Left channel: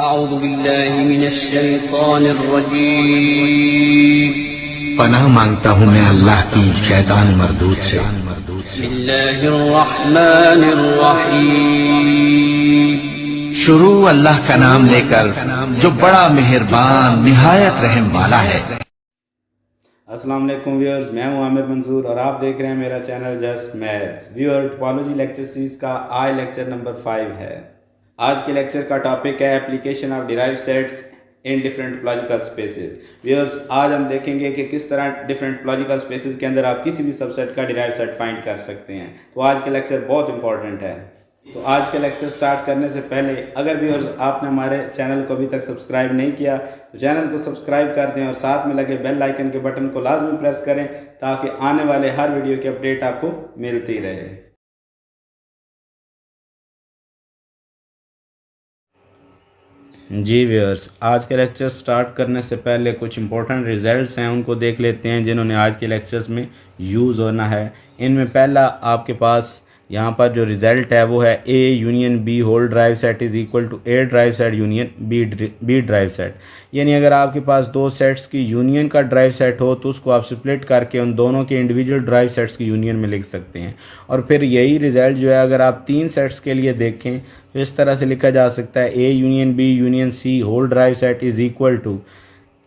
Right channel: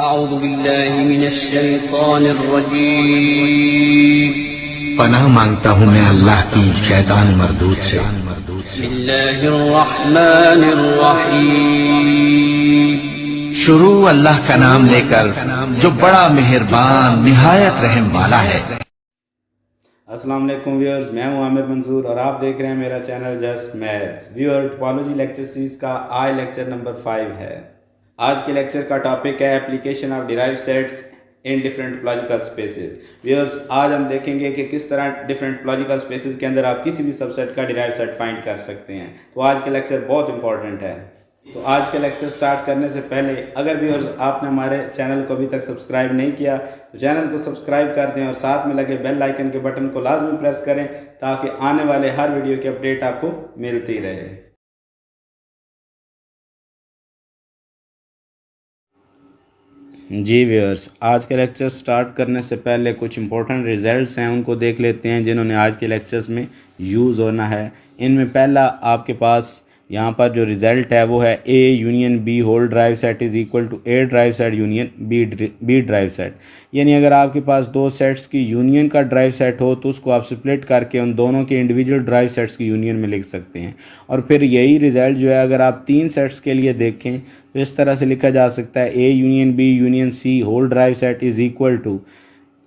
अऊज़ु बिल्लाहि मिनश्शैतानिर्रजीम। पनाह मांगता हूँ मैं अल्लाह की शैतान मरदूद से। बिस्मिल्लाहिर्रहमानिर्रहीम। शुरू अल्लाह का नाम लेकर जो बड़ा मेहरबान निहायत रहम वाला है। अस्सलाम वालेकुम व्यूअर्स, मैं हूं आमिर मंसूर और आप देख रहे हैं मेरा channel just maths. Viewer, topology lecture series का आज लेक्चर नंबर 5 है। आज के लेक्चर का टॉपिक है application of derived sets in different topological spaces. Viewers, आज हम देखेंगे कि किस तरह डिफरेंट टोपोलॉजिकल स्पेसेस के अंदर आप किसी भी सबसेट का डिराइव्ड सेट फाइंड कर सकते हैं। तो आज के लेक्चर बहुत इंपॉर्टेंट है। तो आज के लेक्चर स्टार्ट करने से पहले अगर व्यूअर्स आपने हमारे चैनल को अभी तक सब्सक्राइब नहीं किया तो चैनल को सब्सक्राइब कर दें और साथ में लगे बेल आइकन के बटन को लाजमी प्रेस करें ताकि आने वाले हर वीडियो की अपडेट आपको मिलती रहे। जी व्यूअर्स, आज के लेक्चर स्टार्ट करने से पहले कुछ इंपॉर्टेंट रिजल्ट्स हैं उनको देख लेते हैं जिन्होंने आज के लेक्चर्स में यूज़ होना है। इनमें पहला आपके पास यहाँ पर जो रिज़ल्ट है वो है A union B whole derived set is equal to A derived set union B derived set. यानी अगर आपके पास दो सेट्स की यूनियन का ड्राइव सेट हो तो उसको आप स्प्लिट करके उन दोनों के इंडिविजुअल ड्राइव सेट्स की यूनियन में लिख सकते हैं। और फिर यही रिज़ल्ट जो है अगर आप तीन सेट्स के लिए देखें तो इस तरह से लिखा जा सकता है A union B union C whole derived set is equal to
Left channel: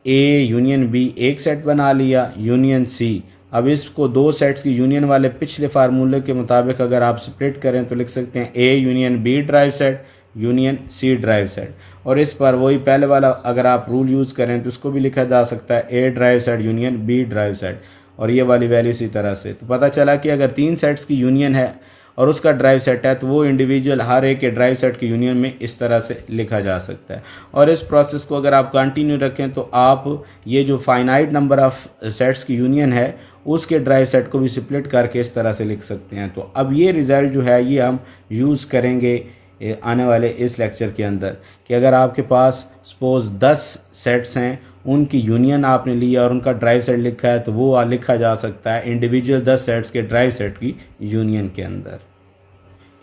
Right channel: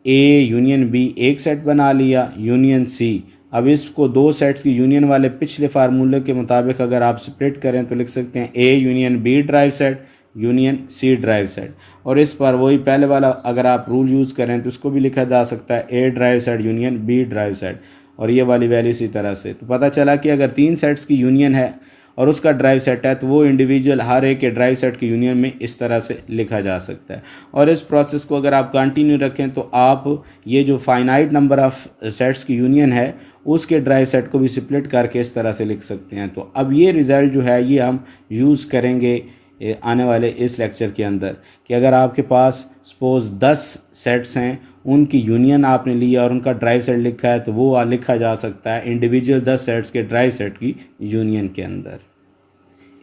A union B एक सेट बना लिया यूनियन सी। अब इसको दो सेट्स की यूनियन वाले पिछले फार्मूले के मुताबिक अगर आप स्प्लिट करें तो लिख सकते हैं A union B derived set union C derived set. और इस पर वही पहले वाला अगर आप रूल यूज़ करें तो उसको भी लिखा जा सकता है A derived set union B derived set और ये वाली वैल्यू इसी तरह से। तो पता चला कि अगर तीन सेट्स की यूनियन है और उसका ड्राइव सेट है तो वो इंडिविजुअल हर एक के ड्राइव सेट की यूनियन में इस तरह से लिखा जा सकता है। और इस प्रोसेस को अगर आप कंटिन्यू रखें तो आप ये जो फाइनाइट नंबर ऑफ सेट्स की यूनियन है उसके ड्राइव सेट को भी स्प्लिट करके इस तरह से लिख सकते हैं। तो अब ये रिज़ल्ट जो है ये हम यूज़ करेंगे आने वाले इस लेक्चर के अंदर कि अगर आपके पास सपोज़ 10 सेट्स हैं उनकी यूनियन आपने लिया और उनका ड्राइव सेट लिखा है तो वो लिखा जा सकता है इंडिविजुअल 10 सेट्स के ड्राइव सेट की यूनियन के अंदर।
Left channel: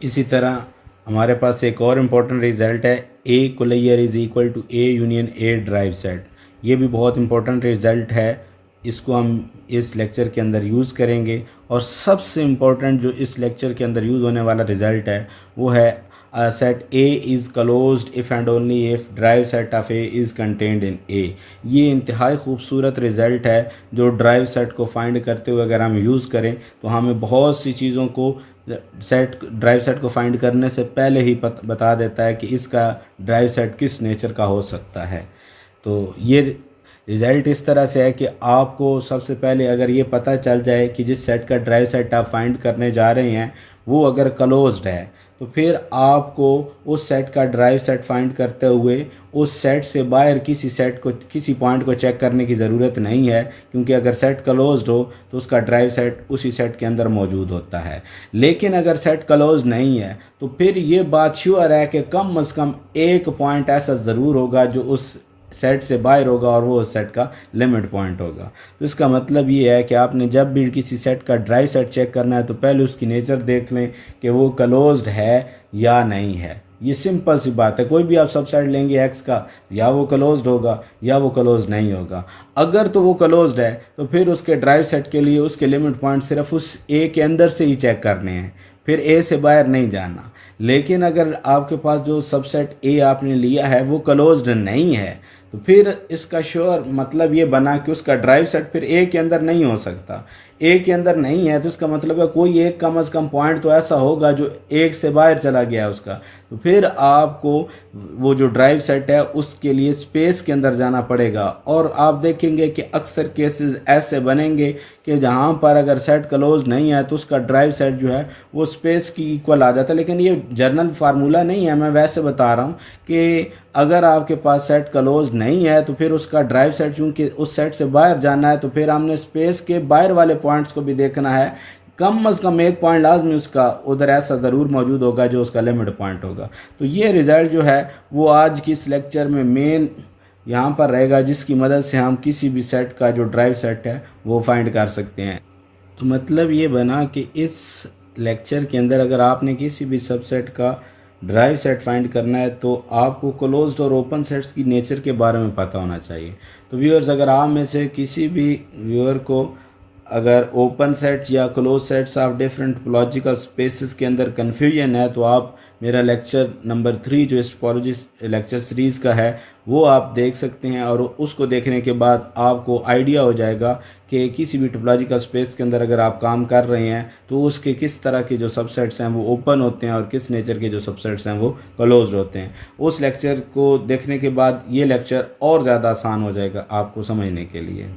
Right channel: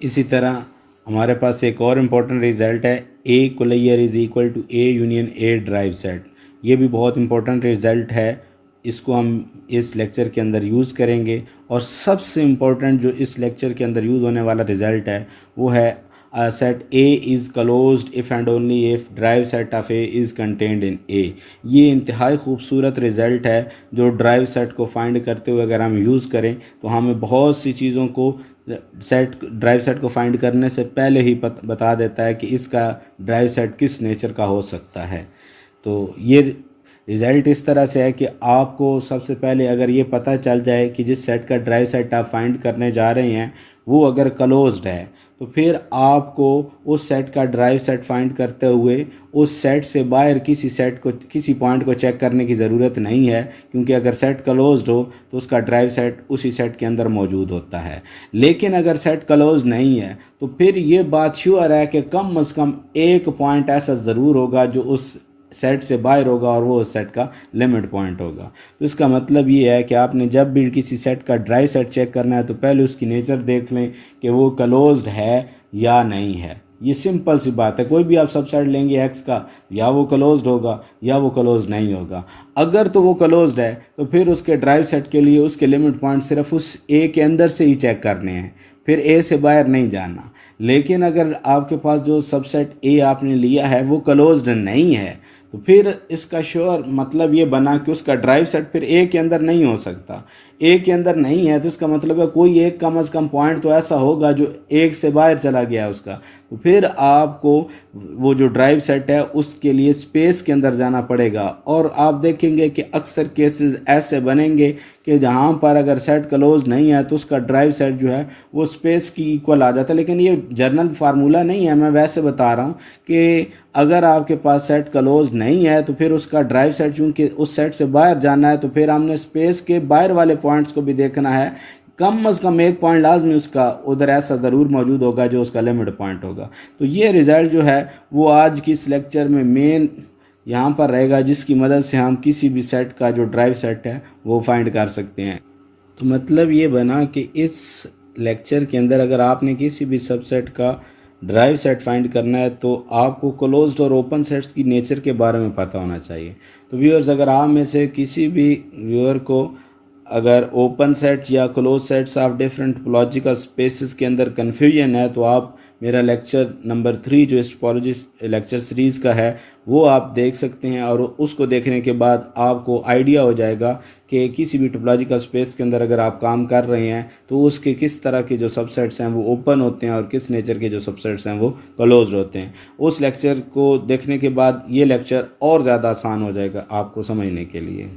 इसी तरह हमारे पास एक और इम्पोर्टेंट रिज़ल्ट है A closure is equal to A union A derived set. ये भी बहुत इंपॉर्टेंट रिज़ल्ट है, इसको हम इस लेक्चर के अंदर यूज़ करेंगे। और सबसे इम्पोर्टेंट जो इस लेक्चर के अंदर यूज़ होने वाला रिज़ल्ट है वो है set A is closed if and only if derived set of A is contained in A. ये इंतहाई खूबसूरत रिज़ल्ट है जो ड्राइव सेट को फाइंड करते हुए अगर हम यूज़ करें तो हमें बहुत सी चीज़ों को ड्राइव सेट को फाइंड करने से पहले ही बता देता है कि इसका ड्राइव सेट किस नेचर का हो सकता है। तो ये रिज़ल्ट इस तरह से है कि आपको सबसे पहले अगर ये पता चल जाए कि जिस सेट का ड्राइव सेट आप फाइंड करने जा रहे हैं वो अगर क्लोज्ड है तो फिर आपको उस सेट का ड्राइव सेट फाइंड करते हुए उस सेट से बाहर किसी पॉइंट को चेक करने की ज़रूरत नहीं है, क्योंकि अगर सेट क्लोज्ड हो तो उसका ड्राइव सेट उसी सेट के अंदर मौजूद होता है। लेकिन अगर सेट क्लोज्ड नहीं है तो फिर ये बात श्योर है कि कम से कम एक पॉइंट ऐसा ज़रूर होगा जो उस सेट से बाहर होगा और वो उस सेट का लिमिट पॉइंट होगा। तो इसका मतलब ये है कि आपने जब भी किसी सेट का ड्राइव सेट चेक करना है तो पहले उसकी नेचर देख लें कि वो क्लोज्ड है या नहीं है। ये सिंपल सी बात है। कोई भी आप सबसेट लेंगे एक्स का, या वो क्लोज्ड होगा या वो क्लोज्ड नहीं होगा। अगर तो वो क्लोज्ड है तो फिर उसके ड्राइव सेट के लिए उसके लिमिट पॉइंट सिर्फ उस ए के अंदर से ही चेक करने हैं, फिर ए से बाहर नहीं जाना। लेकिन अगर आपके पास जो सबसेट ए आपने लिया है वो क्लोज्ड नहीं है तो फिर इसका श्योर मतलब ये बना कि उसका ड्राइव सेट फिर ए के अंदर नहीं हो सकता। ए के अंदर नहीं है तो इसका मतलब है कोई एक कम से कम पॉइंट तो ऐसा होगा जो एक से बाहर चला गया उसका। तो फिर आपको वो जो ड्राइव सेट है उसके लिए स्पेस के अंदर जाना पड़ेगा। और आप देखेंगे कि अक्सर केसेस ऐसे बनेंगे कि जहाँ पर अगर सेट क्लोज नहीं है तो उसका ड्राइव सेट जो है वो स्पेस की इक्वल आ जाता है। लेकिन ये जनरल फार्मूला नहीं है, मैं वैसे बता रहा हूँ कि अगर आपके पास सेट क्लोज नहीं है तो फिर उसका ड्राइव सेट चूँकि उस सेट से बाहर जाना है तो फिर हमने स्पेस के बाहर वाले पॉइंट्स को भी देखना है। कम से कम एक पॉइंट लाजमी उसका उधर ऐसा ज़रूर मौजूद होगा जो उसका लिमिट पॉइंट होगा। तो ये रिज़ल्ट जो है वो आज की इस लेक्चर में मेन यहाँ पर रहेगा, जिसकी मदद से हम किसी भी सेट का जो ड्राइव सेट है वो फाइंड कर सकते हैं। तो मतलब ये बना कि इस लेक्चर के अंदर अगर आपने किसी भी सबसेट का ड्राइव सेट फाइंड करना है तो आपको क्लोज्ड और ओपन सेट्स की नेचर के बारे में पता होना चाहिए। तो व्यूअर्स, अगर आप में से किसी भी व्यूअर को अगर ओपन सेट्स या close sets of different topological spaces के अंदर कन्फ्यूजन है तो आप मेरा लेक्चर नंबर 3 जो इस टोपोलॉजी लेक्चर सीरीज़ का है वो आप देख सकते हैं, और उसको देखने के बाद आपको आइडिया हो जाएगा कि किसी भी टोपोलॉजिकल स्पेस के अंदर अगर आप काम कर रहे हैं तो उसके किस तरह के जो सबसेट्स हैं वो ओपन होते हैं और किस नेचर के जो सबसेट्स हैं वो क्लोज होते हैं। उस लेक्चर को देखने के बाद ये लेक्चर और ज़्यादा आसान हो जाएगा आपको समझने के लिए।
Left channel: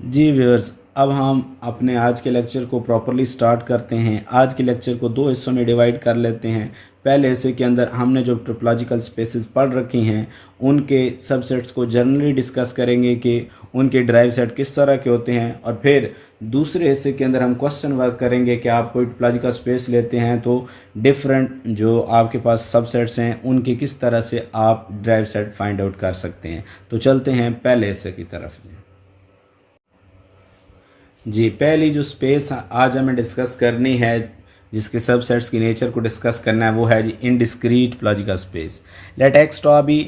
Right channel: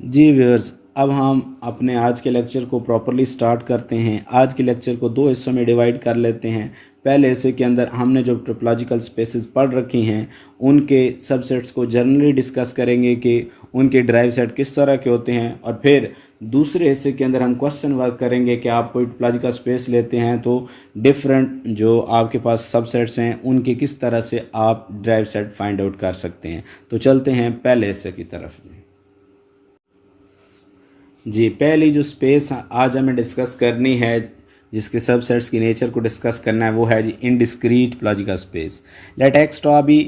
जी व्यूअर्स, अब हम अपने आज के लेक्चर को प्रॉपरली स्टार्ट करते हैं। आज के लेक्चर को 2 हिस्सों में डिवाइड कर लेते हैं। पहले हिस्से के अंदर हमने जो टोपोलॉजिकल स्पेसेस पढ़ रखी हैं उनके सबसेट्स को जनरली डिस्कस करेंगे कि उनके ड्राइव सेट किस तरह के होते हैं, और फिर दूसरे हिस्से के अंदर हम क्वेश्चन वर्क करेंगे कि आप कोई टोपोलॉजिकल स्पेस लेते हैं तो डिफरेंट जो आपके पास सबसेट्स हैं उनके किस तरह से आप ड्राइव सेट फाइंड आउट कर सकते हैं। तो चलते हैं पहले हिस्से की तरफ। जी, पहली जो स्पेस आज हमें डिस्कस करनी है जिसके सबसेट्स की नेचर को डिस्कस करना है वो है G indiscrete topological space. Let X to be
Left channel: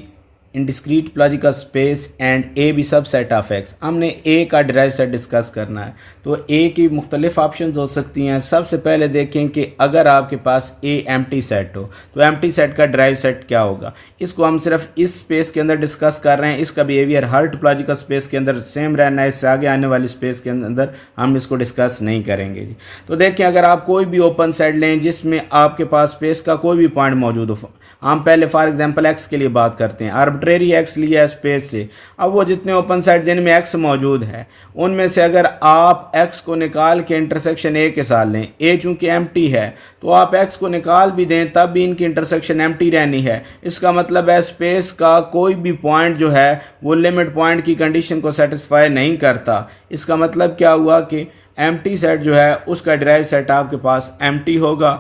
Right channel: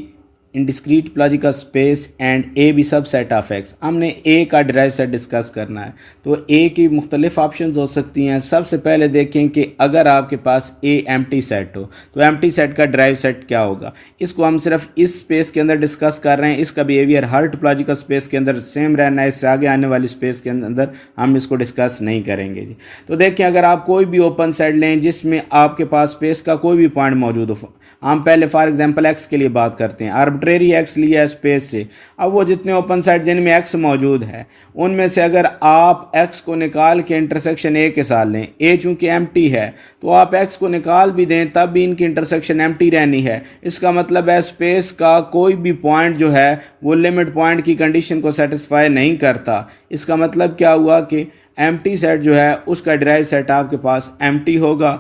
indiscrete topological space and A be subset of X. हमने ए का ड्राइव सेट डिस्कस करना है तो ए की मुख्तलिफ ऑप्शंस हो सकती हैं। सबसे पहले देखें कि अगर आपके पास ए एम्प्टी सेट हो तो एम्प्टी सेट का ड्राइव सेट क्या होगा। इसको हम सिर्फ इस स्पेस के अंदर डिस्कस कर रहे हैं। इसका बिहेवियर हर टोपोलॉजिकल स्पेस के अंदर सेम रहना है। इससे आगे आने वाली स्पेस के अंदर हम इसको डिस्कस नहीं करेंगे। तो देखिए, अगर आप कोई भी ओपन सेट लें जिसमें आपके पास स्पेस का कोई भी पॉइंट मौजूद हो, हम पहले फॉर एग्जांपल एक्स के लिए बात करते हैं। आर्बिट्रेरी एक्स लिया है स्पेस से। अब वो जितने ओपन सेट जिनमें एक्स मौजूद है उनमें से अगर आप एक्स को निकाल के इंटरसेक्शन ए के साथ लें, ए चूंकि एम्प्टी है तो आप एक्स को निकाल भी दें तब भी इनकी इंटरसेक्शन एम्प्टी रहनी है। इसका मतलब है स्पेस का कोई भी पॉइंट जो है वो लिमिट पॉइंट की कंडीशन को सेटिस्फाई नहीं करता। इसका मतलब क्या हुआ कि एम्प्टी सेट जो है उसका ड्राइव सेट आपके पास एम्प्टी होगा।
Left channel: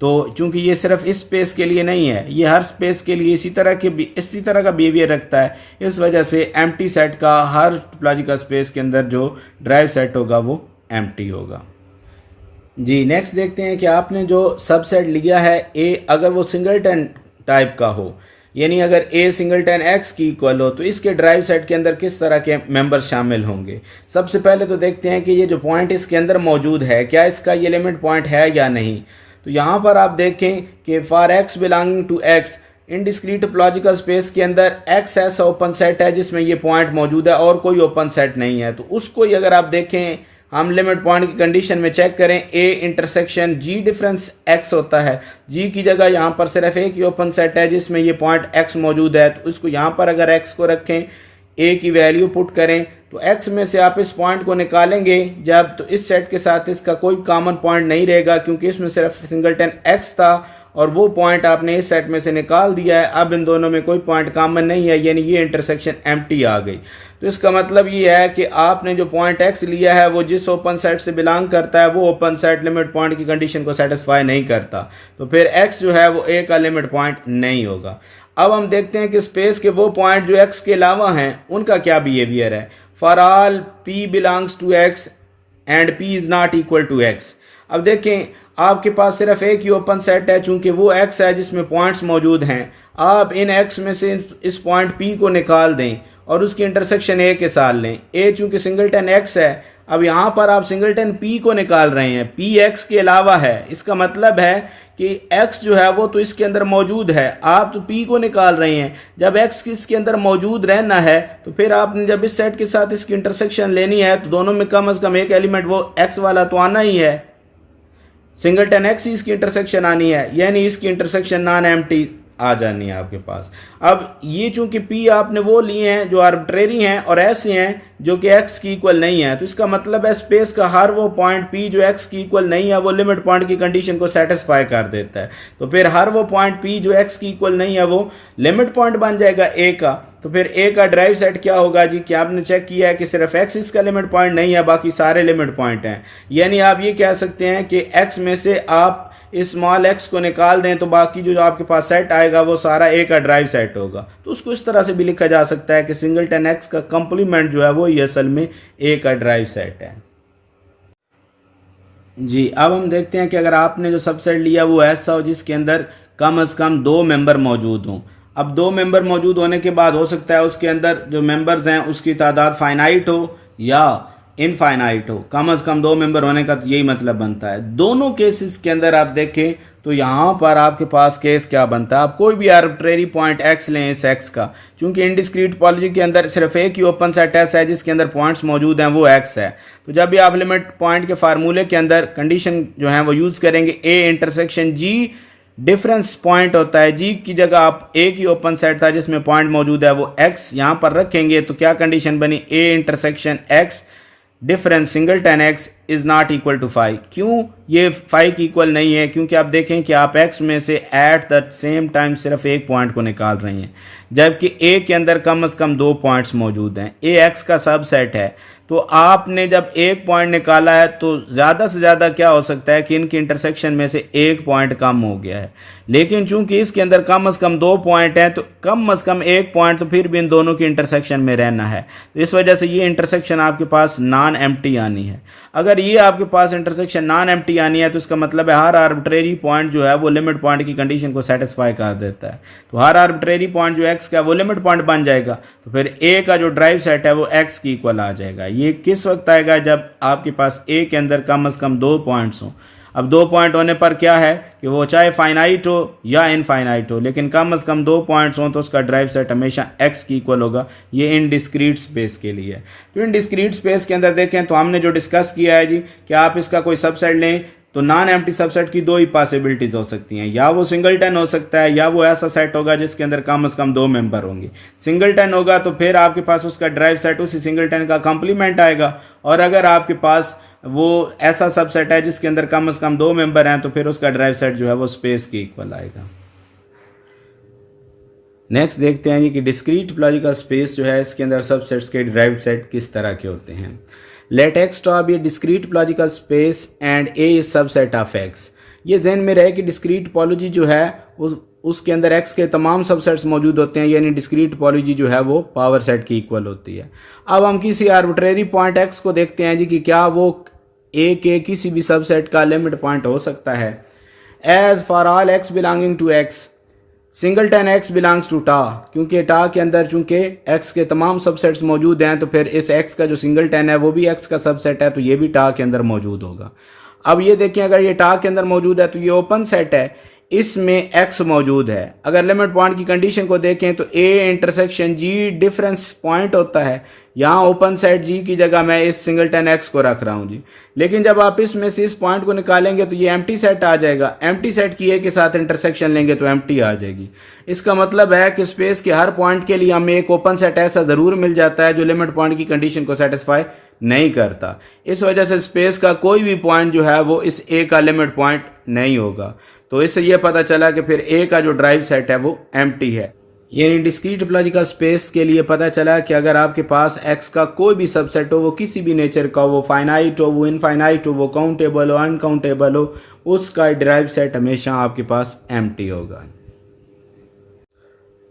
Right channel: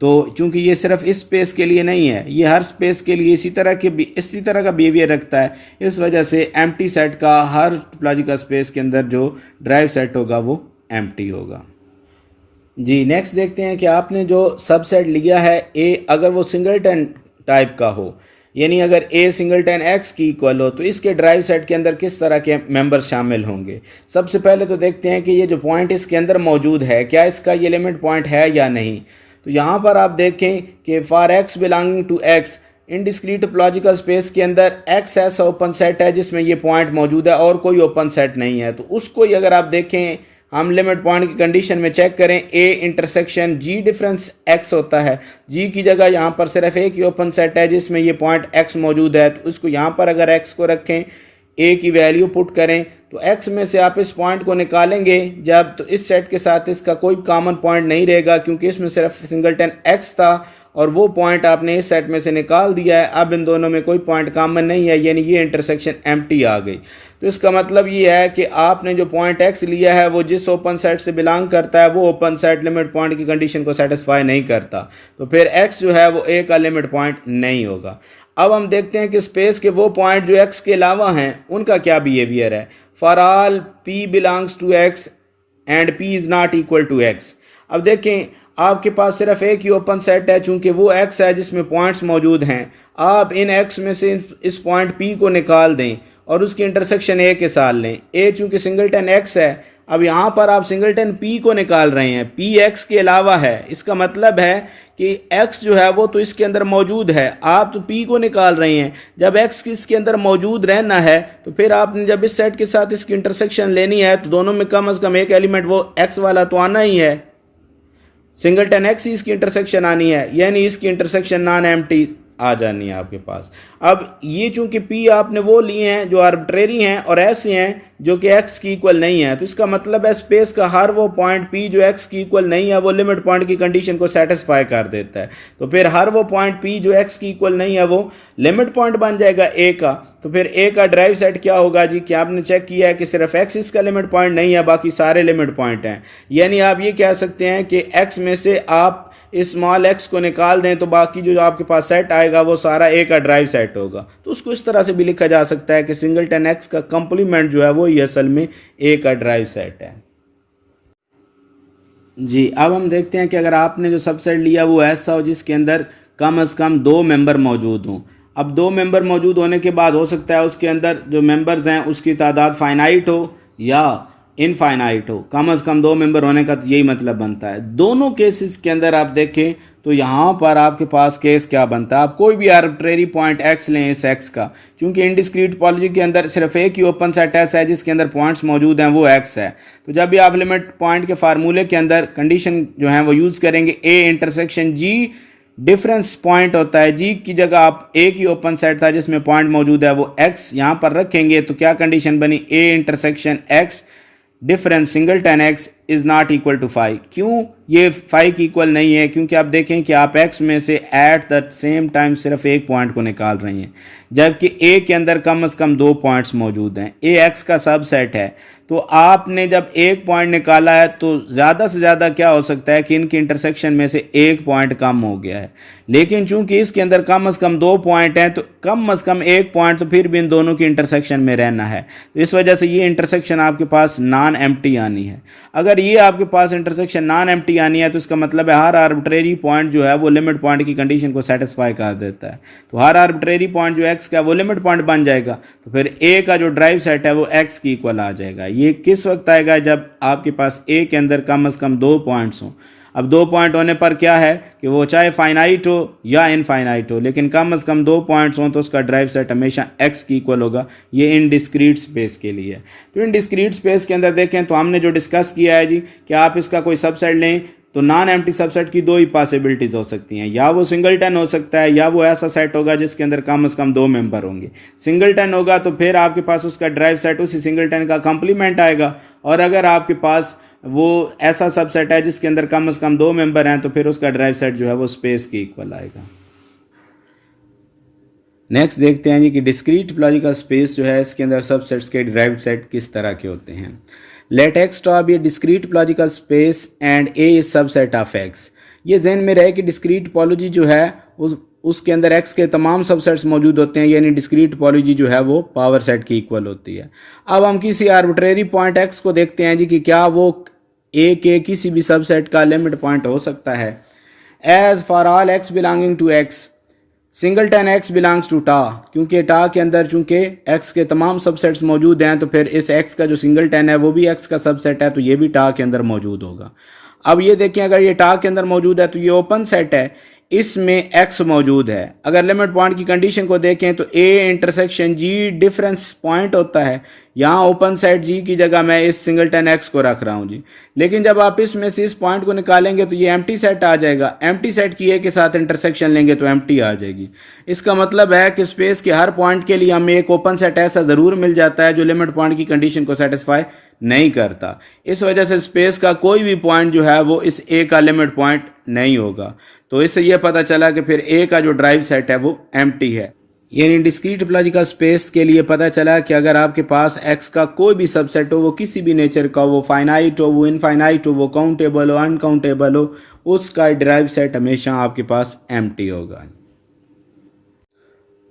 तो चूंकि ये सिर्फ इस स्पेस के लिए नहीं है, ये हर स्पेस के लिए इसी तरह का बिहेवियर रखता है। इस वजह से एम्प्टी सेट का हर टोपोलॉजिकल स्पेस के अंदर जो ड्राइव सेट होगा वो एम्प्टी होगा। जी, नेक्स्ट देखते हैं कि आपने जो सबसेट लिया है ए, अगर वो सिंगलटन टाइप का हो, यानी अगर ए सिंगलटन एक्स की इक्वल हो तो इसके ड्राइव सेट के अंदर किस तरह के मेंबर शामिल होंगे। सबसे पहले तो देखते हैं कि ये जो पॉइंट इसके अंदर मौजूद है क्या इसका ये लिमिट पॉइंट है या नहीं। तो यहाँ पर आप देखें कि for x belonging to X indiscrete topological space के अंदर एक्स ऐसा ओपन सेट है जिसमें ये पॉइंट मौजूद है और कोई ओपन सेट नहीं है। तो उसको ही अगर आप देखें, हम लिमिट पॉइंट की कंडीशन में चेक करें, A intersection G difference X होता है। जी की जगह यहाँ पर सिर्फ एक ही ओपन सेट है जिसमें ये पॉइंट एक्स मौजूद है। तो उसको यहाँ पर अगर एक्स को रखें, ए की वैल्यू पुट करें तो एक्स में से आप इस पॉइंट को निकालेंगे जब, तो इस सेट के साथ इसका कोई कॉमन पॉइंट नहीं रहेगा क्योंकि इसमें सिर्फ सिंगलटन एक्स था और वो पॉइंट आपने इस सेट में से निकाल दिया है। अब इन दोनों में कोई पॉइंट कॉमन नहीं है, यानी ये इंटरसेक्शन एम्प्टी आ गई। तो इसका मतलब ये है कि आपने जो पॉइंट एक्स लिया है वो जिस ओपन सेट से बिलोंग करता है वो ओपन सेट लिमिट पॉइंट की कंडीशन को सेटिस्फाई नहीं करता। तो फिर एक्स जो है वो ए का लिमिट पॉइंट नहीं होगा। अब हम देखते हैं कि स्पेस के वो पॉइंट जो एक्स के अलावा हैं उनका क्या बिहेवियर है। For all P belongs to X and P is not equal to X. अब देखें, आपके पास सिर्फ एक ही ओपन सेट है चूंकि वो एक्स है जिसमें पॉइंट्स मौजूद हैं। आप इन एक्स में से इस पॉइंट पी को निकाल दें और उसकी इंटरसेक्शन ए के साथ लें। ए चूंकि सिंगलटन एक्स है, अब यहाँ पर आप सिंगलटन पी को निकाल रहे हैं, पी एक्स के अलावा है। इसका मतलब है कि x जो है वो तो इसके अंदर मौजूद है, आप तो p को निकाल रहे हैं। जब x इसके अंदर मौजूद रहना है तो फिर आपने जब इस सेट के साथ इसकी इंटरसेक्शन लेनी है तो दोनों में कम से कम एक एलिमेंट वो x वाला तो आना ही है। सिंगलटन x ही इसकी इंटरसेक्शन आनी है, यानी इसकी इंटरसेक्शन नॉन एम्प्टी आ जानी है आपके पास। अब ये चूंकि p आपने वो लिए हैं जो आर्बिट्रेरी हैं और ऐसे हैं जो कि x की इक्वल नहीं है, तो इसका मतलब है स्पेस का हर वो पॉइंट p जो x की इक्वल नहीं है वो लिमिट पॉइंट की कंडीशन को सेटिस्फाई कर देता है। तो फिर हर वो पॉइंट p जो x की इक्वल नहीं है वो लिमिट पॉइंट बन जाएगा a का। तो फिर a का ड्राइव सेट क्या होगा जी, कि आपने चेक किया है कि सिर्फ x इसका लिमिट पॉइंट नहीं है, बाकी सारे लिमिट पॉइंट हैं। यानी आप ये कह सकते हैं कि x में से आप इस स्मॉल x को निकाल दें तो बाकी जो आपके पास सेट आएगा वो सारा a का ड्राइव सेट होगा। तो उसको इस तरह से भी लिखा जा सकता है कि सिंगलटन x का कंप्लीमेंट जो है वो ये असल में a का ड्राइव सेट है। जी, अब हम देखते हैं कि अगर आपने जो सबसेट लिया वो ऐसा हो जिसके अंदर कम से कम 2 मेंबर मौजूद हों। अब 2 मेंबर मौजूद होने के बाद हो सकता है उसके अंदर जो मेंबर्स हैं उसकी तादाद फाइनाइट हो या इनफाइनाइट हो। कम से कम 2 मेंबर होने का तो यही मतलब बनता है। दोनों केसेस के अंदर आप देखें तो यहाँ पर आपके पास केस क्या बनता है, आप कोई भी आर्बिट्रेरी पॉइंट x लें इस x का, क्योंकि इनडिस्क्रीट टोपोलॉजी के अंदर सिर्फ एक ही ओपन सेट ऐसा है जिसके अंदर पॉइंट्स मौजूद हैं, वो x है। तो जब भी आप लिमिट पॉइंट के फार्मूले के अंदर कंडीशन जो है वो यूज़ करेंगे, a intersection g difference point होता है, g की जगह आप एक ही ओपन सेट था जिसमें पॉइंट मौजूद है वो x यहाँ पर रखेंगे, तो क्या कंडीशन बनी, a intersection x difference singleton x is not equal to 5। क्यों ये 5 की इक्वल नहीं है, क्योंकि आप देखें कि आप x में से एट द सेम टाइम सिर्फ एक पॉइंट को निकाल रही हैं, जबकि a के अंदर कम से कम 2 पॉइंट्स मौजूद हैं। a x का सबसेट है, तो आपने जब एक पॉइंट निकाला है तो ज़्यादा से ज़्यादा क्या हो सकता है कि इनकी इंटरसेक्शन में से एक पॉइंट कम हो गया है, लेकिन चूंकि इसके अंदर कम से कम 2 पॉइंट हैं तो कम से कम एक पॉइंट तो फिर भी इन दोनों की इंटरसेक्शन में रहना है। तो इस वजह से ये इंटरसेक्शन आपके पास नॉन एम्प्टी आनी है। अगर ये आपके पास इंटरसेक्शन नॉन एम्प्टी आनी है तो इसका मतलब है हर आर्बिट्रेरी पॉइंट जो है वो लिमिट पॉइंट की कंडीशन को सेटिस्फाई कर देता है। तो हर आर्बिट्रेरी पॉइंट जो x का वो लिमिट पॉइंट बन जाएगा, तो फिर a का जो ड्राइव सेट है वो x की इक्वल आ जाएगा। ये किस वक्त आएगा, जब आपके पास a के अंदर कम से कम 2 पॉइंट्स हों। अब 2 पॉइंट होने पर क्या है कि वो चाहे फाइनाइट हो या इनफाइनाइट हो, लेकिन कम से कम 2 पॉइंट्स हों तो उसका ड्राइव सेट हमेशा x की इक्वल होगा। ये इन डिस्क्रीट स्पेस के लिए है। तो इन डिस्क्रीट स्पेस के अंदर देखें तो हमने जो डिस्कस किया है जी कि आप इसका कोई सबसेट लें तो नॉन एम्प्टी सबसेट की 2 ही पॉसिबिलिटीज हो सकती हैं, या वो सिंगलटन हो सकता है या वो ऐसा सेट होगा जिसके अंदर कम से कम 2 मेंबर होंगे। सिंगलटन होगा तो फिर आपके पास उसका ड्राइव सेट उसी सिंगलटन का कंप्लीमेंट आएगा, और अगर आपके पास वो ऐसा सबसेट है जिसके अंदर कम से कम 2 मेंबर हैं तो फिर उसका ड्राइव सेट जो है वो स्पेस के इक्वल आएगा। नेक्स्ट देखते हैं जी कि डिस्क्रीट टोपोलॉजी का स्पेस जो है इसके अंदर सबसेट्स के डिराइव्ड सेट किस तरह के होते हैं। Let x top be discrete topological space and a is subset of x। ये ध्यान में रहे कि डिस्क्रीट टोपोलॉजी जो है उसके अंदर x के तमाम सबसेट्स मौजूद होते हैं, यानी डिस्क्रीट टोपोलॉजी जो है वो पावर सेट की इक्वल होती है। अब हम किसी आर्बिट्रेरी पॉइंट x को देखते हैं जी कि क्या वो a के किसी भी सबसेट का लिमिट पॉइंट हो सकता है। As for all x belonging to x singleton x belongs to tau, क्योंकि टा के अंदर चूंकि x के तमाम सबसेट्स मौजूद हैं तो फिर इस x का जो सिंगलटन है वो भी x का सबसेट है, तो ये भी टा के अंदर मौजूद होगा। अब ये देखें, अगर ये टा के अंदर मौजूद है तो ये ओपन सेट है, इसमें x मौजूद है। अगर लिमिट पॉइंट की कंडीशन को देखें तो a intersection g difference point होता है, यहाँ ओपन सेट g की जगह मैं इस सिंगलटन x को रख रहा हूँ जी। लेकिन जब आप इसमें से इस पॉइंट को निकालेंगे तो ये एम्प्टी सेट आ जाएगा। एम्प्टी सेट की a के साथ इंटरसेक्शन लेंगे तो एम्प्टी आ जाएगी। इसका मतलब है कि स्पेस के हर पॉइंट के लिए हमें एक ओपन सेट ऐसा ज़रूर मिल जाता है जो लिमिट पॉइंट की कंडीशन को सेटिस्फाई नहीं करता। इस वजह से स्पेस का कोई भी पॉइंट जो है वो इस a का लिमिट पॉइंट नहीं होगा। तो इससे यह पता चला कि फिर a का जो ड्राइव सेट है वो एम्प्टी है। यानी डिस्क्रीट टोपोलॉजी का स्पेस के लिए पता चला कि अगर आपके पास x का कोई भी सबसेट हो, वो किसी भी नेचर का हो, वो फाइनाइट हो, वो इनफाइनाइट हो, वो काउंटेबल हो, अनकाउंटेबल हो, उसका ड्राइव सेट हमेशा आपके पास एम्प्टी होगा।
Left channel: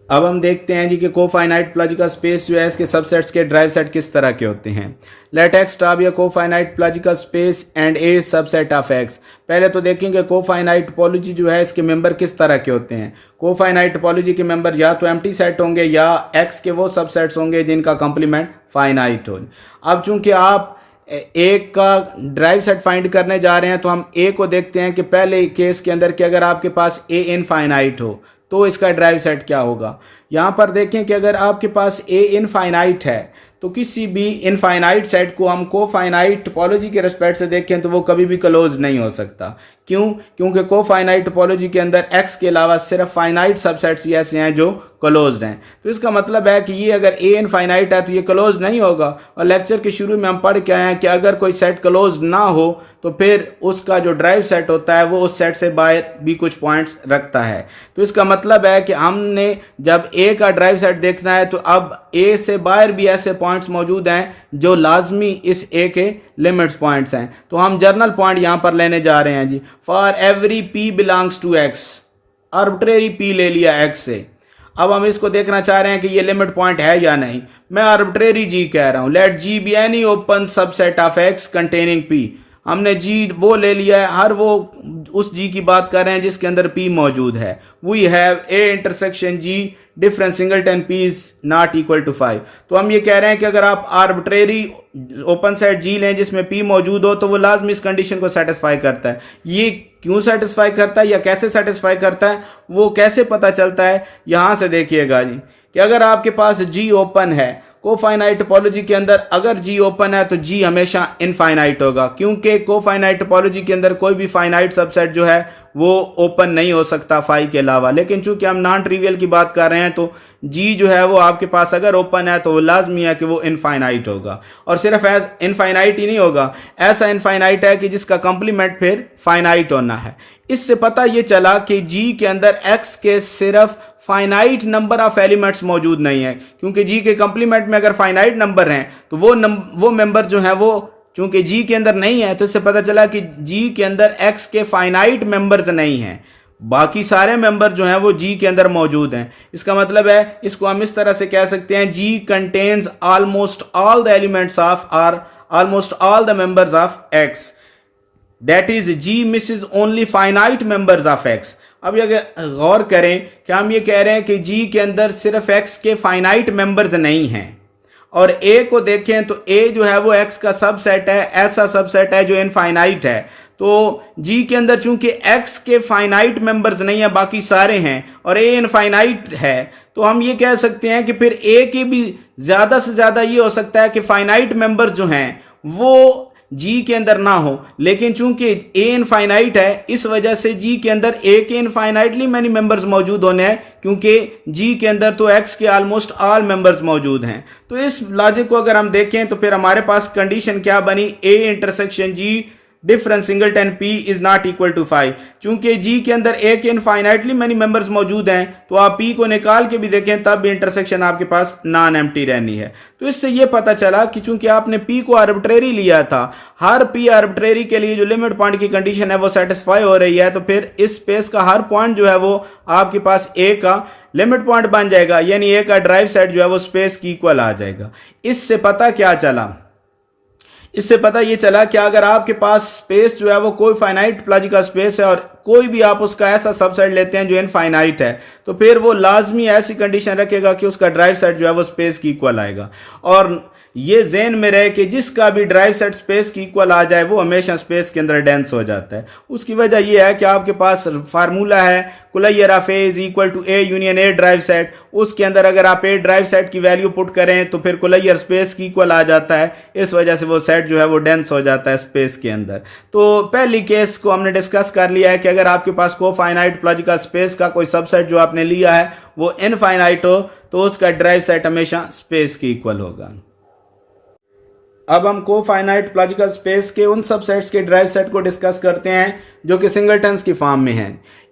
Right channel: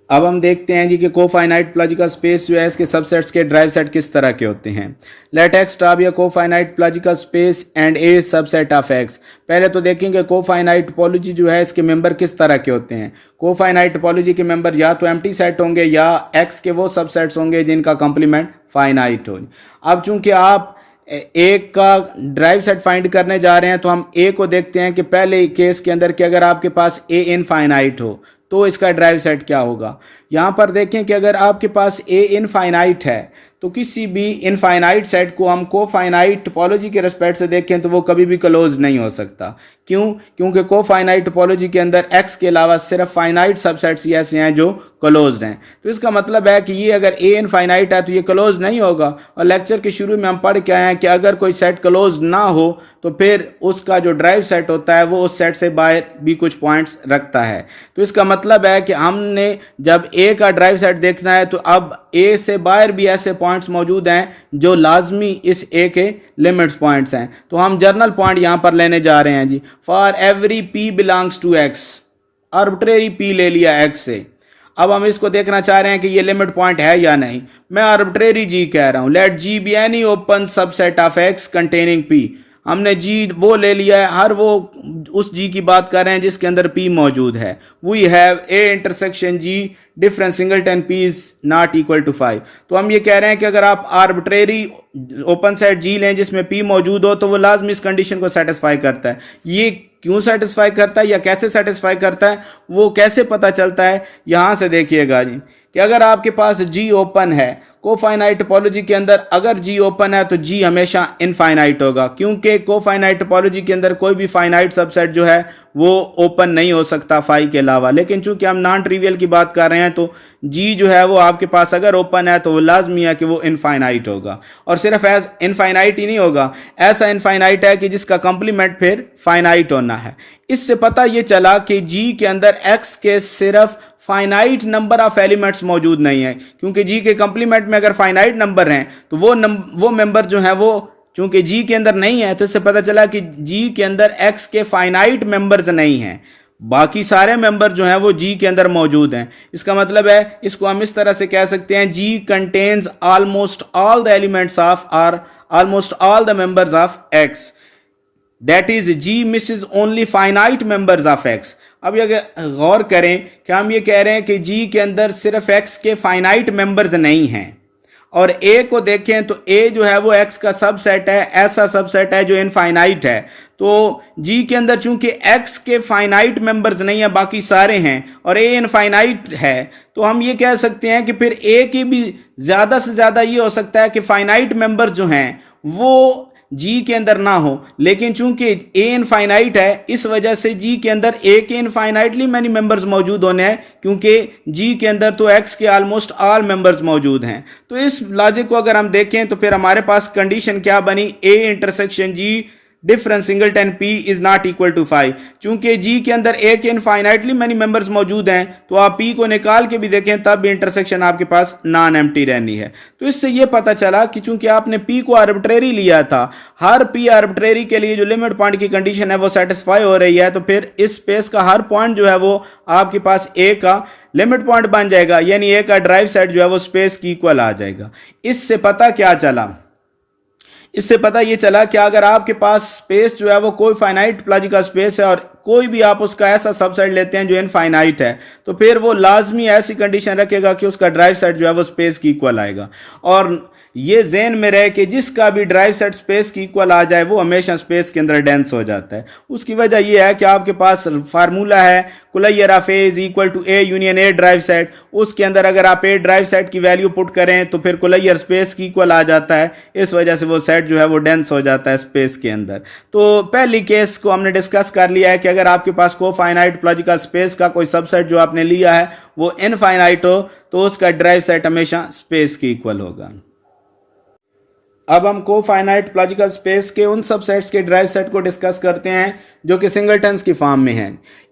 अब हम देखते हैं जी कि कोफाइनाइट टोपोलॉजी का स्पेस जो है इसके सबसेट्स के ड्राइव सेट किस तरह के होते हैं। Let x top be cofinite topology का space and a subset of x। पहले तो देखेंगे कोफाइनाइट टोपोलॉजी जो है इसके मेंबर किस तरह के होते हैं। कोफाइनाइट टोपोलॉजी के मेंबर या तो एम्प्टी सेट होंगे या x के वो सबसेट्स होंगे जिनका कंप्लीमेंट फाइनाइट हो। अब चूंकि आप एक का ड्राइव सेट फाइंड करने जा रहे हैं तो हम a को देखते हैं कि पहले केस के अंदर कि अगर आपके पास a इनफाइनाइट हो तो इसका ड्राइव सेट क्या होगा। यहाँ पर देखें कि अगर आपके पास a इनफाइनाइट है तो किसी भी इनफाइनाइट सेट को हम कोफाइनाइट टोपोलॉजी के रिस्पेक्ट से देखें तो वो कभी भी क्लोज नहीं हो सकता। क्यों? क्योंकि कोफाइनाइट टोपोलॉजी के अंदर x के अलावा सिर्फ फाइनाइट सबसेट्स ही ऐसे हैं जो क्लोज्ड हैं। तो इसका मतलब है कि ये अगर a इनफाइनाइट है तो ये क्लोज नहीं होगा। और लेक्चर के शुरू में हम पढ़ के आए हैं कि अगर कोई सेट क्लोज ना हो तो फिर उसका जो ड्राइव सेट होता है वो उस सेट से बाहर भी कुछ पॉइंट्स रखता है। तो इसका मतलब है कि हमने जब a का ड्राइव सेट देखना है तो अब a से बाहर भी ऐसे पॉइंट्स मौजूद हैं जो लाजमी इस a के लिमिट्स पॉइंट्स हैं। तो हम जर्नल पॉइंट यहाँ पर लेने जा रहे हैं जी। For every p belongs to x, arbitrary p ले लिया x से। अब हम इसको देखना चाह रहे हैं कि ये लिमिट पॉइंट है या नहीं। मैं आर्बिट्रेरी g कह रहा हूं। Let g be any open subset of x containing p। हमने जी वो ले लिया है, हर वो उस जी की बात कर रहे हैं जिसके अंदर पी मौजूद है। We have A intersection G different singleton P is not equal to 5। तो हम ये कह रहे हैं कि अगर आप आर्बिट्रेरी ओपन सेट जी लें जिसमें पी मौजूद हो तो वो लाजमी इस कंडीशन को सेटिस्फाई करता है। ये क्यों सेटिस्फाई करता है या कैसे सेटिस्फाई करता है, वो कैसे पता चलता है, यहां से देखिएगा जी कि अगर आपके पास जी ओपन है कोफाइनाइट टोपोलॉजी के अंदर, अगर जी ओपन है तो जी हमेशा इनफाइनाइट होगा, क्योंकि कोफाइनाइट टोपोलॉजी के अंदर कोई भी फाइनाइट सबसेट जो है वो ओपन नहीं हो सकता फाई के अलावा। लेकिन चूंकि हम नॉन ट्रिवियल की बात कर रहे हैं तो जी जो है वो आपके पास अगर ओपन है तो वो लाजमी है कि वो इनफाइनाइट होगा, और सिर्फ एज इनफाइनाइट ही नहीं होगा, ऐसा इनफाइनाइट है कि जिसका कंप्लीमेंट फिर फाइनाइट होना है। इससे पता ये चला कि जी के अंदर एक्स के सिर्फ फाइनाइट नंबर ऑफ एलिमेंट्स मौजूद नहीं है, क्योंकि जी के कंप्लीमेंट में अगर फाइनाइट नंबर हैं तो वो मेंबर जो है वो चूंकि जी के अंदर नहीं है, तो इससे पता चला कि जी के अंदर एक्स के फाइनाइट मेंबर्स नहीं हैं, बाकी सारे मेंबर जो हैं वो जी के अंदर मौजूद हैं। इसका मतलब है, इसको हम इस तरह से कह सकते हैं, G contains almost all the elements of or almost all the members of X, that is G misses only finite members of X. अब ये गौर करें कि हम ये कह रहे हैं कि जी के अंदर सिर्फ एक्स के फाइनाइट मेंबर्स नहीं हैं, और ए को देखें तो ए जो है वो एक्स का सबसेट है, ऐसा सबसेट है जो इनफाइनाइट है। तो जी के अंदर चूंकि एक्स के फाइनाइट मेंबर्स नहीं है, बाकी सारे हैं, और ए इनफाइनाइट है, तो हम ये कह सकते हैं कि फिर ए के भी ज्यादा से ज्यादा ये हो सकता है कि फाइनाइट मेंबर जो हैं वो जी के अंदर ना हो। लेकिन चूंकि ए इनफाइनाइट है, इस वजह से जी के अंदर ए के इनफाइनाइटली मैनी मेंबर्स मौजूद होने हैं, क्योंकि जी के अंदर तो एक्स के ऑलमोस्ट ऑल मेंबर्स मौजूद हैं। तो इस लॉजिक को अगर हम देखें तो फिर हमारे पास कंडीशन क्या बनी, A intersection G difference singleton P is not equal to 5। चूंकि जी के अंदर ए के इनफाइनाइटली मैनी मेंबर्स मौजूद हैं, तो आप पी को निकाल के भी देखें तब भी इंटरसेक्शन आपके पास नॉन एम्प्टी रहनी है। तो इससे ये पता चला कि चूंकि आपने पी को आर्बिट्रेरी लिया था, हर पी आर्बिट्रेरी के लिए जो लिमिट पॉइंट की कंडीशन है वो सेटिस्फाई हो रही है, तो फिर इस स्पेस का हर पॉइंट जो है वो आपके पास ए का लिमिट पॉइंट बन जाएगा, यानी ए का ड्राइव सेट जो है वो स्पेस की इक्वल आ जाएगा। इससे पता क्या चला, इससे पता ये चला कि अगर आपके पास स्पेस जो है वो कोई फाइनाइट टोपोलॉजी का स्पेस है और कोई भी आप उसका ऐसा सबसेट लेते हैं जो इनफाइनाइट है, तो फिर वो लाजमी ऐसी कंडीशन रखेगा कि उसका ड्राइव सेट जो है वो स्पेस की इक्वल आएगा। और ये ज़हन में रहे कि जिसका भी ड्राइव सेट स्पेस की इक्वल आ जाए वो हमेशा स्पेस के अंदर डेंस हो जाता है। उसकी वजह यह है कि आपके पास फार्मूला है closure of A is equal to A union A derived set. उसके अंदर अगर आप ए ड्राइव सेट की वैल्यू पुट करें तो फिर कुलैयर स्पेस की इक्वल आ जाता है, इस वजह से वो सेट जो है वो डेंस हो जाता है स्पेस के अंदर। तो पहली केस को हमने डिस्कस कर लिया है कि अगर आपके पास कोफाइनाइट टोपोलॉजी का स्पेस का कोई सबसेट जो आपने लिया है वो इनफाइनाइट हो तो उसका ड्राइव सेट हमेशा स्पेस की इक्वल होगा। अब हम कोफाइनाइट टोपोलॉजिकल स्पेस के उन सबसेट्स के ड्राइव सेट को डिस्कस करते हैं जो कि सिंगलटन्स की फॉर्म में है।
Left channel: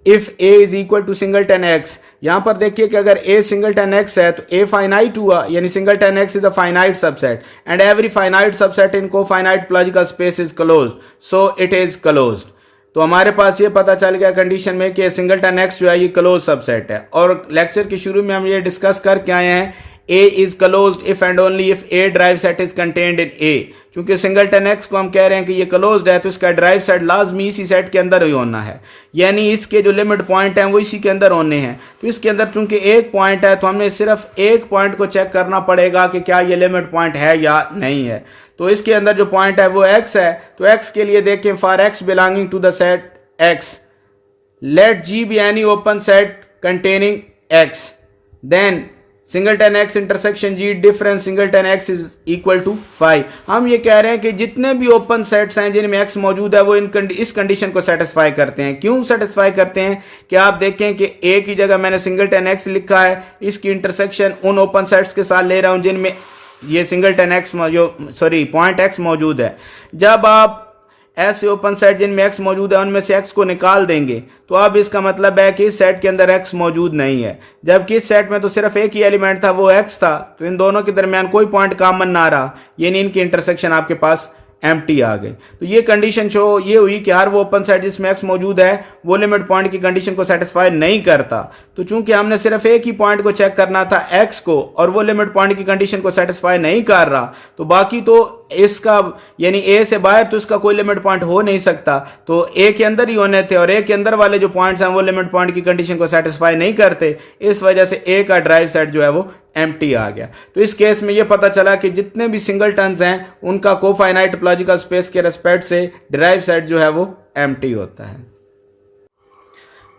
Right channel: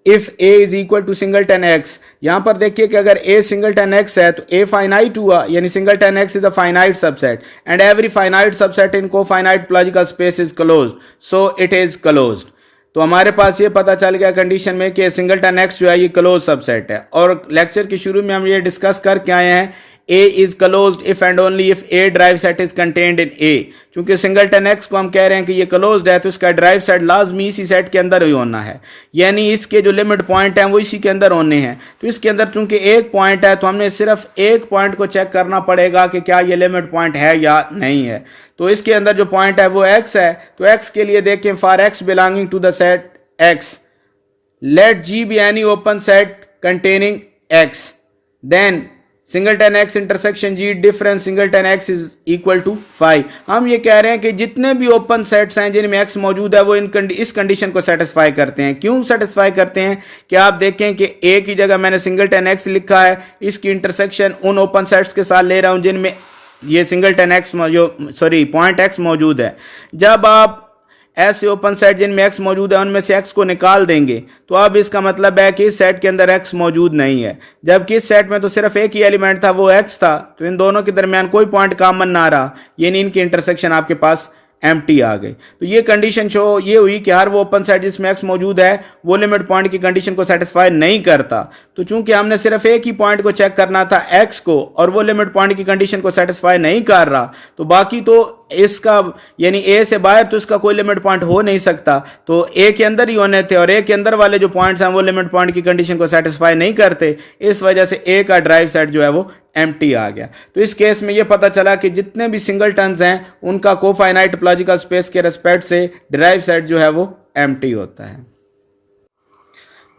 If A is equal to singleton X, यहां पर देखिए कि अगर ए सिंगलटन एक्स है तो ए फाइनाइट हुआ, यानी singleton x is a finite subset and every finite subset in cofinite topological space is closed, so it is closed. तो हमारे पास ये पता चल गया कंडीशन में कि सिंगलटन एक्स जो है ये क्लोज सबसेट है। और लेक्चर के शुरू में हम ये डिस्कस करके आए हैं A is closed if and only if A drive set is contained in A। चूंकि सिंगलटन X को हम कह रहे हैं कि ये क्लोज्ड है तो इसका ड्राइव सेट लाजमी इसी सेट के अंदर ही होना है, यानी इसके जो लिमिट पॉइंट हैं वो इसी के अंदर होने हैं। तो इसके अंदर चूंकि एक पॉइंट है तो हमें सिर्फ एक पॉइंट को चेक करना पड़ेगा कि क्या ये लिमिट पॉइंट है या नहीं है। तो इसके अंदर जो पॉइंट है वो X है, तो X के लिए देखें for X belonging to the set X let G be any open set containing X, then singleton X intersection G difference singleton x is equal to 5। हम ये कह रहे हैं कि जितने भी ओपन सेट्स हैं जिनमें एक्स मौजूद है वो इस कंडीशन को सेटिस्फाई करते हैं। क्यों सेटिस्फाई करते हैं कि आप देखें कि ए की जगह मैंने सिंगलटन एक्स लिखा है, इसकी इंटरसेक्शन उन ओपन सेट्स के साथ ले रहा हूं जिनमें ये सिंगलटन एक्स पॉइंट एक्स मौजूद है। जब आप ऐसे ओपन सेट जिनमें एक्स मौजूद है उनमें से एक्स को निकाल देंगे तो अब इसका मतलब है कि इस सेट के अंदर एक्स मौजूद नहीं है, जबकि इस सेट में तो सिर्फ एक ही एलिमेंट था वो एक्स था, तो इन दोनों के दरमियान कोई पॉइंट कॉमन ना रहा, यानी इनकी इंटरसेक्शन आपके पास एम्प्टी आ गई। तो ये कंडीशन शो ये हुई कि हर वो ओपन सेट जिसमें एक्स मौजूद है वो लिमिट पॉइंट की कंडीशन को सेटिस्फाई नहीं करता। तो चूंकि हमने सिर्फ एक ही पॉइंट को चेक करना था एक्स को, और वो लिमिट पॉइंट की कंडीशन को सेटिस्फाई नहीं कर रहा, तो बाकी तो इसका यानी ए से बाहर तो इसका कोई लिमिट पॉइंट हो नहीं सकता, तो ए के अंदर ही होने थे, और ए के अंदर वाले जो पॉइंट्स हैं वो लिमिट पॉइंट की कंडीशन को सेटिस्फाई नहीं करते। इस वजह से ए का ड्राइव सेट जो है वो एम्प्टी आ गया। तो इस केस में ये पता चला कि जितने भी सिंगलटन्स हैं उनका कोफाइनाइट टोपोलॉजिकल स्पेस के रेस्पेक्ट से डिराइव सेट जो है वो एम्प्टी होता है।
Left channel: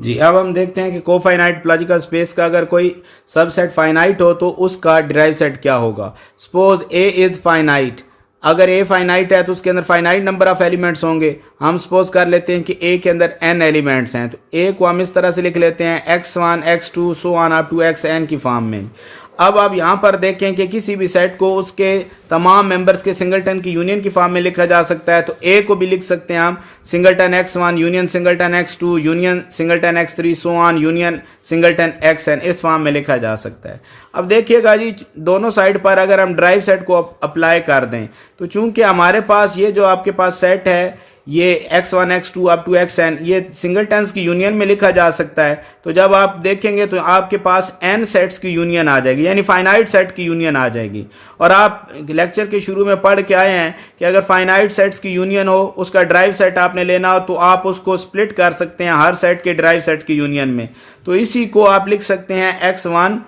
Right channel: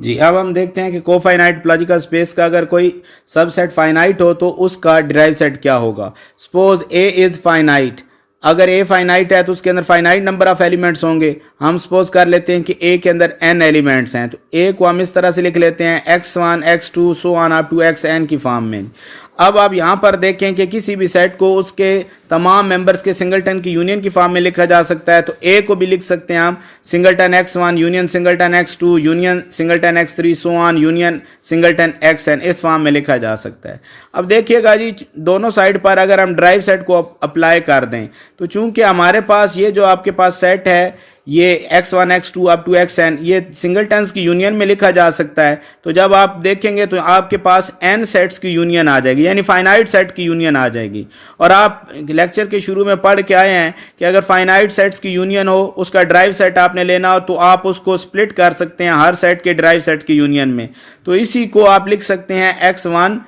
जी, अब हम देखते हैं कि कोफाइनाइट टोपोलॉजिकल स्पेस का अगर कोई सबसेट फाइनाइट हो तो उसका डिराइव सेट क्या होगा। सपोज ए इज फाइनाइट, अगर ए फाइनाइट है तो उसके अंदर फाइनाइट नंबर ऑफ एलिमेंट्स होंगे। हम सपोज कर लेते हैं कि ए के अंदर n एलिमेंट्स हैं, तो ए को हम इस तरह से लिख लेते हैं x1 x2 so on up to xn की फॉर्म में। अब आप यहाँ पर देखें कि किसी भी सेट को उसके तमाम मेंबर्स के सिंगलटन की यूनियन की फॉर्म में लिखा जा सकता है। तो ए को भी लिख सकते हैं हम singleton x1 union singleton x2 union singleton x3 so on union singleton xn, इस फॉर्म में लिखा जा सकता है। अब देखिएगा जी, दोनों साइड पर अगर हम ड्राइव सेट को अप्लाई कर दें तो चूंकि हमारे पास ये जो आपके पास सेट है ये x1 x2 up to xn ये सिंगलटन्स की यूनियन में लिखा जा सकता है। तो जब आप देखेंगे तो आपके पास n सेट्स की यूनियन आ जाएगी, यानी फाइनाइट सेट की यूनियन आ जाएगी। और आप लेक्चर के शुरू में पढ़ के आए हैं कि अगर फाइनाइट सेट्स की यूनियन हो, उसका ड्राइव सेट आपने लेना हो, तो आप उसको स्प्लिट कर सकते हैं हर सेट के ड्राइव सेट की यूनियन में। तो इसी को आप लिख सकते हैं x1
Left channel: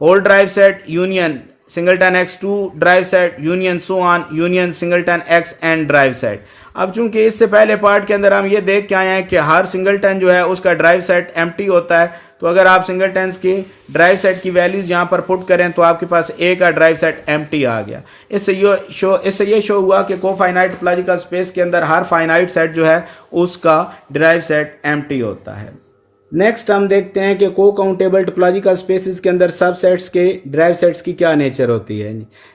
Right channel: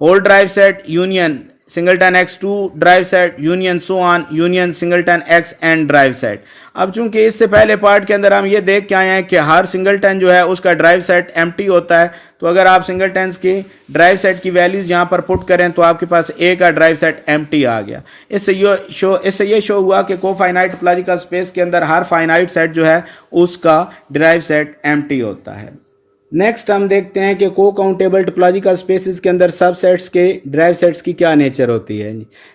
whole derived set union singleton x2 derived set union so on union singleton xn derived set. अब चूंकि इससे पहले पार्ट के अंदर हम ये देख के आए हैं कि हर सिंगलटन जो है उसका ड्राइव सेट एम्प्टी होता है, तो अगर आप सिंगलटन्स के ड्राइव सेट की वैल्यूज यहाँ पर पुट करें तो आपके पास ए का ड्राइव सेट एम्प्टी आ गया। इससे ये शो हुआ कि कोफाइनाइट टोपोलॉजिकल स्पेस के अंदर हर फाइनाइट सेट जो है उसका ड्राइव सेट एम्प्टी होता है। नेक्स्ट हम देखते हैं कि को काउंटेबल टोपोलॉजिकल स्पेसेस के अंदर सबसेट्स के ड्राइव सेट्स की क्या नेचर होती है।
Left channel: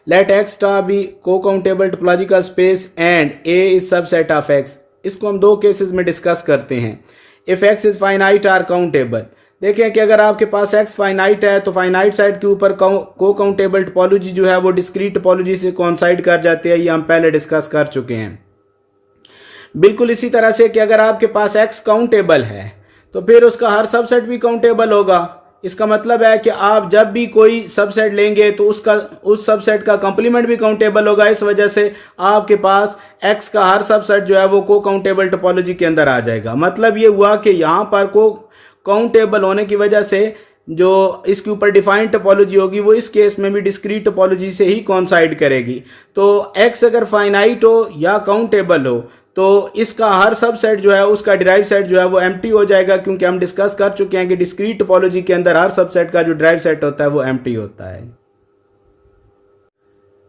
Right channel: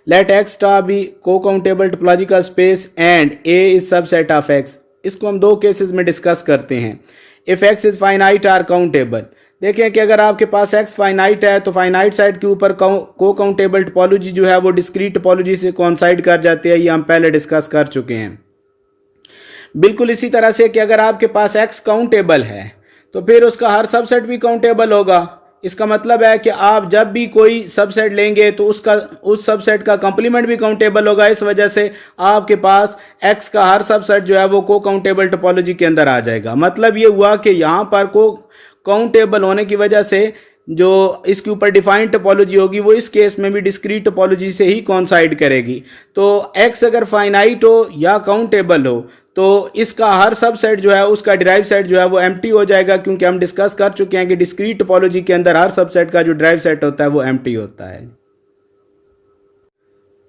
लेट एक्स स्टार बी को countable topological space and A is subset of X. इसको हम दो केसेस में डिस्कस करते हैं। If X is finite or countable, देखें कि अगर आपके पास एक्स फाइनाइट है तो फाइनाइट सेट के ऊपर को काउंटेबल टोपोलॉजी जो है वो डिस्क्रीट टोपोलॉजी से कोइंसाइड कर जाती है, ये हम पहले डिस्कस कर चुके हैं। बिल्कुल इसी तरह से कि अगर आपके पास एक्स काउंटेबल है तो फिर उसका हर सबसेट भी काउंटेबल होगा। इसका मतलब है कि आप जब भी कोई सबसेट लेंगे तो उस सबसेट का कंप्लीमेंट भी काउंटेबल होगा। इस वजह से आपके पास एक्स का हर सबसेट जो है वो को काउंटेबल टोपोलॉजी के अंदर आ जाएगा। मतलब ये हुआ कि यहाँ पर को काउंटेबल होने की वजह से जो इसके ऊपर डिफाइंड टोपोलॉजी होगी वो इस केस में भी डिस्क्रीट टोपोलॉजी से ही कोइंसाइड करेगी। तो एक्स अगर फाइनाइट हो या काउंटेबल हो तो इसका हर सबसेट जो है उसका डिराइव सेट जो है वो एम्प्टी हो जाएगा, क्योंकि हम डिस्कस कर चुके हैं कि डिस्क्रीट टोपोलॉजी के अंदर हर सबसेट का जो डिराइव सेट होता है वो एम्प्टी होता है।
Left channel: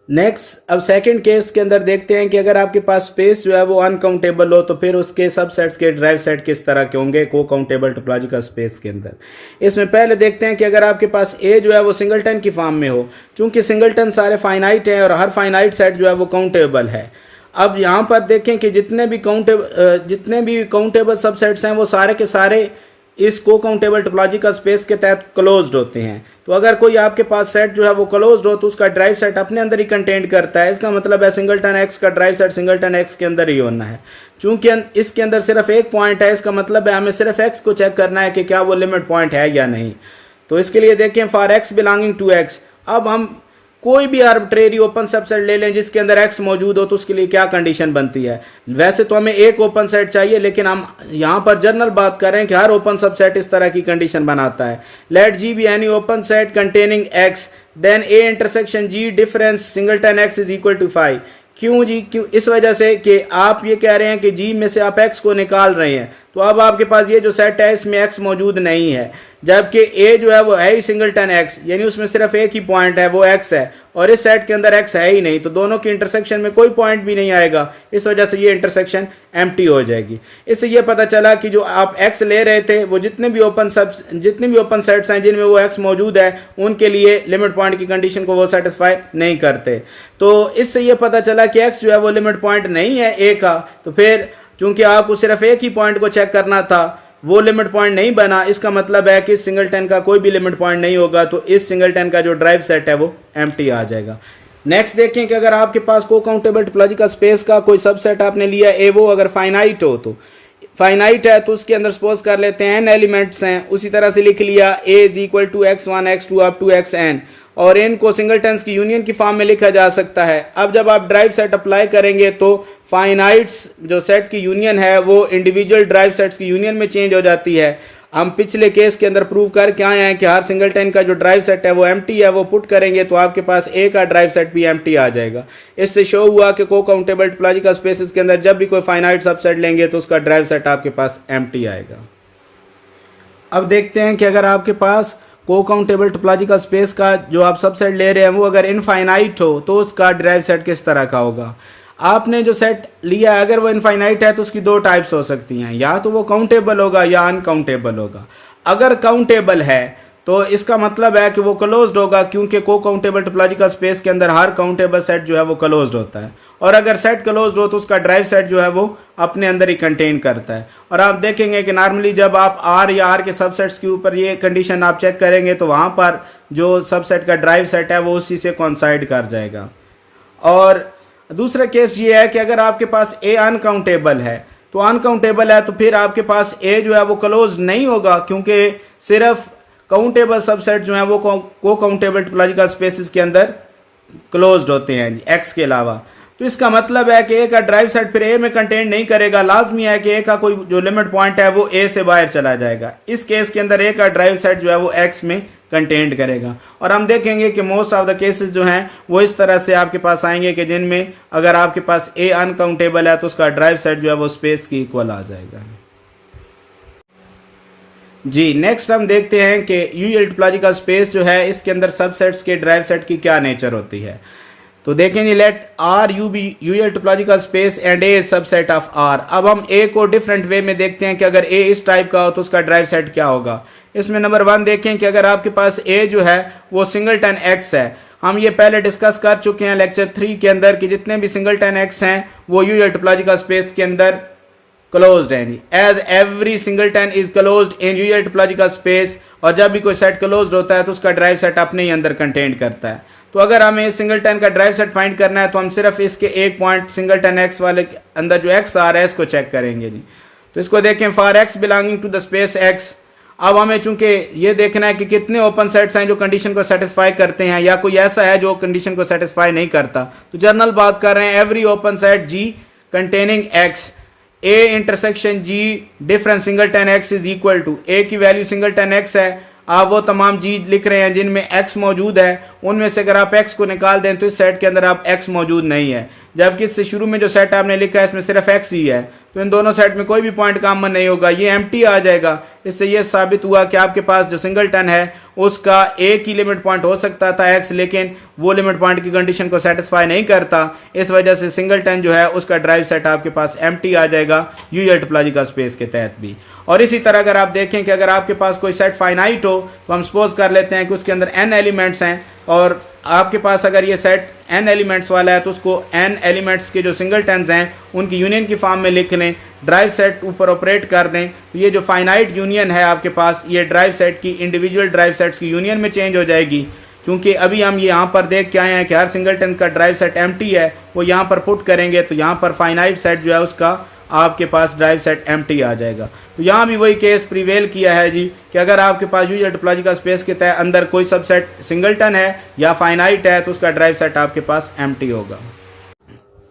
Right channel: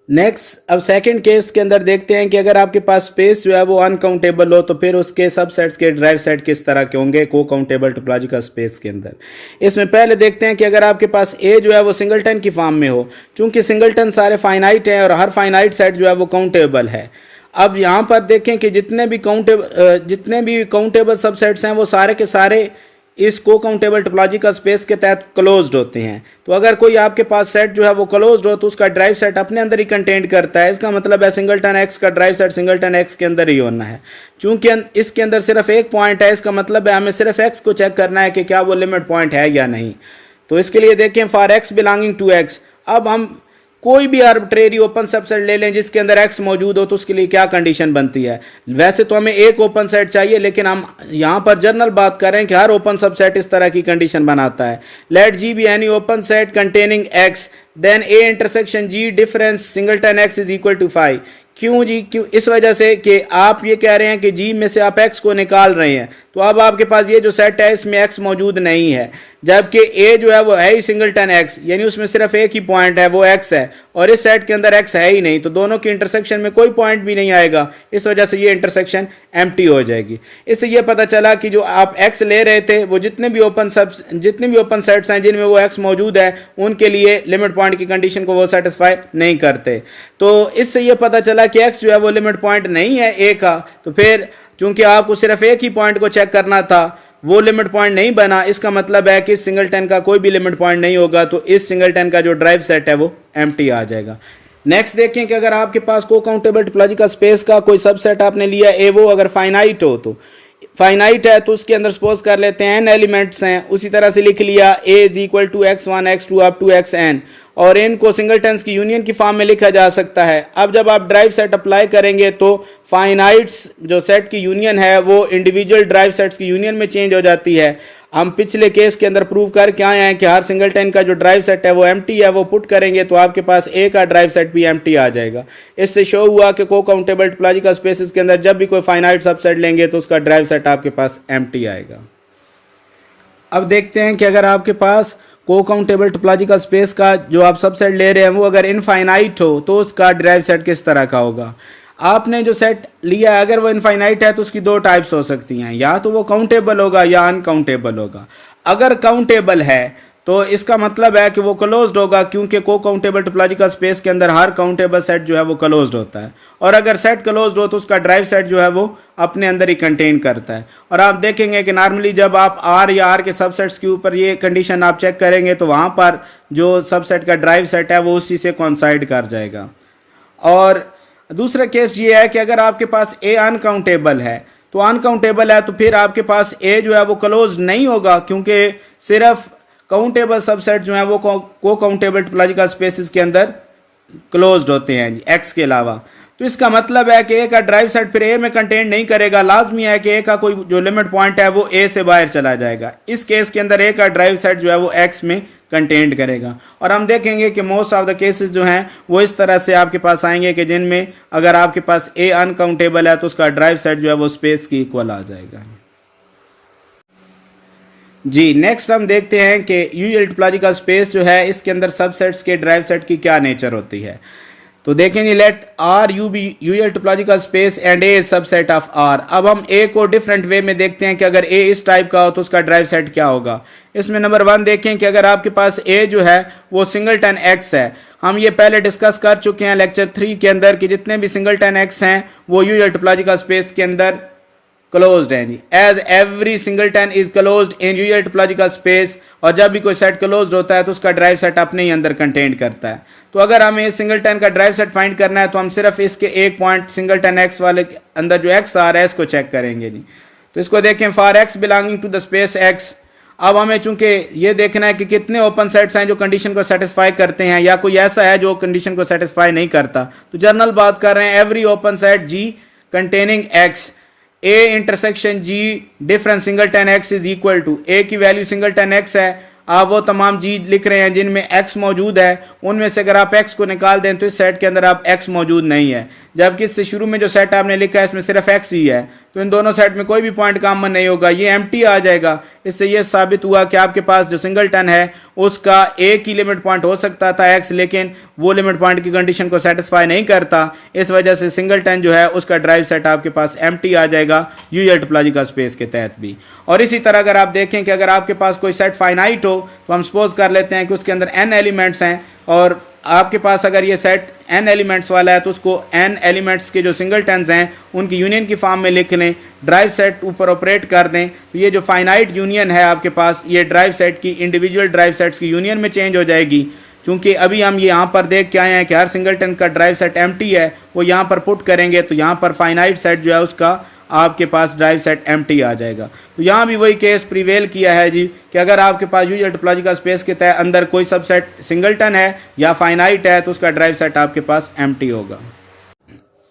नेक्स्ट, अब सेकंड केस के अंदर देखते हैं कि अगर आपके पास स्पेस जो है वो अनकाउंटेबल हो तो फिर उसके सबसेट्स के डिराइव सेट किस तरह के होंगे को काउंटेबल टोपोलॉजिकल स्पेस के अंदर। इसमें पहले देखते हैं कि अगर आपके पास ए जो है वो सिंगलटन की फॉर्म में हो, चूंकि सिंगलटन सारे फाइनाइट हैं और हर फाइनाइट सेट जो है वो काउंटेबल है। अब यहाँ पर देखें कि जितने भी काउंटेबल सबसेट्स हैं वो सारे के सारे इस को काउंटेबल टोपोलॉजिकल स्पेस के तहत क्लोज्ड होते हैं। तो अगर कोई आपके पास सेट जो है वो क्लोज्ड हो तो उसका ड्राइव सेट अपने अंदर ही कंटेंट करता है। इसका मतलब है सिंगलटन एक्स का ड्राइव सेट सिंगलटन एक्स के अंदर ही होना है। चूंकि इसके अंदर सिर्फ एक पॉइंट है, इसका मतलब है हमें सिर्फ एक्स को चेक करना है कि क्या वो लिमिट पॉइंट है या नहीं। तो इसके लिए देखें for x belonging to X, अब हम कोई भी आर्बिट्रेरी ओपन सबसेट ले लें जिसके अंदर एक्स मौजूद हो तो उसके लिए क्या कंडीशन बनती है। वैसे तो हमें एक ओपन सेट चाहिए, लेकिन हम यहाँ पर जनरल बात कर रहे हैं कि हर ओपन सबसेट इस तरह की कंडीशन बनाता है। Let G be any open set containing x then A intersection G difference singleton x is equal to 5। क्यों जी? क्यों? इस वजह से कि आप ये कह रहे हैं कि जी में से आप एक्स को निकाल रहे हैं, तो अब आपके पास ये जो सेट है इसमें एक्स मौजूद नहीं है, जबकि ए जो है वो है ही सिंगलटन एक्स, यानी उसमें सिर्फ एक ही पॉइंट है वो एक्स है, और इस सेट के अंदर एक्स है ही नहीं, तो दोनों की इंटरसेक्शन में कोई पॉइंट भी नहीं आएगा। इस वजह से ये इंटरसेक्शन एम्प्टी हो जाएगी। इससे ये पता चला कि जो आप एक्स ले रहे थे वो जितने भी ओपन सेट्स हैं जिनमें वो एक्स मौजूद है उनके लिए लिमिट पॉइंट की कंडीशन को वो सेटिस्फाई नहीं करते। तो इससे ये पता चला कि एक्स जो है वो लिमिट पॉइंट नहीं है ए का, तो फिर चूंकि आपको सिर्फ एक ही पॉइंट को चेक करना था वो लिमिट पॉइंट नहीं बना। इसका मतलब है कि इस सिंगलटन का कोई भी लिमिट पॉइंट नहीं होगा, तो इस सिंगलटन का जो ड्राइव सेट है वो एम्प्टी आ जाएगा। नेक्स्ट देखें कि अगर आपके पास को काउंटेबल टोपोलॉजी का स्पेस का कोई सबसेट आपने लिया ए, वो अगर फाइनाइट हो, तो फाइनाइट है तो उसके अंदर सपोज कर लेते हैं n एलिमेंट्स हैं, उसी तरह से लिख लिया a is equal to x1 x2 up to xn, और n को सिंगलटन्स की यूनियन की फॉर्म में लिखा जा सकता है। अब जब आप ड्राइव सेट अप्लाई करेंगे तो फाइनाइट्स जो सेट की यूनियन है वो इंडिविजुअल ड्राइव सेट्स की यूनियन में चेंज हो जाती है। हम पिछले केस के अंदर प्रूव करके आए हैं कि हर सिंगलटन का जो ड्राइव सेट है वो एम्प्टी है, वो पुट करेंगे तो आपके पास ए का ड्राइव सेट भी एम्प्टी आ जाएगा। इससे शो हुआ कि को काउंटेबल टोपोलॉजिकल स्पेसेस के अंदर जब भी कोई फाइनाइट सबसेट लेंगे तो उसका ड्राइव सेट आपके पास एम्प्टी आएगा। अब देखते हैं कि अगर आपके पास को काउंटेबल टोपोलॉजिकल स्पेस का जो आप सबसेट ले रहे हैं वो अगर इनफाइनाइट हो तो उसका ड्राइव सेट किस तरह का होगा। आपने जो सेट लिया है अगर वो इनफाइनाइट है तो उसकी दो टाइप्स हो सकती हैं, या तो वो काउंटेबल होगा या अनकाउंटेबल होगा। अगर काउंटेबल है तो इसका मतलब है कि वो क्लोज्ड होगा, क्योंकि को काउंटेबल टोपोलॉजिकल स्पेस के अंदर हर काउंटेबल सेट जो है वो क्लोज्ड होता है। और अगर सेट क्लोज्ड हो तो उसका ड्राइव सेट जो है वो अपने अंदर ही कंटेन करता है। और आप देखेंगे कि नॉर्मली जब आप आर या आर के सबसेट्स के ऊपर ये कंडीशन आप चेक करेंगे तो वहाँ पर जो सबसेट का ड्राइव सेट है वो उसी से कोइंसाइड कर जाएगा। और दूसरा केस ये है कि अगर आपके पास ए अनकाउंटेबल है तो फिर आपके पास ए जो है वो क्लोज नहीं होगा, क्योंकि सिर्फ काउंटेबल सबसेट जो है वो को काउंटेबल टोपोलॉजिकल स्पेसेस के अंदर क्लोज्ड होते हैं जी, एक्स के अलावा। तो इसका मतलब है कि ए का ड्राइव सेट फिर ए में कंटेन नहीं करेगा, लाजमी है कि ए का कोई जो लिमिट पॉइंट है वो ए से बाहर चला जाएगा। इस केस के अंदर ए का ड्राइव सेट जो है वो एक्स में कंटेंट करेगा। और हम देखेंगे कि मोस्ट ऑफ द केसेस जो हैं वो इस तरह से आपके पास आएंगे कि जिनमें अगर आपके पास ए अनकाउंटेबल है तो उसका ड्राइव सेट जो है वो स्पेस की इक्वल आ जाएगा जी। नेक्स्ट हम देखते हैं कि यूएल टोपोलॉजिकल स्पेस जो है इसके अंदर सबसेट्स के ड्राइव सेट की क्या नेचर होती है। तो देखेंगे let R U be usual topological space and A subset of R. अब हम ए को डिफरेंट वे में देखते हैं कि अगर ए इस टाइप का हो तो उसका ड्राइव सेट क्या होगा। इसमें नंबर 1 देखें कि अगर आपके पास ए जो है वो सिंगलटन एक्स है, हम ये पहले डिस्कस कर चुके हैं लेक्चर 3 के अंदर कि जितने भी सिंगलटन एक्स हैं वो यूएल टोपोलॉजिकल स्पेस के अंदर क्लोज्ड हैं जी। As every singleton is closed in UL topological space, और जब भी कोई सेट क्लोज्ड होता है तो उसका ड्राइव सेट अपने ही अंदर कंटेंट करता है। तो अगर हमें सिंगलटन का ड्राइव सेट फाइंड करना है तो हम सिर्फ इसके एक पॉइंट सिंगलटन एक्स वाले के अंदर जो एक्स आ रहा है इसको चेक करेंगे जी। तो इसको देखें for x belonging to the space X. अब हमें चूंकि ये देखना है कि कितने ओपन सेट्स हैं जो कंडीशन को सेटिस्फाई करते हैं या कोई ऐसा है जो कंडीशन को सेटिस्फाई नहीं करता। तो जनरल बात कर रहे हैं every open set G containing X A intersection G different singleton x is equal to A की वैल्यू सिंगलटन एक्स है। आप वो तमाम जी लिख रहे हैं जिनमें x मौजूद है, उनमें से अगर आप x को निकाल दें तो इस सेट के अंदर आप x मौजूद नहीं है, जबकि इससे शुरू में जो सेट आपने लिखा है इसमें सिर्फ x ही है। तो इन दोनों सेट में कोई भी पॉइंट कॉमन नहीं होगा, ये एम्प्टी आ जाएगा। इससे ये साबित हुआ कि आपके पास जो सिंगलटन है उसका एक ही लिमिट पॉइंट हो सकता था x, लेकिन वो लिमिट पॉइंट की कंडीशन को सेटिस्फाई नहीं करता। इस वजह से सिंगलटन जो है उसका ड्राइव सेट आपके पास एम्प्टी आ जाएगा यूएल टोपोलॉजिकल स्पेस के तहत भी। और इसी तरह अगर आप देखें कि अगर आपके पास कोई सेट फाइनाइट हो तो हम सपोज कर लेते हैं कि उसके अंदर n एलिमेंट्स हैं, और आपके पास अगर ये सेट n एलिमेंट्स वाला है तो उसको n एलिमेंट्स के जो सिंगलटन्स हैं उनकी यूनियन की फॉर्म में लिख लें, ड्राइव सेट ऊपर ऑपरेट कर दें। तो ये जो फाइनाइट यूनियन है आपके पास ये ड्राइव सेट की इंडिविजुअल ड्राइव सेट्स की यूनियन में चेंज हो जाएगी। क्योंकि अभी हम यहाँ पर देख के आए हैं कि हर सिंगलटन का ड्राइव सेट एम्प्टी है, वो यहाँ पर पुट करेंगे तो यहाँ पर फाइनाइट सेट जो है उसका आपके पास ड्राइव सेट एम्प्टी आ जाएगा। तो यहाँ भी वही केस प्रिवेल किया है जी कि अगर आपके पास यूएल टोपोलॉजिकल स्पेस के तहत अंदर कोई सबसेट सिंगलटन है या फाइनाइट है तो उसका ड्राइव सेट आपके पास एम्प्टी होगा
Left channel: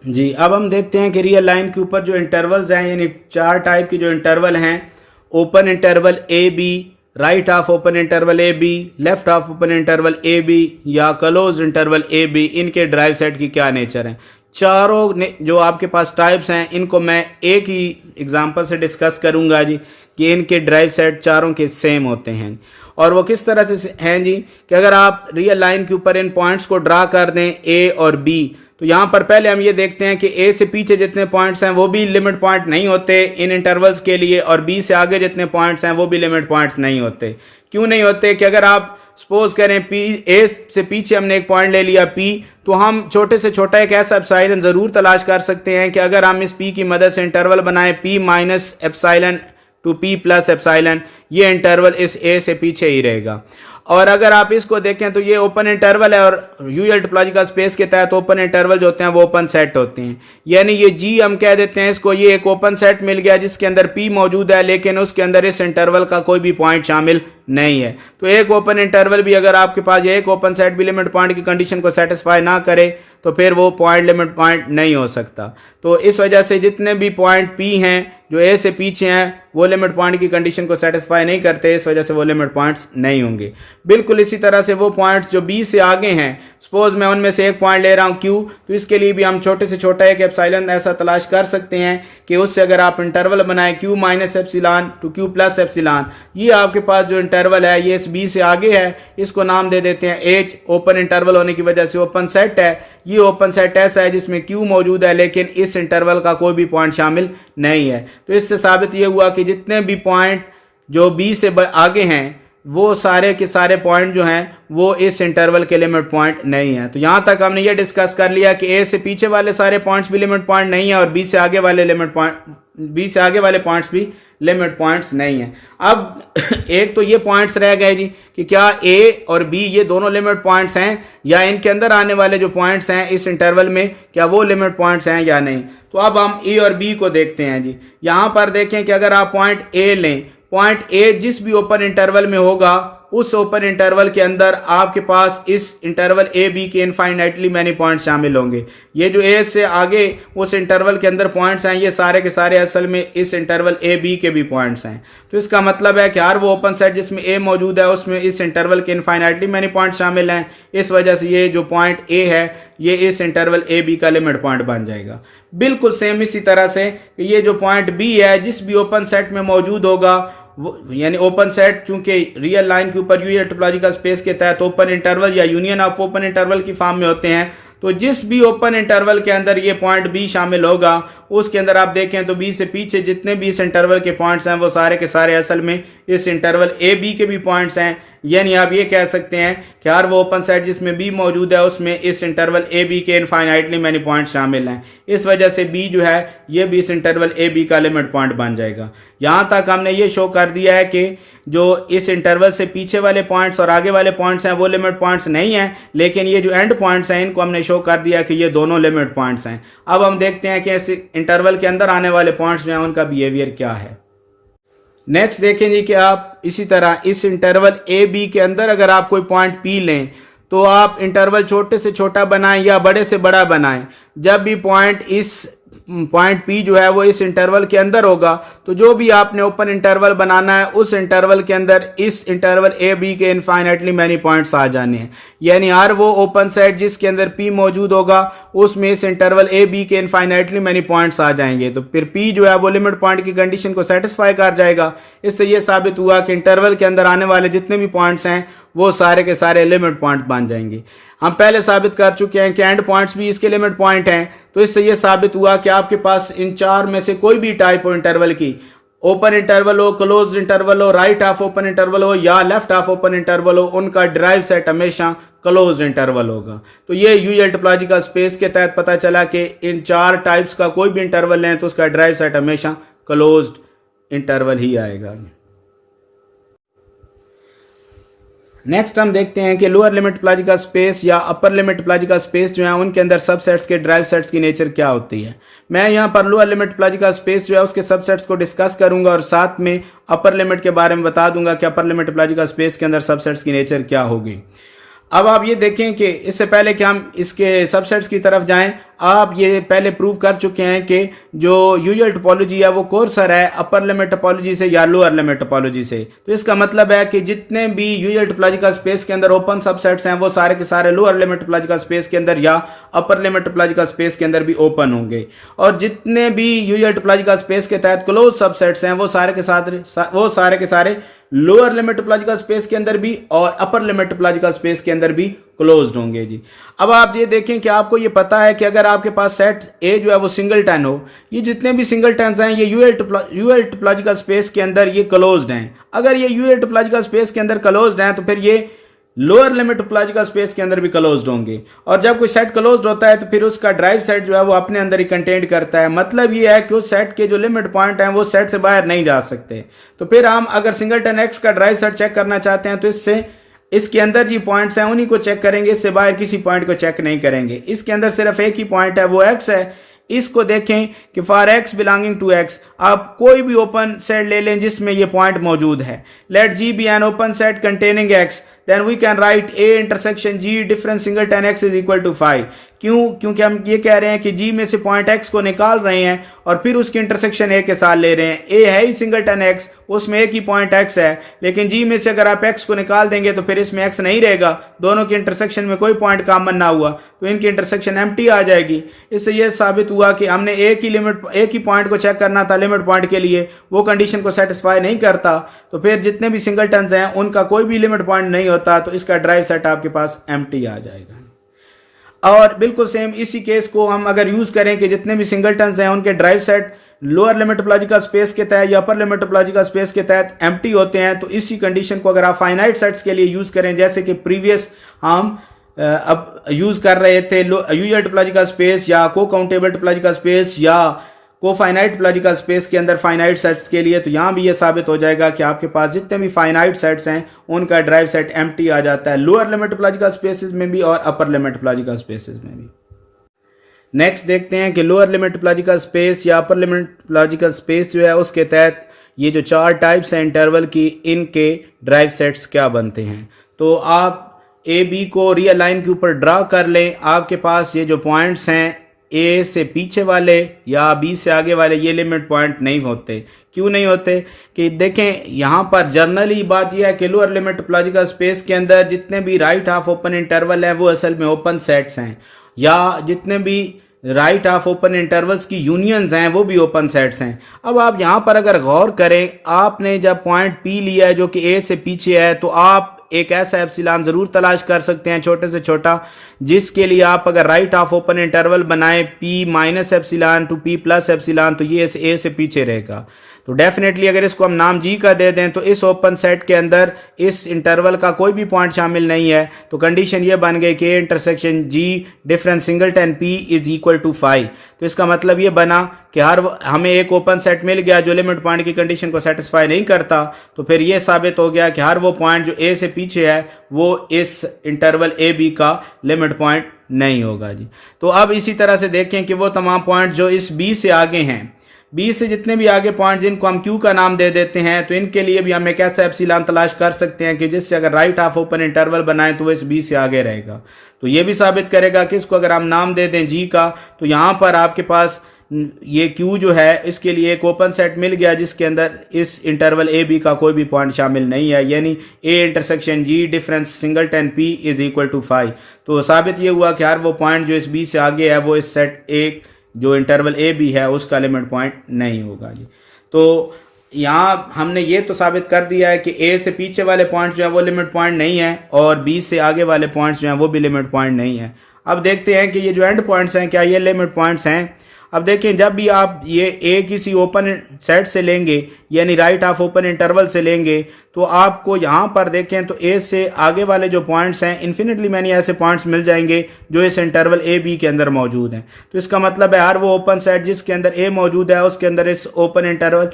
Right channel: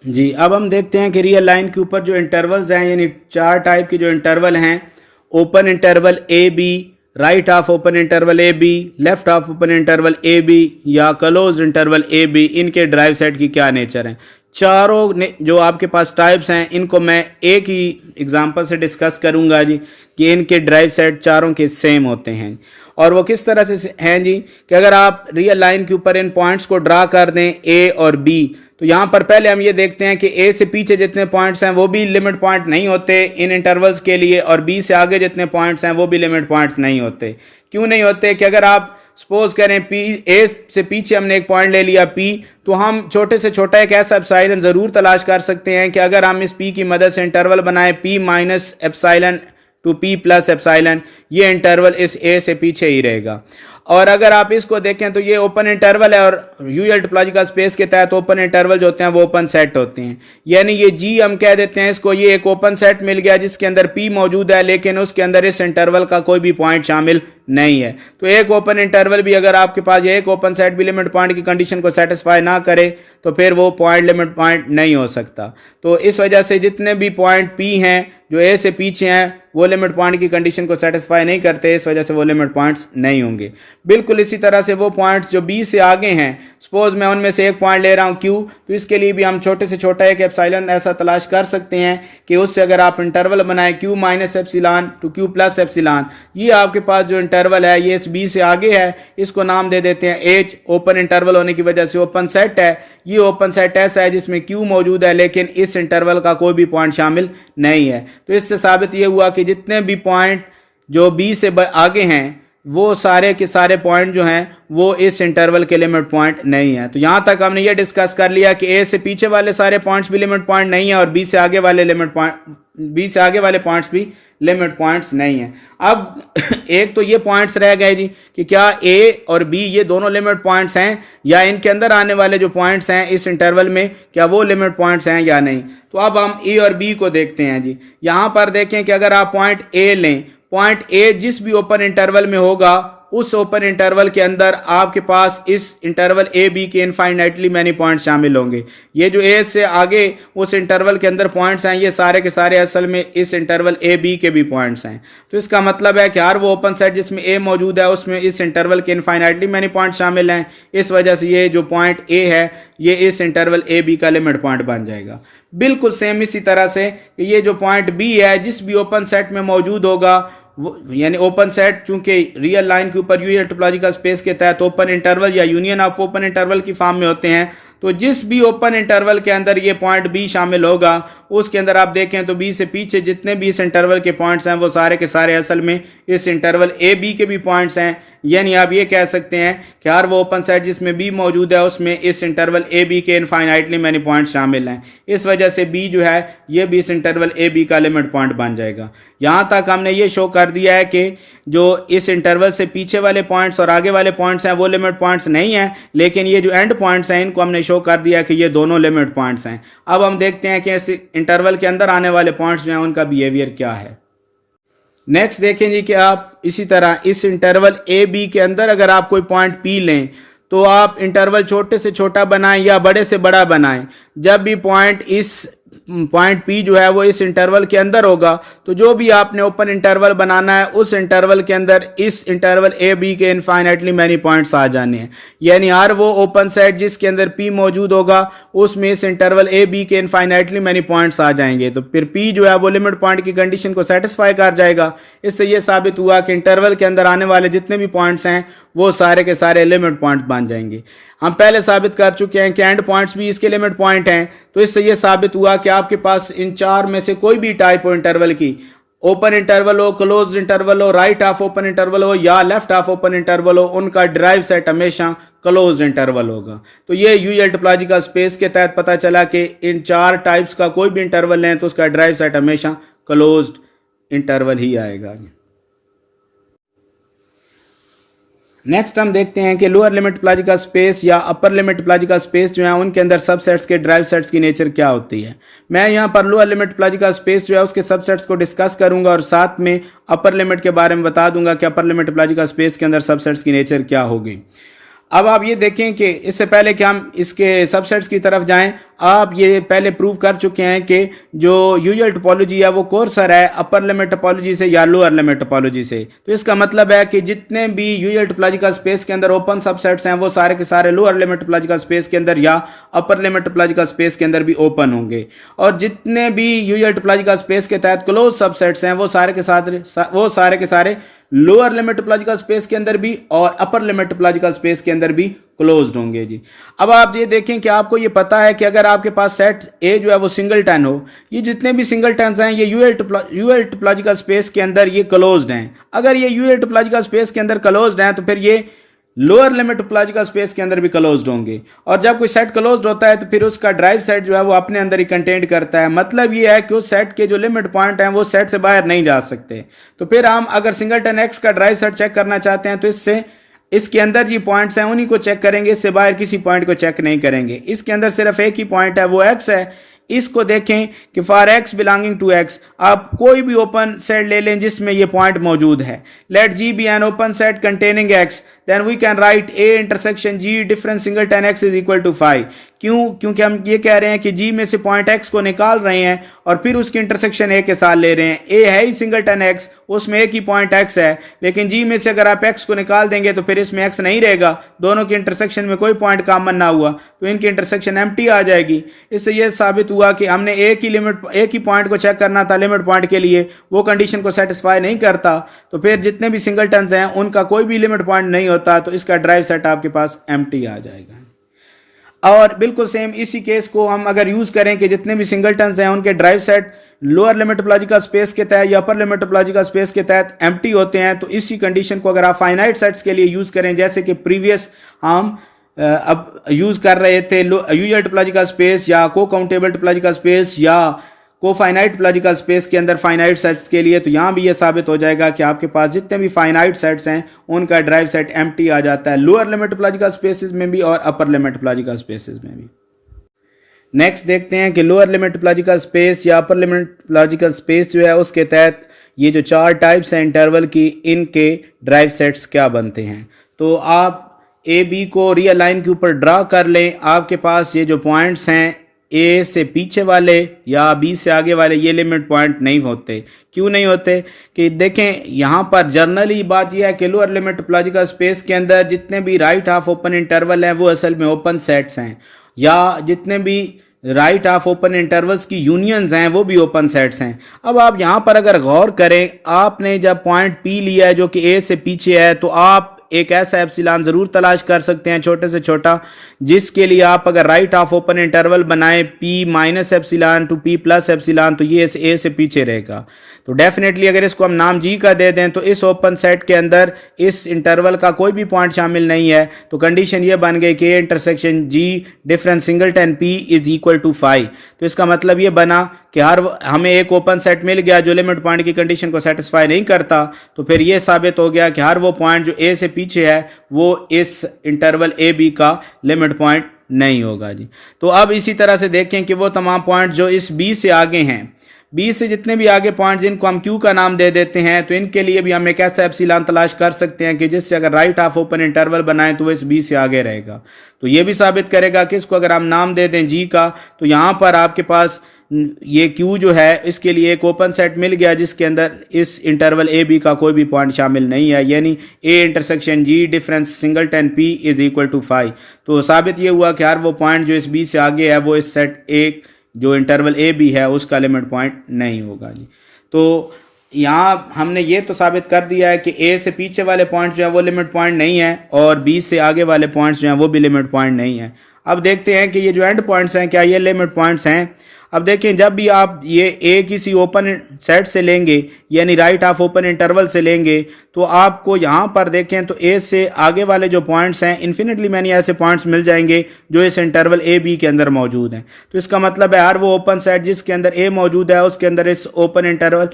जी। अब हम देखते हैं कि रियल लाइन के ऊपर जो इंटरवल्स हैं, यानी 4 टाइप के जो इंटरवल हैं, open interval A B, right half open interval A B, left half open interval A B या क्लोज इंटरवल ए बी, इनके ड्राइव सेट की क्या नेचर है। चारों जो आपके पास टाइप्स हैं इनको मैं एक ही एग्जांपल से डिस्कस करूंगा जी कि इनके ड्राइव सेट चारों के सेम होते हैं। और वो किस तरह से हैं जी कि अगर आप रियल लाइन के ऊपर इन पॉइंट्स को ड्रा कर दें ए और बी, तो यहाँ पर पहले हम ये देखते हैं कि ए से पीछे जितने पॉइंट्स हैं वो भी लिमिट पॉइंट नहीं होते इन इंटरवल्स के लिए, और बी से आगे जितने पॉइंट्स हैं वो भी लिमिट पॉइंट्स नहीं होते। क्यों नहीं होते कि अगर आप सपोज करें पी ए से पीछे हमने एक पॉइंट ले लिया पी, तो हम छोटे से छोटा एक ऐसा एप्सिलॉन ज़रूर तलाश कर सकते हैं कि अगर हम इस पी की मदद से इंटरवल बनाएं P minus epsilon to P plus epsilon, ये इंटरवल इस ए से पीछे ही रहेगा। और अगर आप इसको देखें तो ये ओपन इंटरवल है और यूजुअल टोपोलॉजिकल स्पेस के तहत ओपन इंटरवल जो होते हैं वो ओपन सेट होते हैं, यानी ये जी हम कह देते हैं इसको, ये एक ओपन सेट मिल गया जिसके अंदर पी मौजूद है लेकिन उसके अंदर इस इंटरवल का कोई भी पॉइंट शामिल नहीं है। तो एक ओपन इंटरवल भी अगर आपके पास एक ओपन सेट भी लिमिट पॉइंट की कंडीशन को सेटिस्फाई ना करे तो फिर वो पॉइंट लिमिट पॉइंट नहीं हो सकता। तो इस वजह से जितने भी पॉइंट पी हैं जो ए से पीछे हैं वो लिमिट पॉइंट की कंडीशन को सेटिस्फाई नहीं करते, इस वजह से वो लिमिट पॉइंट्स नहीं होंगे। बिल्कुल इसी तरह से वो पॉइंट्स जो बी से आगे हैं, सपोज मैं उनमें से एक पॉइंट ले रहा हूँ क्यू, तो इसके लिए भी हम छोटे से छोटा एक एप्सिलॉन ऐसा तलाश कर सकते हैं कि उससे अगर आप इंटरवल बनाए Q minus epsilon to Q plus epsilon, ये आपके पास जो इंटरवल है ये इस बी से आगे है, इसको नाम दे देते हैं एच। ओपन इंटरवल होने की वजह से ओपन सेट है, ये ओपन सेट ऐसा है जिसमें क्यू मौजूद है लेकिन इस इंटरवल का कोई भी पॉइंट शामिल नहीं है। तो इससे साबित ये हुआ कि जितने भी पॉइंट जो बी से आगे हैं वो सारे के सारे पॉइंट जो हैं वो इस इंटरवल के लिमिट पॉइंट नहीं है। तो यहां तक हमने ये डिस्कस कर लिया कि ए से पीछे वाले सारे पॉइंट्स भी लिमिट पॉइंट नहीं है और बी से आगे वाले पॉइंट्स भी लिमिट पॉइंट्स नहीं है। अब एक तो ये पॉइंट्स रह गए जी कि क्या ए और बी ये दोनों लिमिट पॉइंट्स हैं या इनके अंदर आने वाले जो पॉइंट्स हैं इस इंटरवल में क्या वो लिमिट पॉइंट्स हैं या नहीं। तो अब हम ए और बी को देखते हैं जी। यहां पर देखें कि अगर आप पॉइंट ए लें, पॉइंट ए जिस भी ओपन इंटरवल में होगा उस ओपन इंटरवल के अंदर आपके पास इस इंटरवल ए बी के इनफाइनाइटली मैनी पॉइंट्स शामिल होंगे। ये जो ए से आगे उस इंटरवल के अंदर पॉइंट्स हैं ये सारे के सारे असल में इस इंटरवल ए बी के भी पॉइंट्स हैं। तो इसका मतलब है कि हर वो ओपन सेट जिसमें ए मौजूद है उसमें इस इंटरवल के इनफाइनाइटली मैनी पॉइंट्स शामिल हैं। इस वजह से ये जो पॉइंट ए है ये इस इंटरवल ए बी का लिमिट पॉइंट बन जाएगा। बिल्कुल सेम इसी तरह से ये जो पॉइंट बी है जिस भी ओपन सेट में मौजूद होगा यानी ओपन सेट चूंकि रियल लाइन के ऊपर यूनिट टोपोलॉजिकल स्पेस के तहत ओपन इंटरवल या यूनियन ऑफ ओपन इंटरवल की फॉर्म में होते हैं, तो जिस भी ओपन इंटरवल के अंदर ये पॉइंट बी शामिल होगा उसके अंदर आप देखें तो बी से पीछे जितने भी इस इंटरवल के पॉइंट्स हैं वो सारे के सारे असल में इस इंटरवल ए बी के भी पॉइंट्स हैं। यानी आप ये कह सकते हैं कि हर वो ओपन सेट जिसमें बी मौजूद है उसमें इस इंटरवल ए बी के इनफाइनाइटली मैनी पॉइंट शामिल हैं। इस वजह से बी जो है ये भी इस इंटरवल ए बी का लिमिट पॉइंट बन जाएगा। यहां तक हमने ये शो कर दिया है कि जो इस इंटरवल से पीछे वाले पॉइंट्स और आगे वाले पॉइंट्स हैं वो लिमिट पॉइंट्स नहीं हैं, लेकिन ये जो एंड पॉइंट्स हैं इनको हमने शो कर दिया कि ये दोनों लिमिट पॉइंट्स हैं। अब हम देखते हैं कि इस इंटरवल के अंदर आने वाले पॉइंट्स जो हैं उनका बिहेवियर क्या है। नेक्स्ट देखें जी कि आप इसी तरह इस इंटरवल ए बी के अंदर अगर आप कोई पॉइंट पी लें तो आप इंटरवल छोटे से छोटा बनाएं या बड़े से बड़ा बनाएं। जब भी पॉइंट पी जो है वो इस इंटरवल के अंदर होगा तो जो भी आपने ओपन इंटरवल बनाना है उस इंटरवल के अंदर इस इंटरवल ए बी के इनफाइनाइटली मैनी पॉइंट्स आ जाने हैं। यानी हर वो ओपन सेट जिसके अंदर पी मौजूद होगा उसमें इस इंटरवल ए बी के इनफाइनाइटली मैनी पॉइंट्स आ जाएंगे। तो फिर पी जो है वो लिमिट पॉइंट की कंडीशन को सेटिस्फाई कर जाएगा। इससे ये साबित हुआ कि इंटरवल के अंदर आने वाले जितने भी पॉइंट्स हैं वो सारे के सारे लिमिट पॉइंट बन जाएंगे। हम पहले साबित कर चुके हैं कि एंड पॉइंट्स भी इसके लिमिट पॉइंट हैं। तो इससे यह साबित हुआ कि आपके पास इन चार में से कोई भी टाइप हो इंटरवल की, ओपन इंटरवल हो, क्लोज इंटरवल हो, राइट हाफ ओपन इंटरवल हो या लेफ्ट हाफ ओपन इंटरवल हो, उनका डिराइव सेट हमेशा क्लोज इंटरवल होगा। तो ये यूजुअल टोपोलॉजिकल स्पेस के तहत पता चला कि इन चार टाइप्स का कोई भी इंटरवल लें तो उसका डिराइव सेट हमेशा क्लोज्ड इंटरवल ही आएगा। नेक्स्ट हम देखते हैं कि लोअर लिमिट टोपोलॉजिकल स्पेस या अपर लिमिट टोपोलॉजिकल स्पेस जो है उनके अंदर सबसेट्स के ड्राइव सेट्स की नेचर क्या होती है। मैं यहाँ पर लोअर लिमिट टोपोलॉजिकल स्पेस जो है उसके सबसेट्स को डिस्कस करूंगा और साथ में अपर लिमिट के बारे में बता दूंगा कि अपर लिमिट टोपोलॉजिकल स्पेस के अंदर सबसेट्स की नेचर क्या होगी। अब आप ये देखें कि इससे पहले कि हम इसके सबसेट्स की तरफ जाएं, आप ये पहले प्रूव कर चुके हैं कि जो यूजुअल टोपोलॉजी है वो कोर्सर है अपर लिमिट टोपोलॉजी से या लोअर लिमिट टोपोलॉजी से। तो इसका मतलब है कि जितने भी यूजुअल टोपोलॉजिकल स्पेस के अंदर ओपन सबसेट्स हैं वो सारे के सारे लोअर लिमिट टोपोलॉजिकल स्पेस के अंदर या अपर लिमिट टोपोलॉजिकल स्पेस के अंदर भी ओपन होंगे। और जितने भी यूजुअल टोपोलॉजिकल स्पेस के तहत क्लोज सबसेट्स हैं वो सारे के सारे लोअर लिमिट टोपोलॉजिकल स्पेस के अंदर भी और अपर लिमिट टोपोलॉजिकल स्पेस के अंदर भी क्लोज्ड होंगे जी। अब आप ये देखें कि आपको ये पता है कि अगर आपके पास सेट ए जो है वो सिंगलटन हो, ये जितने भी सिंगलटन्स हैं ये यूजुअल टोपोलॉजिकल स्पेस के अंदर ये क्लोज्ड हैं। अगर ये यूजुअल टोपोलॉजिकल स्पेस के अंदर क्लोज्ड हैं तो फिर ये लोअर लिमिट टोपोलॉजिकल स्पेस के अंदर भी क्लोज्ड होंगे। और जब कोई सेट क्लोज्ड होता है तो फिर उसका ड्राइव सेट जो है वो अपने अंदर ही कंटेंट करता है। मतलब ये है कि उस सेट के जो लिमिट पॉइंट हैं वो सेट से बाहर नहीं जा सकते। तो फिर हम अगर सिंगलटन एक्स का ड्राइव सेट चेक करना चाहते हैं तो इससे इसके अंदर जी पॉइंट्स हैं उन्हीं को चेक करेंगे, इससे बाहर किसी पॉइंट को चेक नहीं करेंगे। इसके अंदर सिर्फ एक ही पॉइंट है, वो एक्स है। इसको देखें कि for x belonging to X आप कोई भी ओपन सेट ले लें जिसमें ये पॉइंट मौजूद है। Let G be an open set containing x, then we can write A intersection G difference singleton x is equal to 5। क्यों? क्योंकि हम ये कह रहे हैं कि जी में से पॉइंट एक्स को निकाल रहे हैं और फिर उसकी इंटरसेक्शन ए के साथ ले रहे हैं। ए है ही सिंगलटन एक्स, उसमें एक ही पॉइंट एक्स है, लेकिन जी में से अगर आप एक्स को निकाल देंगे तो फिर इसमें एक्स नहीं रहेगा, दोनों की इंटरसेक्शन में कोई पॉइंट कॉमन ना हुआ तो इनकी इंटरसेक्शन एम्प्टी आ जाएगी। इससे यह साबित हुआ कि हमने एक ही पॉइंट को चेक करना था लिमिट पॉइंट के लिए, वो कंडीशन को सेटिस्फाई नहीं करता तो फिर जितने भी सिंगलटन्स हैं उनका कोई भी लिमिट पॉइंट नहीं होता, तो इसका ड्राइव सेट आपके पास एम्प्टी आ जाएगा। और बिल्कुल सेम इसी केस को हम अगर यूज करें कि जितने भी सिंगलटन्स हैं उनके drive set lower limit topological space के तहत या अपर लिमिट टोपोलॉजिकल स्पेस के तहत एम्प्टी होते हैं, तो इसी कंडीशन को अगर आप फाइनाइट सेट्स के लिए यूज करें, जैसे कि प्रीवियस हम अब यूज कर रहे थे यूजुअल टोपोलॉजिकल स्पेस या को काउंटेबल टोपोलॉजिकल स्पेस या को फाइनाइट टोपोलॉजिकल स्पेस के अंदर फाइनाइट सेट्स के लिए, तो यहां भी यह साबित हो जाएगा कि आपके पास जितने भी फाइनाइट सेट्स हैं उनका ड्राइव सेट एम्प्टी आ जाता है, लोअर लिमिट टोपोलॉजिकल स्पेसेस में भी और अपर लिमिट टोपोलॉजिकल स्पेसेस में भी। नेक्स्ट देखते हैं कि लोअर लिमिट टोपोलॉजिकल स्पेस या अपर लिमिट टोपोलॉजिकल स्पेस जो है उसके तहत ये जो 4 टाइप्स हैं इंटरवल की, इनके ड्राइव सेट्स क्या बनते हैं। तो आप ए बी को रियल लाइन के ऊपर ड्रा कर लें। आपके पास ये जो पॉइंट्स हैं ए से पीछे वाले या बी से आगे वाले, ये लिमिट पॉइंट नहीं होते। क्यों नहीं होते? कि देखें यहाँ पर जनरली बात यह है कि लोअर लिमिट टोपोलॉजिकल स्पेस के अंदर जितने भी राइट हाफ ओपन इंटरवल हैं वो असल में ओपन सेट्स हैं, या जितने भी राइट हाफ ओपन इंटरवल्स की यूनियंस हैं वो भी ओपन सेट्स हैं। अब आप यहाँ पर अगर गौर करें, आपने जब पॉइंट पी लिया है जो कि ए से पीछे है, तो आप एक ऐसा एप्सिलॉन जरूर तलाश कर सकते हैं छोटे से छोटा, जिसके लिए आप अगर राइट हाफ ओपन इंटरवल बनाएं P minus epsilon to P plus epsilon, तो ये ए से पीछे रहेगा। तो डेफिनेटली अगर इसको हम नाम जी का दे दें तो इस ओपन सेट के अंदर इस इंटरवल का कोई भी पॉइंट शामिल नहीं है, तो कंडीशन ये बन गई कि intersection G difference singleton P is equal to 5। तो इसका मतलब ये बना कि हमें एक ओपन सेट मिल गया जो लिमिट पॉइंट की कंडीशन को सेटिस्फाई नहीं करता, तो फिर ये साबित हो गया कि हर वो पॉइंट जो ए से पीछे है वो इस इंटरवल ए बी का लिमिट पॉइंट नहीं होगा जी। तो अब इसी तरह से देखें कि वो तमाम पॉइंट जो इस बी से आगे हैं, बी से जितने भी आगे पॉइंट जिनको हम क्यू का नाम दे देते हैं, तो इनके लिए भी हम एक ऐसा एप्सिलॉन तलाश कर सकते हैं कि जिससे अगर राइट हाफ ओपन इंटरवल बनाएं तो वो इस बी से आगे रहेगा। तो ये भी साबित करेगा कि इसको अगर हम नाम दे दें जी का, तो यहाँ पर आपके पास ये क्यू जो है इसके लिए एक ओपन सेट मिल गया जिसके अंदर इस इंटरवल ए बी का कोई भी पॉइंट शामिल नहीं है, यानी A intersection G difference singleton P is equal to 5। तो साबित ये हुआ कि हर वो पॉइंट जो इस बी से आगे है वो इस सेट ए जो इंटरवल ए बी है उसका लिमिट पॉइंट नहीं होगा जी। तो यहाँ हमने ये तो साबित कर दिया है कि ए से पीछे वाले पॉइंट्स जो है वो लिमिट पॉइंट नहीं है और बी से आगे वाले पॉइंट्स जो हैं वो भी लिमिट पॉइंट नहीं है। अब देखते हैं कि ये जो एंड पॉइंट्स हैं क्या ये लिमिट पॉइंट्स हैं। अब देखें, जब भी आप ये ए किसी ओपन सेट से लेंगे यानी राइट हाफ ओपन इंटरवल से लेंगे, तो आपको यहाँ पर देखें तो ए से आगे वाले जो पॉइंट्स हैं इन्फिनिटली मैनी ऐसे पॉइंट्स मिल जाएंगे जो इस इंटरवल ए बी के अंदर मौजूद हैं। तो इसका मतलब है हर वो ओपन सेट जिसके अंदर ए मौजूद है उसके अंदर इस ओपन इंटरवल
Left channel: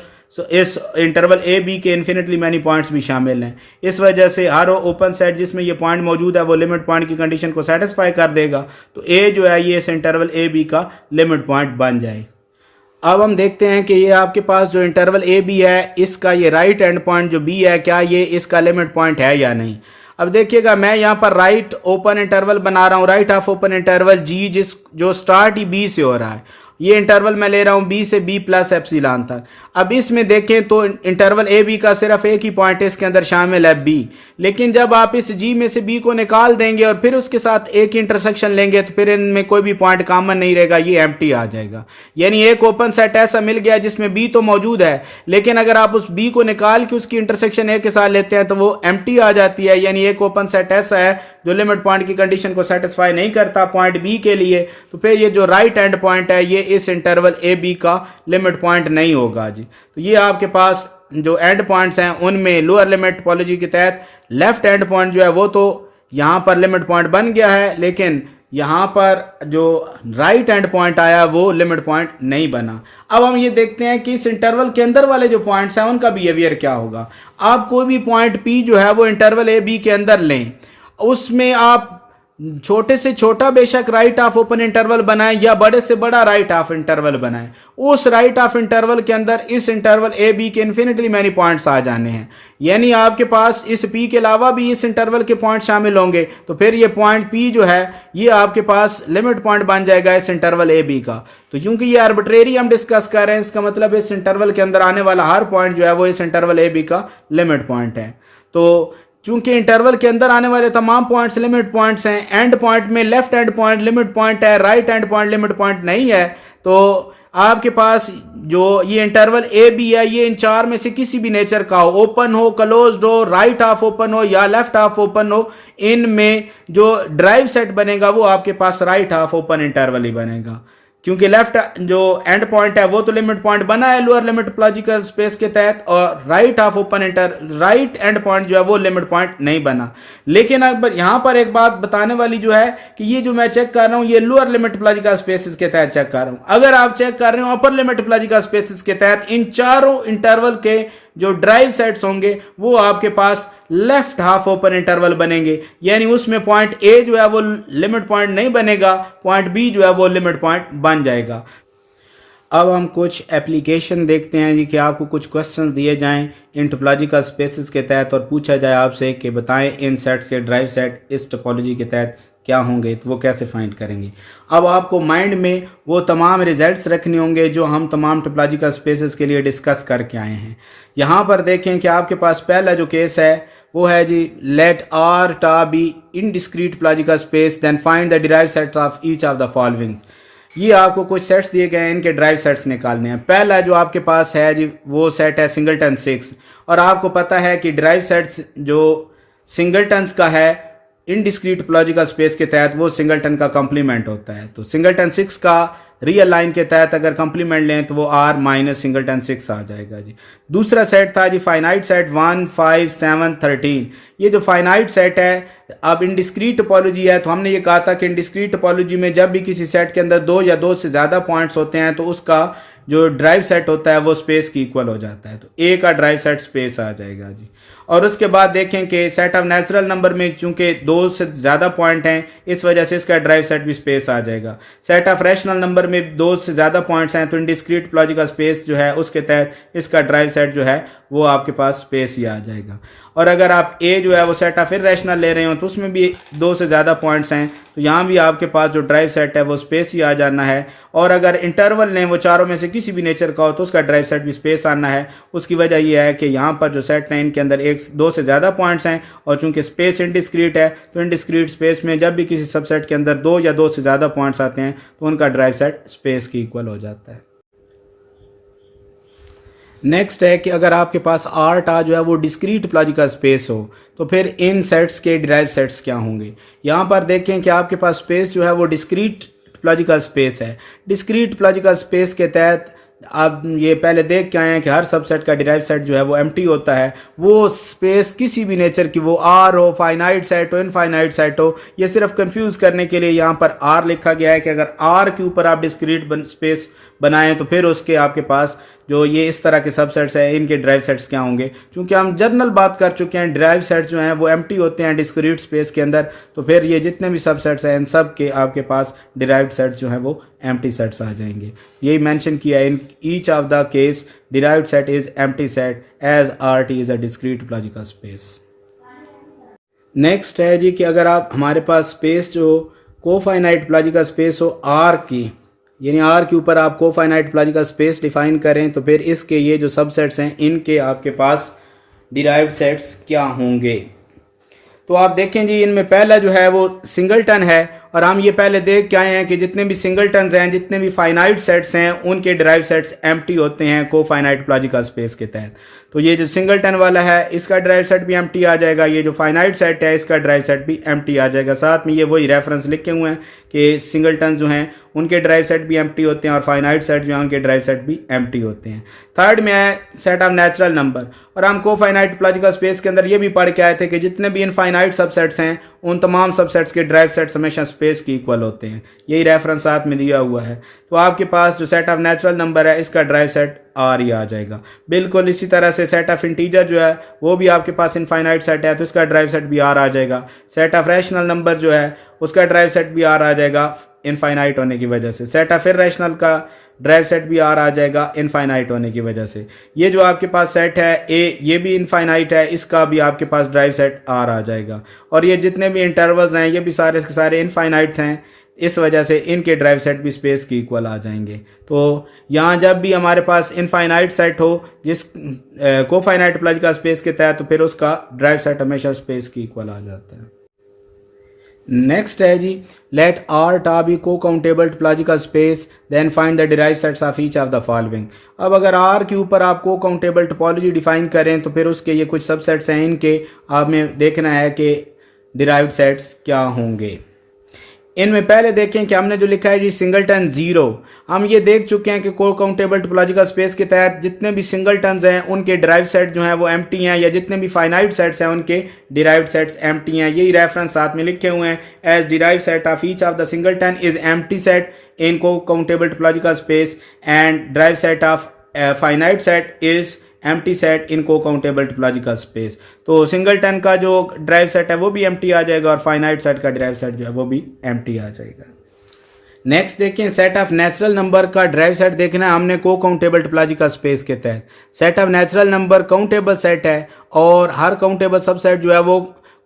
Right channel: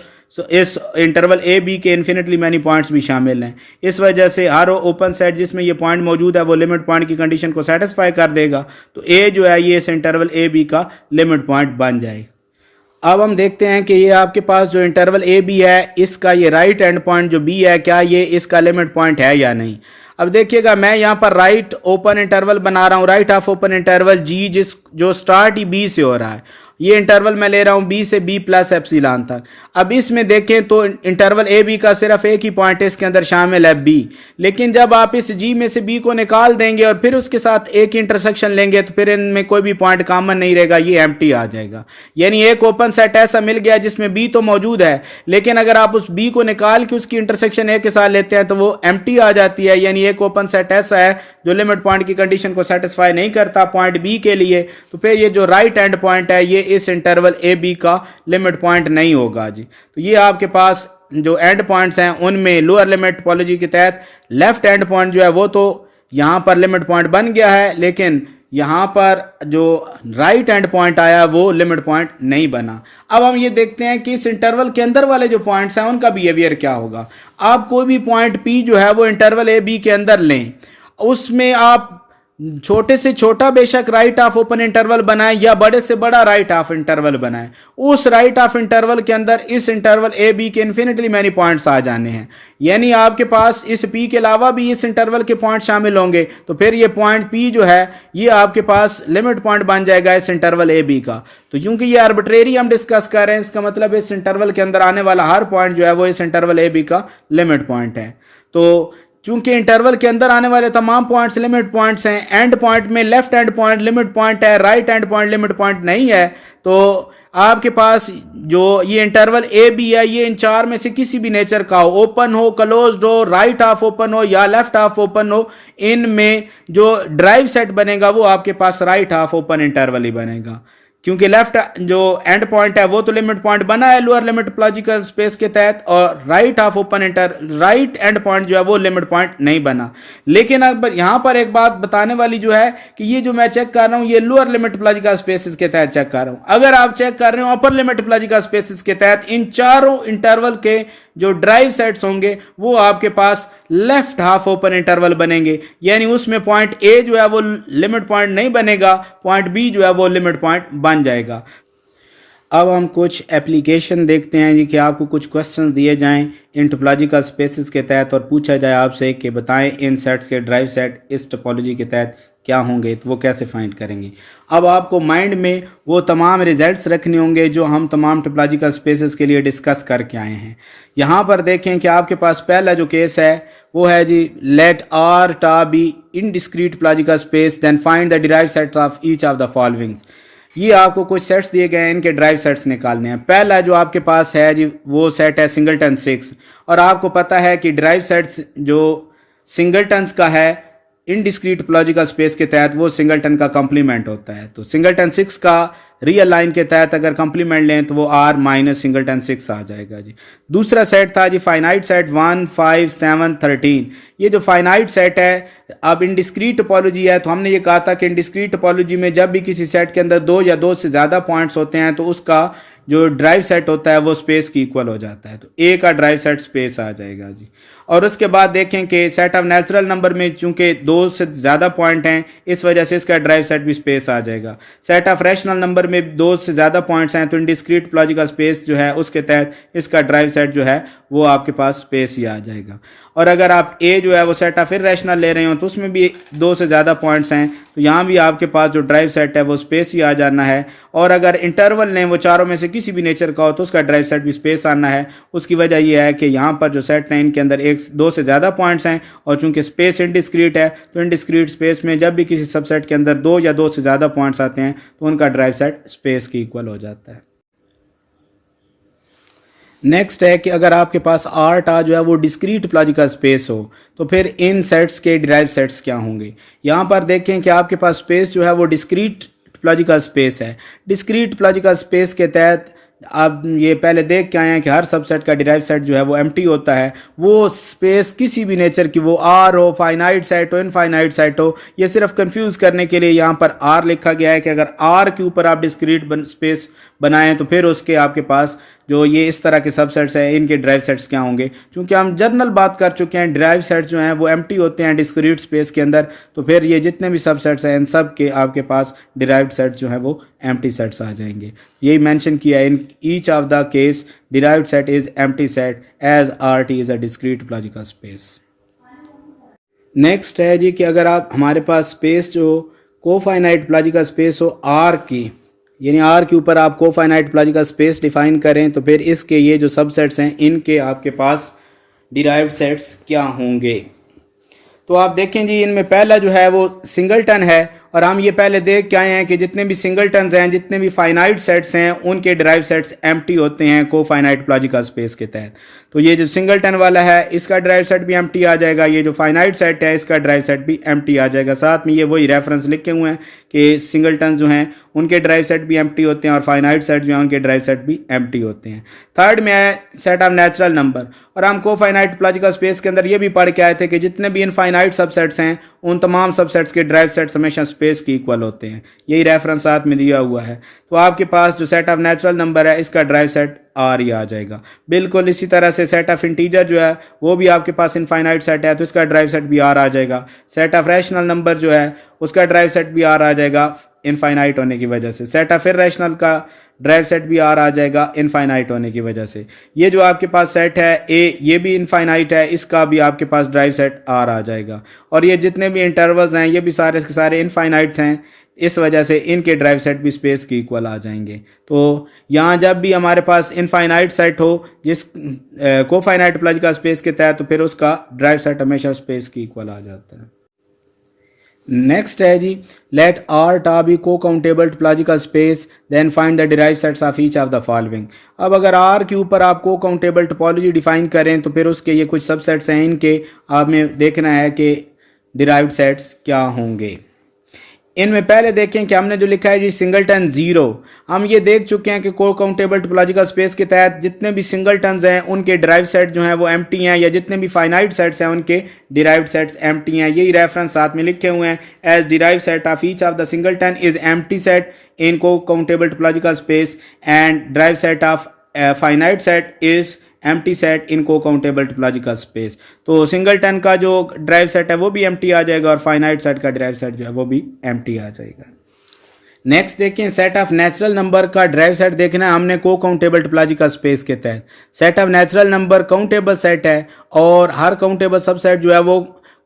इस इंटरवल ए बी के इन्फिनिटली मैनी पॉइंट्स भी शामिल हैं। इस वजह से हर ओपन सेट जिसमें ये पॉइंट मौजूद है वो लिमिट पॉइंट की कंडीशन को सेटिस्फाई कर देगा, तो ए जो है ये इस इंटरवल ए बी का लिमिट पॉइंट बन जाएगा। अब हम देखते हैं कि ये आपके पास जो इंटरवल ए बी है इसका ये राइट एंड पॉइंट जो बी है क्या ये इसका लिमिट पॉइंट है या नहीं। अब देखिएगा, मैं यहाँ पर राइट ओपन इंटरवल बना रहा हूँ, राइट हाफ ओपन इंटरवल जी जो स्टार्ट ही बी से हो रहा है, ये इंटरवल मैं ले रहा हूं बी से बी प्लस एप्सिलॉन तक। अब इसमें देखें तो इंटरवल ए बी का सिर्फ एक ही पॉइंट है इसके अंदर शामिल है बी, लेकिन जब आप इस जी में से बी को निकाल देंगे और फिर उसके साथ एक इंटरसेक्शन लेंगे तो फिर इनमें कोई भी पॉइंट कॉमन नहीं रहेगा, ये एम्प्टी आ जाएगा। यानी एक ओपन सेट ऐसा मिल गया जिसमें बी तो मौजूद है, लेकिन अगर आप उस बी को निकाल के उसकी इंटरसेक्शन ए के साथ लेते हैं तो वो एम्प्टी आ जाती है। यानी एक ओपन सेट ऐसा है जो लिमिट पॉइंट की कंडीशन को सेटिस्फाई नहीं करता पॉइंट बी के लिए, तो फिर ये जो राइट एंड पॉइंट है ये इस इंटरवल ए बी का लिमिट पॉइंट नहीं होगा जी। तो ये आपके पास जो एंड पॉइंट्स हैं उनमें लोअर लिमिट टोपोलॉजी के तहत लेफ्ट एंड पॉइंट जो है वो तो यहाँ पर लिमिट पॉइंट बन गया है, लेकिन यहाँ पर जो राइट एंड पॉइंट आया वो लिमिट पॉइंट नहीं बना। अब हम ये देखते हैं कि इस इंटरवल के अंदर वाले जो पॉइंट्स हैं उनका बिहेवियर क्या होगा। आप कोई भी पॉइंट पी जो है वो इंटरवल ए बी के अंदर लें, उसमें आप छोटे से छोटा बेशक राइट ऑफ ओपन इंटरवल बनाएं या बड़े से बड़ा राइट ऑफ इंटरवल बनाएं, उस राइट ऑफ इंटरवल के अंदर इस इंटरवल ए बी के इन्फिनिटली मैनी पॉइंट्स आ जाने हैं। यानी आपके पास इस पी के अलावा भी इस इंटरवल के पॉइंट शामिल होंगे, तो फिर ये पॉइंट पी जो है ये आपके पास लिमिट पॉइंट बन जाएगा इस इंटरवल ए बी का। तो चूंकि ये आर्बिट्रेरी हम डिस्कस कर रहे हैं, इसका मतलब इस इंटरवल के अंदर आने वाला हर पॉइंट जो है वो इस इंटरवल ए बी का लिमिट पॉइंट है। तो चूंकि इंटरवल के अंदर आने वाले तमाम पॉइंट्स लिमिट पॉइंट्स हैं, एंड पॉइंट में left end point limit point है, right end point limit point नहीं है, तो आपके पास जो ये इंटरवल ए बी है ये इन चार में से किसी भी नेचर का हो, ओपन हो, क्लोज्ड हो, राइट हाफ ओपन हो या लेफ्ट हाफ ओपन हो, इनमें जो ड्राइव सेट बनेगा वो आपके पास राइट हाफ ओपन इंटरवल ही बनेगा। क्योंकि लेफ्ट जो एंड पॉइंट है वो तो लिमिट पॉइंट बना है लोअर लिमिट टोपोलॉजिकल स्पेस के तहत, और right half open right end point जो है वो लिमिट पॉइंट नहीं बना। लेकिन अब यहां पर एक बात बताने वाली जो है कि ये जो मैं चेक कर रहा हूं ये लोअर लिमिट टोपोलॉजिकल स्पेसेस के तहत चेक कर रहा हूं। अगर आप चेक कर रहे हो अपर लिमिट टोपोलॉजिकल स्पेसेस के तहत, इन चारों इंटरवल के जो ड्राइव सेट्स होंगे वो आपके पास लेफ्ट हाफ ओपन इंटरवल बनेंगे, यानी उसमें पॉइंट ए जो है वो लिमिट पॉइंट नहीं बनेगा, पॉइंट बी जो है वो लिमिट पॉइंट बन जाएगा। अब हम कुछ एप्लीकेशन देखते हैं कि आपको कुछ क्वेश्चंस दिए जाएं इन टोपोलॉजिकल स्पेसेस के तहत और पूछा जाए आपसे कि बताएं इन सेट्स के ड्राइव सेट इस टोपोलॉजी के तहत क्या होंगे, तो वो कैसे फाइंड करेंगे। अब आपको माइंड में वो तमाम रिजल्ट्स रखने होंगे जो हम तमाम टोपोलॉजिकल स्पेसेस के लिए डिस्कस करके आए हैं। यहाँ पर देखें कि आपके पास पहला जो केस है वो है जी, let R tau be in discrete topological space then find the derived set of each of the followings. ये आपको कुछ सेट्स दिए गए हैं, इनके ड्राइव सेट्स निकालने हैं। पहला जो आपके पास है जी वो सेट है सिंगलटन 6, और आपको पता है कि ड्राइव सेट्स जो सिंगलटन्स का है इन डिस्क्रीट टोपोलॉजिकल स्पेस के तहत वो सिंगलटन का कंप्लीमेंट होता है। तो सिंगलटन 6 का रियल लाइन के तहत अगर कंप्लीमेंट लें तो वो आर माइनस सिंगलटन 6 आ जाएगा जी। दूसरा सेट था जी फाइनाइट सेट 1, 5, 7, 13। ये जो फाइनाइट सेट है, अब इन डिस्क्रीट टोपोलॉजी है तो हमने ये कहा था कि इन डिस्क्रीट टोपोलॉजी में जब भी किसी सेट के अंदर दो या दो से ज्यादा पॉइंट्स होते हैं तो उसका जो ड्राइव सेट होता है वो स्पेस की इक्वल हो जाता है, तो ए का ड्राइव सेट स्पेस आ जाएगा जी। और उसके बाद देखें कि सेट ऑफ नेचुरल नंबर में चूंकि दो से ज्यादा पॉइंट हैं इस वजह से इसका ड्राइव सेट भी स्पेस आ जाएगा। सेट ऑफ रैशनल नंबर में दो से ज्यादा पॉइंट्स हैं तो इनडिस्क्रीट टोपोलॉजिकल स्पेस जो है उसके तहत इसका ड्राइव सेट जो है वो आपके पास स्पेस ही आ जाएगा। और अगर आप ए जो है वो सेट ऑफ इररेशनल ले रहे हो तो उसमें भी दो से ज़्यादा पॉइंट्स हैं तो यहाँ भी आपके पास जो ड्राइव सेट है वो स्पेस ही आ जाना है। और अगर इंटरवल ने वो चारों में से किसी भी नेचर का हो तो उसका ड्राइव सेट भी स्पेस आना है। उसकी वजह यह है कि यहाँ पर जो सेट है इनके अंदर दो से ज़्यादा पॉइंट्स हैं और चूंकि स्पेस इनडिस्क्रीट है तो इनडिस्क्रीट स्पेस में जब भी किसी सबसेट के अंदर दो या दो से ज़्यादा पॉइंट्स आते हैं तो उनका ड्राइव सेट स्पेस की इक्वल हो जाता है। नेक्स्ट है कि अगर आपके पास आर टा जो है वो डिस्क्रीट टोपोलॉजिकल स्पेस हो तो फिर इन सेट्स के डिराइव सेट्स क्या होंगे। यहाँ पर देखें कि आपके पास स्पेस जो है वो डिस्क्रीट टोपोलॉजिकल स्पेस है। डिस्क्रीट टोपोलॉजिकल स्पेस के तहत आप ये पहले देख के आए हैं कि हर सबसेट का डिराइव सेट जो है वो एम्प्टी होता है। वो स्पेस किसी भी नेचर की, वो आर हो, फाइनाइट सेट हो, इनफाइनाइट सेट हो, ये सिर्फ कंफ्यूज करने के लिए यहाँ पर आर लिखा गया है कि अगर आर के ऊपर आप डिस्क्रीट स्पेस बनाएं तो फिर उसके आपके पास जो ये इस तरह के सबसेट्स हैं इनके ड्राइव सेट्स क्या होंगे। क्योंकि हम जनरल बात कर चुके हैं ड्राइव सेट्स जो हैं वो एम्प्टी होते हैं डिस्क्रीट स्पेस के अंदर, तो फिर ये जितने भी सबसेट्स हैं इन सब के आपके पास डिराइव्ड सेट्स जो हैं वो एम्प्टी सेट्स आ जाएंगे। यही मेंशन किया है, in each of the case derived set is empty set as R T is a discrete topological space. Next है जी कि अगर आप हमारे पास स्पेस जो कोफाइनाइट टोपोलॉजिकल स्पेस हो आर की, यानी आर के ऊपर आप कोफाइनाइट टोपोलॉजिकल स्पेस डिफाइन करें तो फिर इसके ये जो सबसेट्स हैं इनके आपके पास डिराइव्ड सेट्स क्या होंगे। तो आप देखें जी इनमें पहला जो है वो सिंगलटन है और हम ये पहले देख के आए हैं कि जितने भी सिंगलटन्स हैं, जितने भी फाइनाइट सेट्स हैं उनके डिराइव सेट्स एम्प्टी होते हैं कोफाइनाइट टोपोलॉजिकल स्पेस के तहत। तो ये जो सिंगलटन वाला है इसका ड्राइव सेट भी एम्प्टी आ जाएगा, ये जो फाइनाइट सेट है इसका ड्राइव सेट भी एम्प्टी आ जाएगा। साथ में ये वही रेफरेंस लिखे हुए हैं कि सिंगलटन जो हैं उनके ड्राइव सेट भी एम्प्टी होते हैं और फाइनाइट सेट जो हैं उनके ड्राइव सेट भी एम्प्टी होते हैं। थर्ड में है सेट ऑफ नेचुरल नंबर, और हम कोफाइनाइट टोपोलॉजिकल स्पेस के अंदर ये भी पढ़ के आए थे कि जितने भी इनफाइनाइट सबसेट्स हैं उन तमाम सबसेट्स के ड्राइव सेट्स हमेशा स्पेस की इक्वल होते हैं। यही रेफरेंस साथ में दिया हुआ है। तो आपके पास जो सेट ऑफ नेचुरल नंबर है इसका ड्राइव सेट आर ही आ जाएगा। बिल्कुल इसी तरह से सेट ऑफ इंटीजर जो है वो भी आपके पास इनफाइनाइट सेट है तो उसका ड्राइव सेट भी आर आ जाएगा। सेट ऑफ रैशनल नंबर जो है उसका ड्राइव सेट भी आर आ जाएगा इनफाइनाइट होने की वजह से। सेट ऑफ इर्रेशनल का ड्राइव सेट भी आर आ जाएगा इनफाइनाइट होने की वजह से। ये जो आपके पास सेट है ए, ये भी इनफाइनाइट है, इसका भी आपके पास ड्राइव सेट आर आ जाएगा। और ये जितने भी इंटरवल्स हैं ये भी सारे के सारे इनफाइनाइट हैं, इस वजह से इनके ड्राइव सेट भी स्पेस के इक्वल आ जाएंगे। तो यहाँ जब भी हमारे पास इनफाइनाइट सेट हो जिस कोफाइनाइट टोपोलॉजिकल स्पेस के तहत, तो फिर उसका ड्राइव सेट हमेशा स्पेस के इक्वल आ जाता है। नेक्स्ट है जी, लेट आर टा बी को countable topological space then find the derived sets of each of the following. अब अगर आर के ऊपर आप को काउंटेबल टोपोलॉजी डिफाइन करें तो फिर उसके ये कुछ सबसेट्स हैं, इनके आपने देखना है कि डिराइव्ड सेट्स क्या होंगे। इनमें पहले देखें कि हमने जो लिखा है जी सिंगलटन जीरो, हम ये देख चुके हैं कि को काउंटेबल टोपोलॉजिकल स्पेस के तहत जितने भी सिंगलटन्स हैं उनके डिराइव्ड सेट जो हैं वो एम्प्टी हैं, या जितने भी फाइनाइट सेट्स हैं उनके डिराइव्ड सेट्स एम्प्टी हैं। यही रेफरेंस साथ में लिखे हुए हैं, as derived set of each of the singleton is empty set in को countable topological space and derived set of finite set is empty set in को काउंटेबल टोपोलॉजिकल स्पेस। तो सिंगलटन का जो ड्राइव सेट है वो भी empty आ जाएगा और फाइनाइट सेट का ड्राइव सेट जो है वो भी एम्प्टी आ जाएगा। नेक्स्ट देखें, सेट ऑफ नेचुरल नंबर का ड्राइव सेट देखना है हमने को काउंटेबल टोपोलॉजिकल स्पेस के तहत। Set of natural number countable set है और हर काउंटेबल सबसेट जो है वो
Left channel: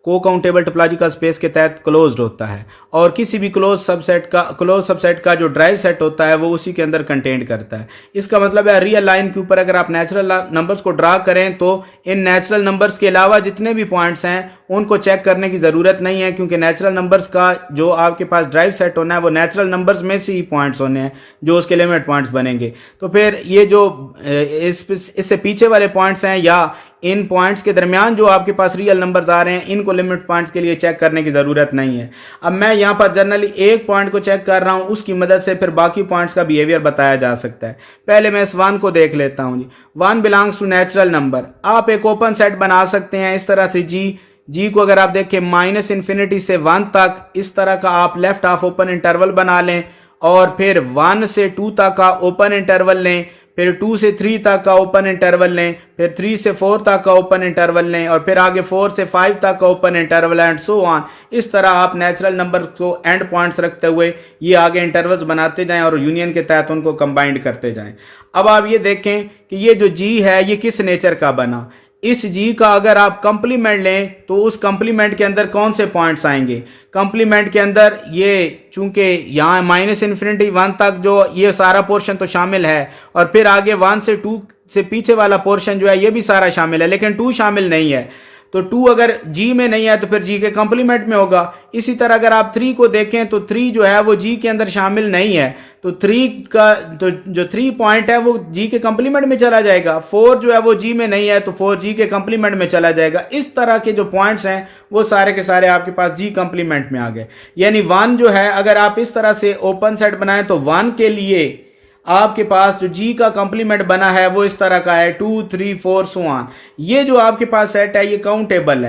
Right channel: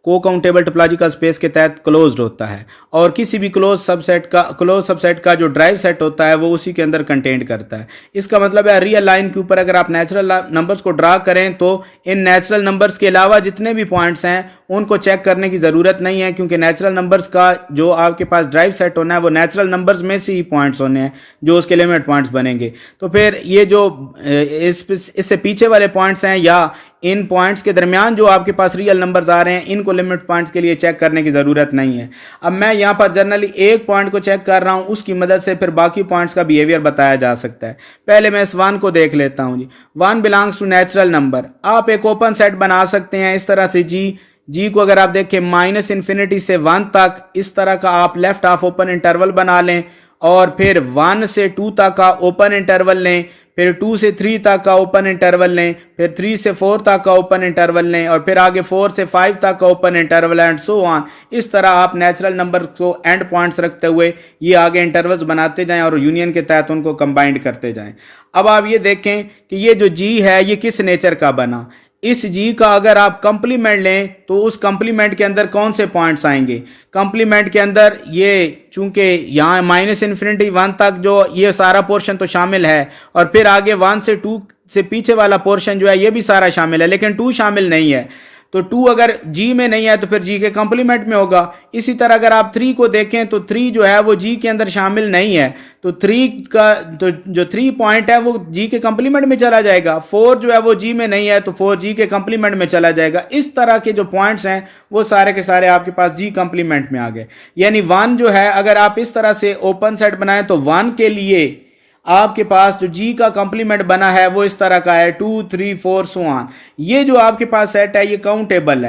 को काउंटेबल टोपोलॉजिकल स्पेस के तहत क्लोज्ड होता है, और किसी भी क्लोज सबसेट का जो ड्राइव सेट होता है वो उसी के अंदर कंटेंट करता है। इसका मतलब है रियल लाइन के ऊपर अगर आप नेचुरल नंबर्स को ड्रा करें तो इन नेचुरल नंबर्स के अलावा जितने भी पॉइंट्स हैं उनको चेक करने की ज़रूरत नहीं है, क्योंकि नेचुरल नंबर्स का जो आपके पास ड्राइव सेट होना है वो नेचुरल नंबर्स में से ही पॉइंट्स होने हैं जो उसके लिमिट पॉइंट्स बनेंगे। तो फिर ये जो इससे पीछे वाले पॉइंट्स हैं या इन पॉइंट्स के दरमियान जो आपके पास रियल नंबर्स आ रहे हैं इनको लिमिट पॉइंट्स के लिए चेक करने की ज़रूरत नहीं है। अब मैं यहाँ पर जनरली एक पॉइंट को चेक कर रहा हूँ, उसकी मदद से फिर बाकी पॉइंट्स का बिहेवियर बताया जा सकता है। पहले मैं इस वन को देख लेता हूँ जी। One belongs to natural number. आप एक ओपन सेट बना सकते हैं इस तरह से जी को अगर आप देखें माइनस इन्फिनिटी से 1 तक, इस तरह का आप लेफ्ट हाफ ओपन इंटरवल बना लें और फिर 1 से 2 तक का ओपन इंटरवल लें, फिर 2 से 3 तक का ओपन इंटरवल लें, फिर 3 से 4 तक का ओपन इंटरवल लें और फिर आगे 4 से 5 तक का open interval and so on. इस तरह आप नेचुरल नंबर को एंड पॉइंट्स रखते हुए ये आगे इंटरवल्स बनाते जाएं और यूनियन के तहत उनको कंबाइंड करते जाएं। अब आप ये देखें कि ये जो जी है ये किस नेचर का बना। इस जी का अगर आप कंप्लीमेंट लें तो उस कंप्लीमेंट के अंदर कौन से पॉइंट्स आएंगे? कंप्लीमेंट के अंदर ये चूंकि यहाँ माइनस इन्फिनिटी 1 तक जो ये सारा पोर्शन तो शामिल है और फिर आगे 1 से 2 से पीछे वाला पोर्शन जो है ये भी सारा शामिल है, लेकिन 2 शामिल नहीं है। तो 2 अगर जी में नहीं है तो फिर जी के कंप्लीमेंट में होगा। इसी तरह अगर आप 3 को देखें तो 3 जो है वो जी के अंदर शामिल नहीं है, तो 3 का तो जो 3 पॉइंट है वो जी के कंप्लीमेंट में चला जाएगा। 4 जो है वो जी में नहीं है तो 4 जी के कंप्लीमेंट में चला जाएगा। इस तरह के जो पॉइंट्स हैं वो सारे के सारे आपके पास जी कंप्लीमेंट में आ गए। यानी 1 जो है अगर आप इस तरह से ओपन सेट बनाएं तो 1 के लिए आपके पास जो जी का कंप्लीमेंट बना है वो इस तरह का है 2 3 4 सो ऑन। ये जो आपके पास सेट है ये काउंटेबल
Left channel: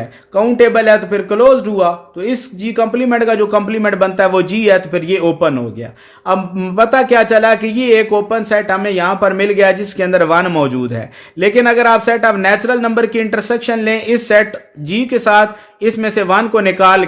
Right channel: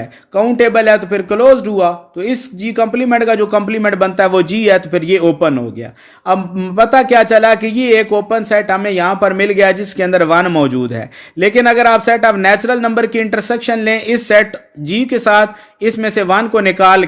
है तो फिर क्लोज्ड हुआ, तो इस जी कंप्लीमेंट का जो कंप्लीमेंट बनता है वो जी है तो फिर ये ओपन हो गया। अब पता क्या चला कि ये एक ओपन सेट हमें यहां पर मिल गया जिसके अंदर 1 मौजूद है। लेकिन अगर आप सेट ऑफ नेचुरल नंबर की इंटरसेक्शन लें इस सेट जी के साथ, इसमें से 1 को निकाल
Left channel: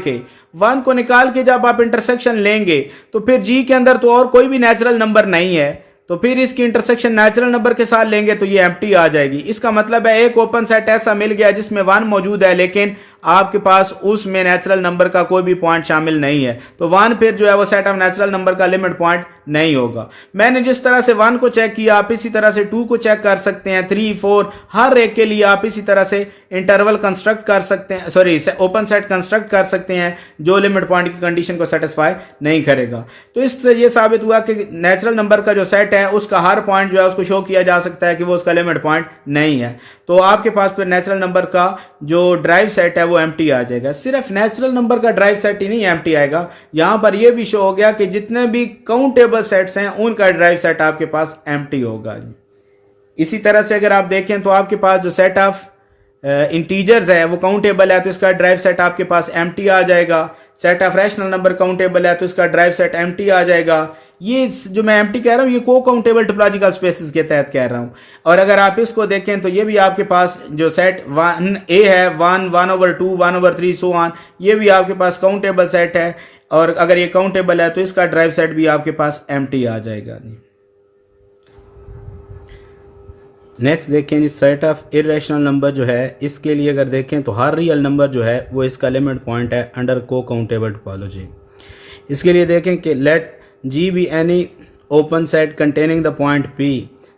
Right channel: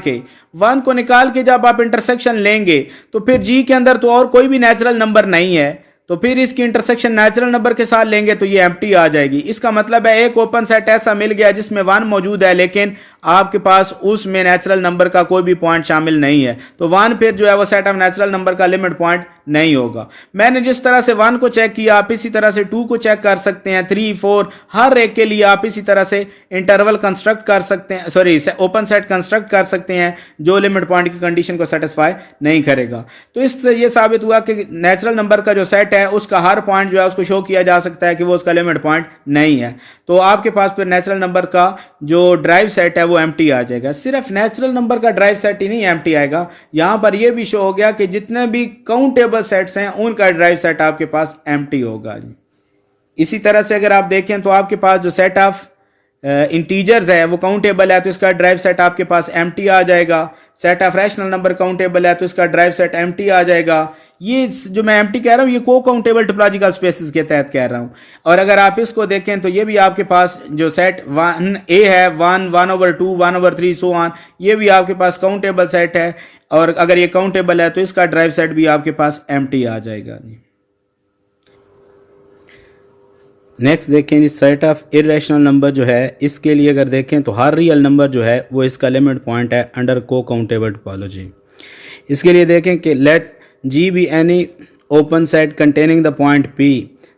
के जब आप इंटरसेक्शन लेंगे तो फिर जी के अंदर तो और कोई भी नेचुरल नंबर नहीं है, तो फिर इसकी इंटरसेक्शन नेचुरल नंबर के साथ लेंगे तो ये एम्प्टी आ जाएगी। इसका मतलब है एक ओपन सेट ऐसा मिल गया जिसमें 1 मौजूद है लेकिन आपके पास उसमें नेचुरल नंबर का कोई भी पॉइंट शामिल नहीं है, तो 1 फिर जो है वो सेट ऑफ नेचुरल नंबर का लिमिट पॉइंट नहीं होगा। मैंने जिस तरह से 1 को चेक किया आप इसी तरह से 2 को चेक कर सकते हैं, 3 4 हर एक के लिए आप इसी तरह से इंटरवल कंस्ट्रक्ट कर सकते हैं, ओपन सेट कंस्ट्रक्ट कर सकते हैं जो लिमिट पॉइंट की कंडीशन को सेटिस्फाई नहीं करेगा। तो इससे ये साबित हुआ कि नेचुरल नंबर का जो सेट है उसका हर पॉइंट जो है उसको शो किया जा सकता है कि वो उसका लिमिट पॉइंट नहीं है। तो आपके पास फिर नेचुरल नंबर का जो ड्राइव सेट है वो एम्प्टी आ जाएगा। सिर्फ नेचुरल नंबर का ड्राइव सेट ही नहीं एम्प्टी आएगा, यहां पर यह भी शो हो गया कि जितने भी काउंटेबल सेट्स हैं उनका ड्राइव सेट आपके पास एम्प्टी होगा। इसी तरह से अगर आप देखें तो आपके पास जो सेट ऑफ इंटीजर्स है वो काउंटेबल है तो इसका ड्राइव सेट आपके पास एम्प्टी आ जाएगा। Set of rational number countable है तो इसका ड्राइव सेट एम्प्टी आ जाएगा। ये जो मैं एम्प्टी कह रहा हूँ ये को काउंटेबल टोपोलॉजिकल स्पेसेस के तहत कह रहा हूँ। और अगर आप इसको देखें तो ये भी आपके पास जो सेट 1A है 1/2 1/3 सो ऑन, ये भी आपके पास काउंटेबल सेट है। और अगर ये काउंटेबल है तो इसका ड्राइव सेट भी आपके पास एम्प्टी आ जाएगा। नेक्स्ट देखें जी, सेट ऑफ इरेशनल नंबर जो है इसके लिए अगर देखें तो हर रियल नंबर जो है वो इसका लिमिट पॉइंट है अंडर को काउंटेबल टोपोलॉजी। इसके लिए देखें कि late G be any open set containing the point P,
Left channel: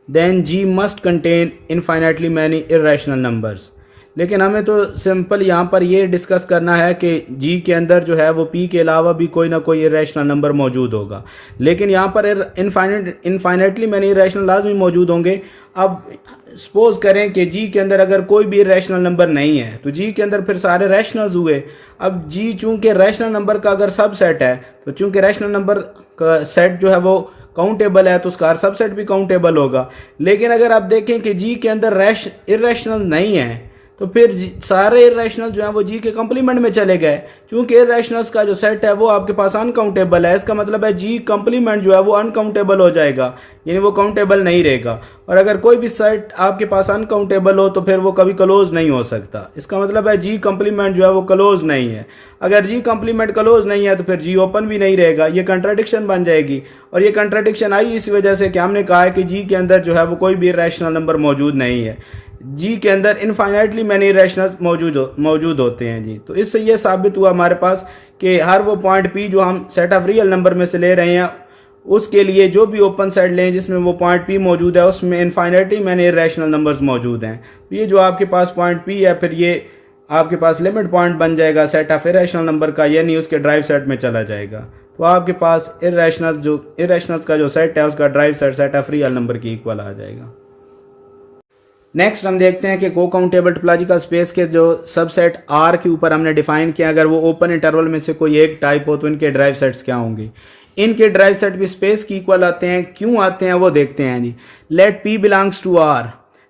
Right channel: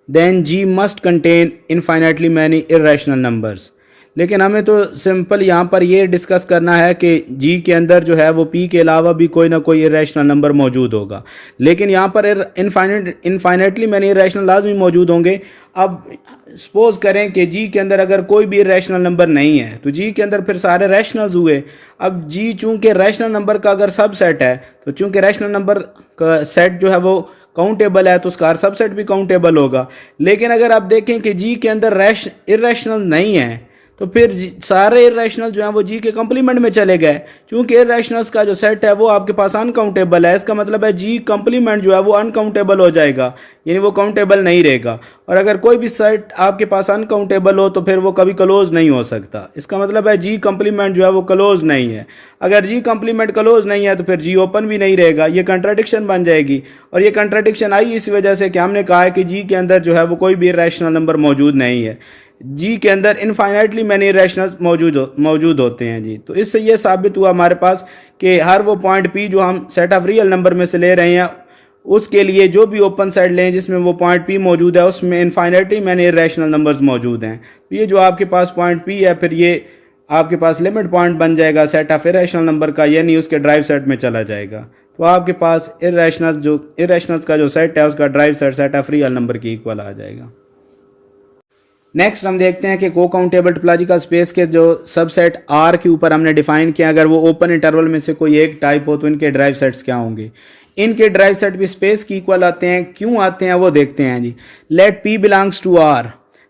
then G must contain infinitely many irrational numbers। लेकिन हमें तो सिंपल यहाँ पर ये डिस्कस करना है कि G के अंदर जो है वो P के अलावा भी कोई ना कोई इरेशनल नंबर मौजूद होगा, लेकिन यहाँ पर इनफाइनेटली मैनी इरेशनल लाजमी मौजूद होंगे। अब सपोज करें कि G के अंदर अगर कोई भी रैशनल नंबर नहीं है तो G के अंदर फिर सारे रैशनल्स हुए। अब G चूंकि रैशनल नंबर का अगर सबसेट है तो चूंकि रैशनल नंबर का सेट जो है वो काउंटेबल है तो उसका सबसेट भी काउंटेबल होगा। लेकिन अगर आप देखें कि G के अंदर इरेशनल नहीं है तो फिर सारे इरेशनल जो हैं वो G के कंप्लीमेंट में चले गए। चूंकि इरेशनल्स का जो सेट है वो आपके पास अनकाउंटेबल है, इसका मतलब है G कंप्लीमेंट जो है वो अनकाउंटेबल हो जाएगा, यानी वो काउंटेबल नहीं रहेगा। और अगर कोई भी सेट आपके पास अनकाउंटेबल हो तो फिर वो कभी क्लोज नहीं हो सकता। इसका मतलब है G कंप्लीमेंट जो है वो क्लोज नहीं है। अगर G कंप्लीमेंट क्लोज नहीं है तो फिर G ओपन भी नहीं रहेगा, ये कंट्राडिक्शन बन जाएगी। और ये कंट्राडिक्शन आई इस वजह से कि हमने कहा है कि G के अंदर जो है वो कोई भी इरेशनल नंबर मौजूद नहीं है। G के अंदर इनफाइनाइटली मैनी इरेशनल्स मौजूद होते हैं जी। तो इससे ये साबित हुआ हमारे पास कि हर वो पॉइंट P जो हम सेट ऑफ रियल नंबर में से ले रहे हैं उसके लिए जो भी ओपन सेट लें जिसमें वो पॉइंट P मौजूद है उसमें इनफाइनाइटली मैनी इरेशनल नंबर्स मौजूद हैं। तो ये जो आपके पास पॉइंट P है फिर ये आपके पास लिमिट पॉइंट बन जाएगा सेट ऑफ इरेशनल नंबर का, यानी उसके ड्राइव सेट में चला जाएगा। तो आपके पास इरेशनल्स का जो सेट है उसका derived set of real number की इक्वल आ जाएगा। नेक्स्ट हम देखते हैं कि को काउंटेबल टोपोलॉजिकल स्पेस के जो सबसेट R के ऊपर हमने डिफाइन किया, अगर वो ओपन इंटरवल में से कोई एक टाइप हो तो इनके ड्राइव सेट्स क्या होंगे। इनके ड्राइव सेट भी स्पेस की इक्वल आते हैं, क्यों आते हैं वो देखते हैं जी। Let P belongs to R,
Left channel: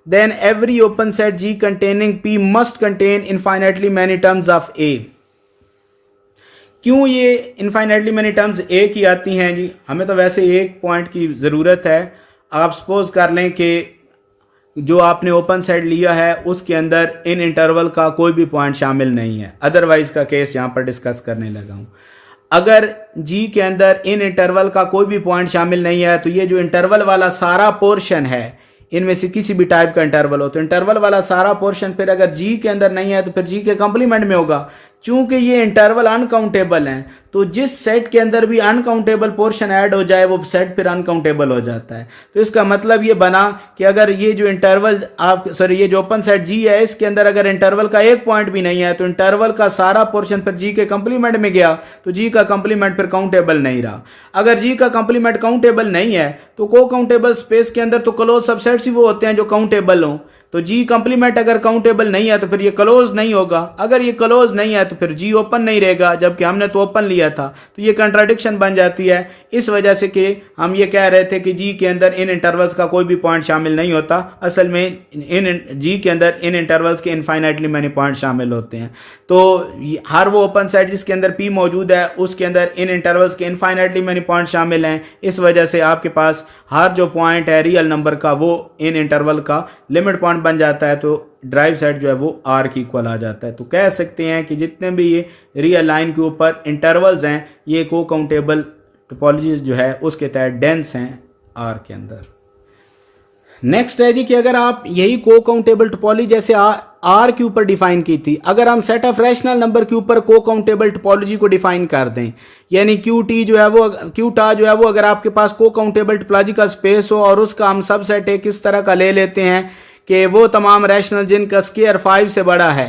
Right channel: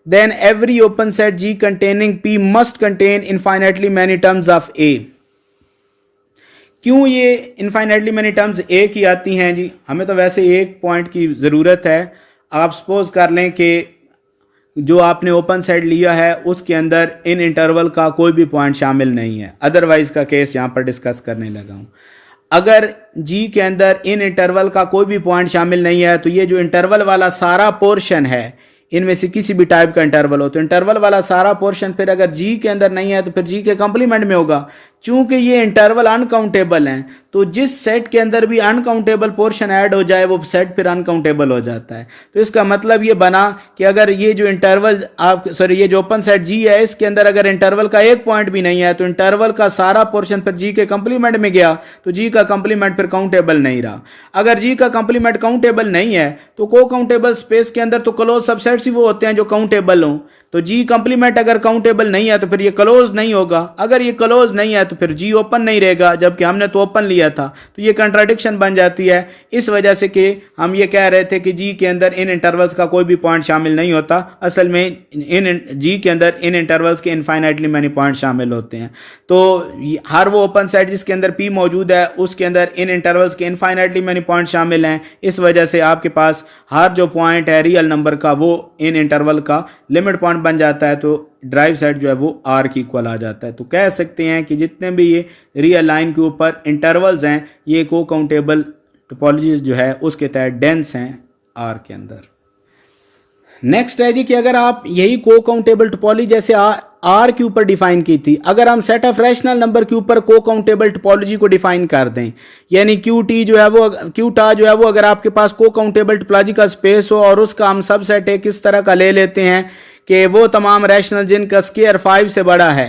then every open set G containing P must contain infinitely many terms of A। क्यों ये इनफाइनाइटली मैनी टर्म्स A की आती हैं जी, हमें तो वैसे एक पॉइंट की ज़रूरत है। आप सपोज कर लें कि जो आपने ओपन सेट लिया है उसके अंदर इन इंटरवल का कोई भी पॉइंट शामिल नहीं है, अदरवाइज का केस यहाँ पर डिस्कस करने लगा हूँ। अगर G के अंदर इन इंटरवल का कोई भी पॉइंट शामिल नहीं है तो ये जो इंटरवल वाला सारा पोर्शन है इनमें से किसी भी टाइप का इंटरवल हो तो इंटरवल वाला सारा पोर्शन फिर अगर G के अंदर नहीं है तो फिर G के कंप्लीमेंट में होगा। चूंकि ये इंटरवल अनकाउंटेबल हैं तो जिस सेट के अंदर भी अनकाउंटेबल पोर्शन ऐड हो जाए वो सेट फिर अनकाउंटेबल हो जाता है। तो इसका मतलब ये बना कि अगर ये जो इंटरवल ये जो ओपन सेट G है इसके अंदर अगर इंटरवल का एक पॉइंट भी नहीं है तो इंटरवल का सारा पोर्शन फिर G के कंप्लीमेंट में गया तो G का कंप्लीमेंट फिर काउंटेबल नहीं रहा। अगर G का कंप्लीमेंट काउंटेबल नहीं है तो को काउंटेबल स्पेस के अंदर तो क्लोज सबसेट्स ही वो होते हैं जो काउंटेबल हों। तो G कंप्लीमेंट अगर काउंटेबल नहीं है तो फिर ये क्लोज नहीं होगा, अगर ये क्लोज नहीं है तो फिर G ओपन नहीं रहेगा, जबकि हमने तो ओपन लिया था। तो ये कंट्राडिक्शन बन जाती है इस वजह से कि हम ये कह रहे थे कि G के अंदर इन इंटरवल्स का कोई भी पॉइंट शामिल नहीं होता, असल में G के अंदर इन इंटरवल्स के इनफाइनाइटली मैनी पॉइंट शामिल होते हैं। तो हर वो ओपन सेट जिसके अंदर P मौजूद है उसके अंदर इन इंटरवल्स के इनफाइनाइटली मैनी पॉइंट शामिल हैं। इस वजह से आपके पास हर जो पॉइंट है रियल नंबर का वो इन इंटरवल का लिमिट पॉइंट बन जाता है, तो ड्राइव सेट जो है वो R की इक्वल आ जाता है। तो कह सकते हैं कि जितने भी ये रियल लाइन के ऊपर इंटरवल्स हैं ये को काउंटेबल टोपोलॉजी जो है उसके तहत डेंस हैं R के अंदर। नेक्स्ट है जी कि अगर आप यही को काउंटेबल टोपोलॉजी जैसे R के ऊपर डिफाइन की थी, अगर हम सेट ऑफ रैशनल नंबर के ऊपर को काउंटेबल टोपोलॉजी को डिफाइन कर दें, यानी QT जो है वो QTA जो है वो अगर आपके पास को काउंटेबल टोपोलॉजी का स्पेस हो और उसका हम सबसेट एक इस तरह का ले लेते हैं कि वो तमाम रैशनल जिनका स्केयर 5 से बड़ा है,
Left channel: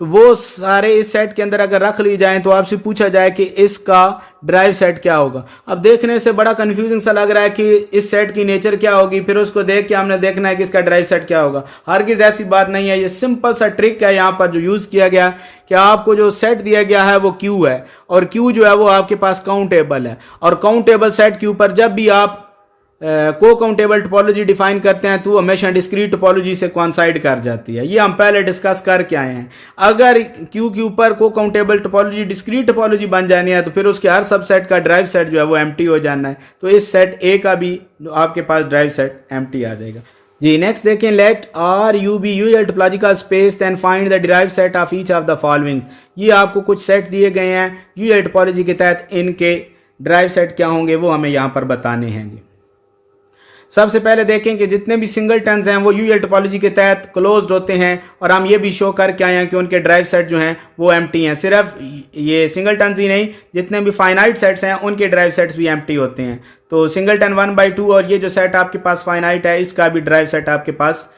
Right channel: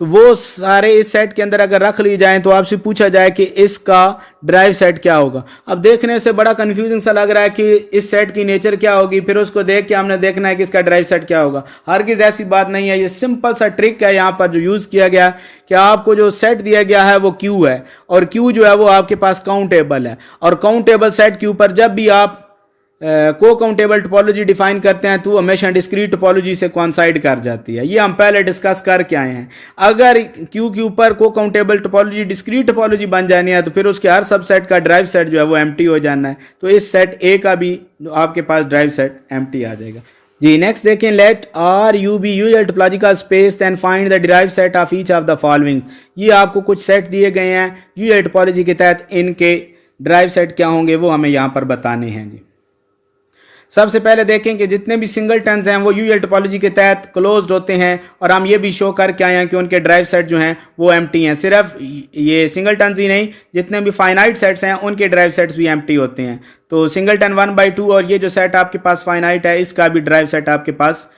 तो वो सारे इस सेट के अंदर अगर रख ली जाएं तो आपसे पूछा जाए कि इसका ड्राइव सेट क्या होगा। अब देखने से बड़ा कंफ्यूजिंग सा लग रहा है कि इस सेट की नेचर क्या होगी, फिर उसको देख के हमने देखना है कि इसका ड्राइव सेट क्या होगा। हरगिज़ ऐसी बात नहीं है, ये सिंपल सा ट्रिक है यहाँ पर जो यूज़ किया गया कि आपको जो सेट दिया गया है वो Q है और Q जो है वो आपके पास काउंटेबल है, और काउंटेबल सेट के ऊपर जब भी आप को काउंटेबल टोपोलॉजी डिफाइन करते हैं तो हमेशा डिस्क्रीट टोपोलॉजी से कॉन्साइड कर जाती है। ये हम पहले डिस्कस करके आए हैं। अगर क्यू के ऊपर को काउंटेबल टोपोलॉजी डिस्क्रीट टोपोलॉजी बन जानी है तो फिर उसके हर सबसेट का ड्राइव सेट जो है वो एम्प्टी हो जाना है। तो इस सेट ए का भी आपके पास ड्राइव सेट एम्प्टी आ जाएगा जी। नेक्स्ट देखें, let R U be usual topological space then find the derived set of each of the following. ये आपको कुछ सेट दिए गए हैं यूज्ड टोपोलॉजी के तहत, इनके ड्राइव सेट क्या होंगे वो हमें यहाँ पर बताने हैं जी। सबसे पहले देखें कि जितने भी सिंगलटन्स हैं वो यूजल टोपोलॉजी के तहत क्लोज्ड होते हैं और हम ये भी शो करके आए हैं कि उनके ड्राइव सेट जो हैं वो एम्प्टी हैं। सिर्फ ये सिंगलटन्स ही नहीं, जितने भी फाइनाइट सेट्स हैं उनके ड्राइव सेट्स भी एम्प्टी होते हैं। तो सिंगलटन 1/2 और ये जो सेट आपके पास फाइनाइट है इसका भी ड्राइव सेट आपके पास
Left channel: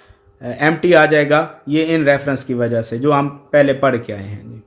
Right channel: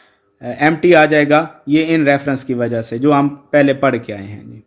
एम्प्टी आ जाएगा, ये इन रेफरेंस की वजह से जो हम पहले पढ़ के आए हैं।